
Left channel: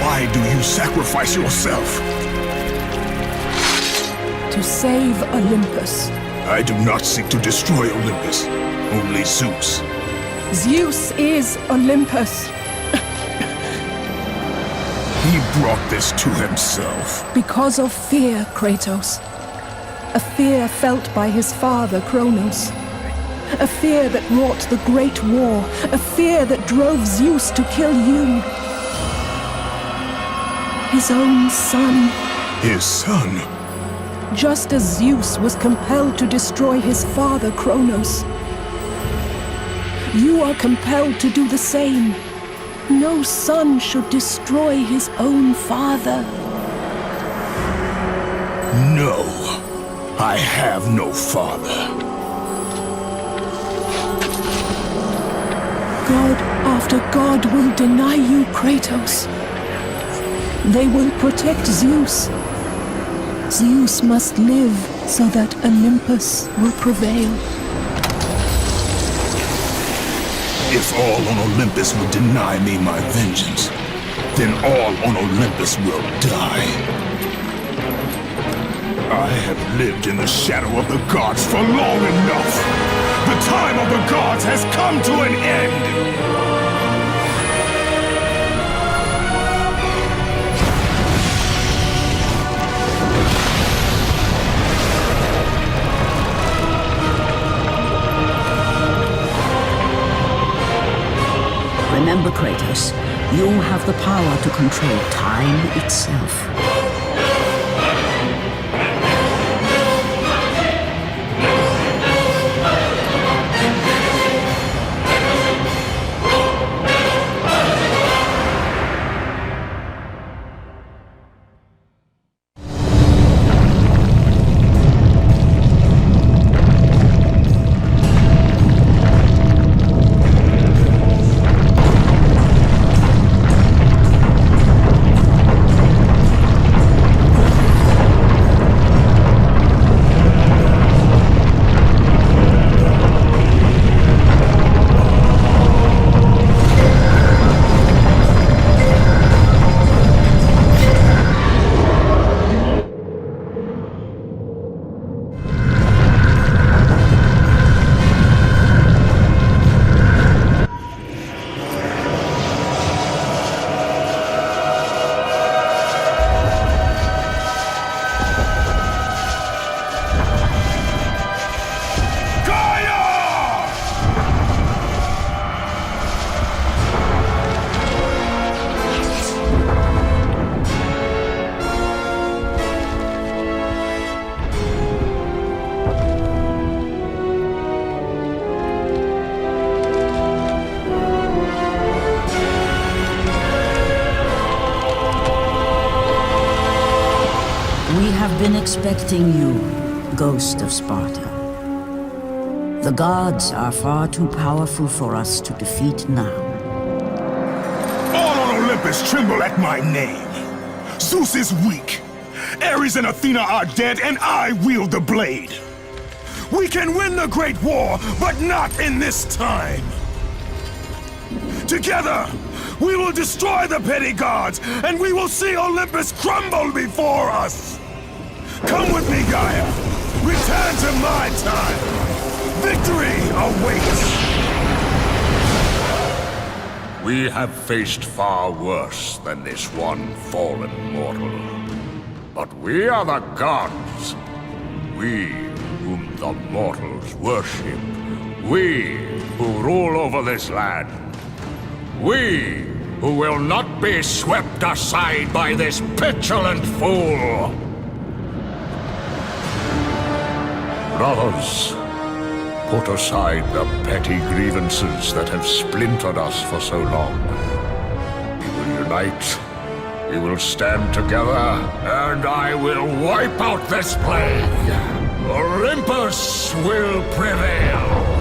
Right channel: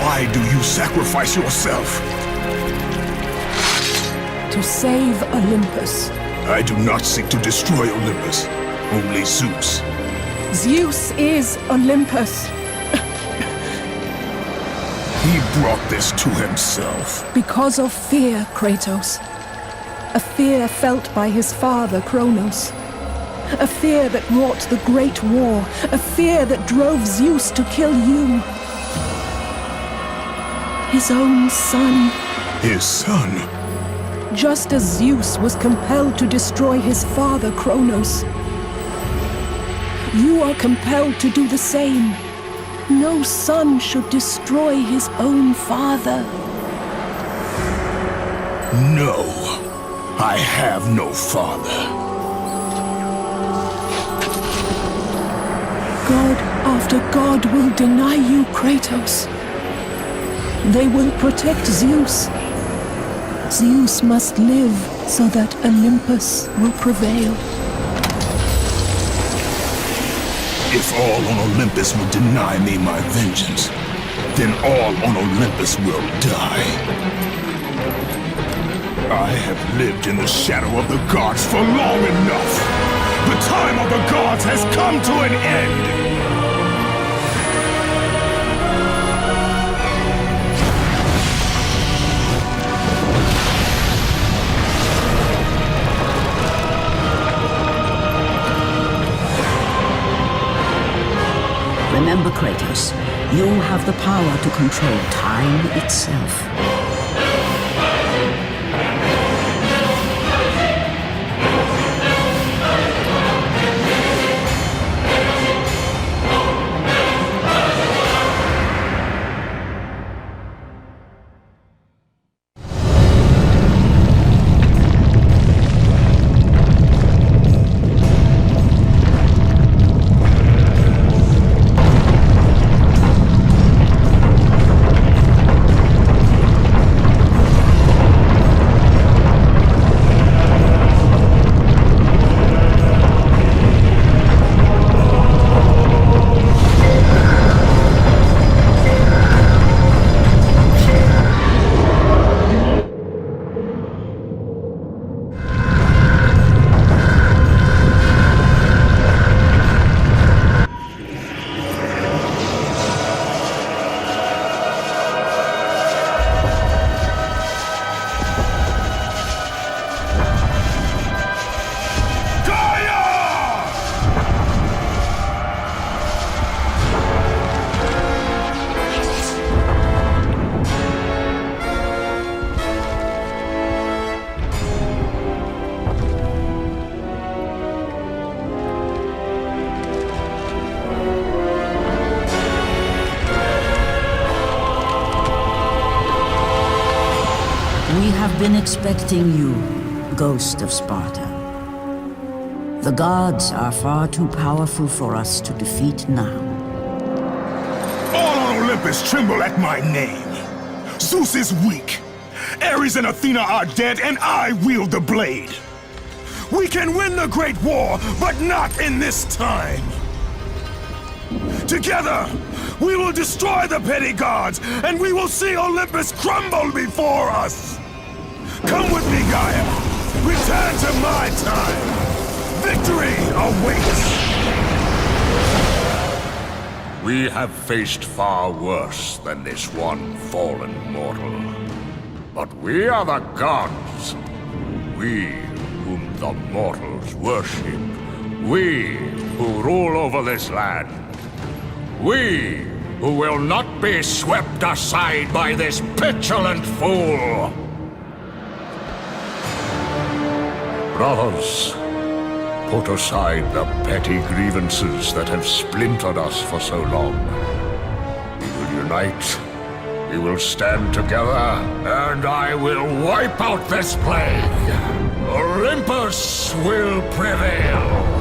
Why do you sacrifice yourself? To save Olympus. I do not seek to destroy Olympus. Only Zeus. Zeus is Olympus. He brought this to himself. Because of fear, Kratos. A fear felt by his father, Kronos. A fear that wrought the Great War. A fear that drove Zeus to kill you. His own son. His son? Just as Zeus was compelled to destroy his father, Kronos. You are compelled to do the same. No son should destroy his own father. No. I have no father. God after God will deny you, Kratos. They will protect Zeus. Zeus must live so that Olympus will prevail. If all on Olympus will deny me my vengeance, then all on Olympus will die. I have lived in the shadow of the gods for long enough. The time of the gods has come to an end. Remember, Kratos, you have the power to control time itself. We have been expecting you, Ghost of Sparta. The gods are far too powerful for us to defeat now. All on Olympus tremble at my name. Zeus is weak. Ares and Athena are dead, and I wield the blade. We can win the Great War, but not in this time. Together, we will destroy the petty gods, and we will see Olympus crumble before us. Come with me, Gaia. Return to my time. Victory awaits. We have faced far worse than this one fallen mortal. But we are the gods. We whom the mortals worship. We who rule over this land. We who will not be swept aside by this petulant fool. Brothers, put aside the petty grievances that have splintered us for so long. We will unite We will stand together, and I will wipe out this plague. Olympus will prevail.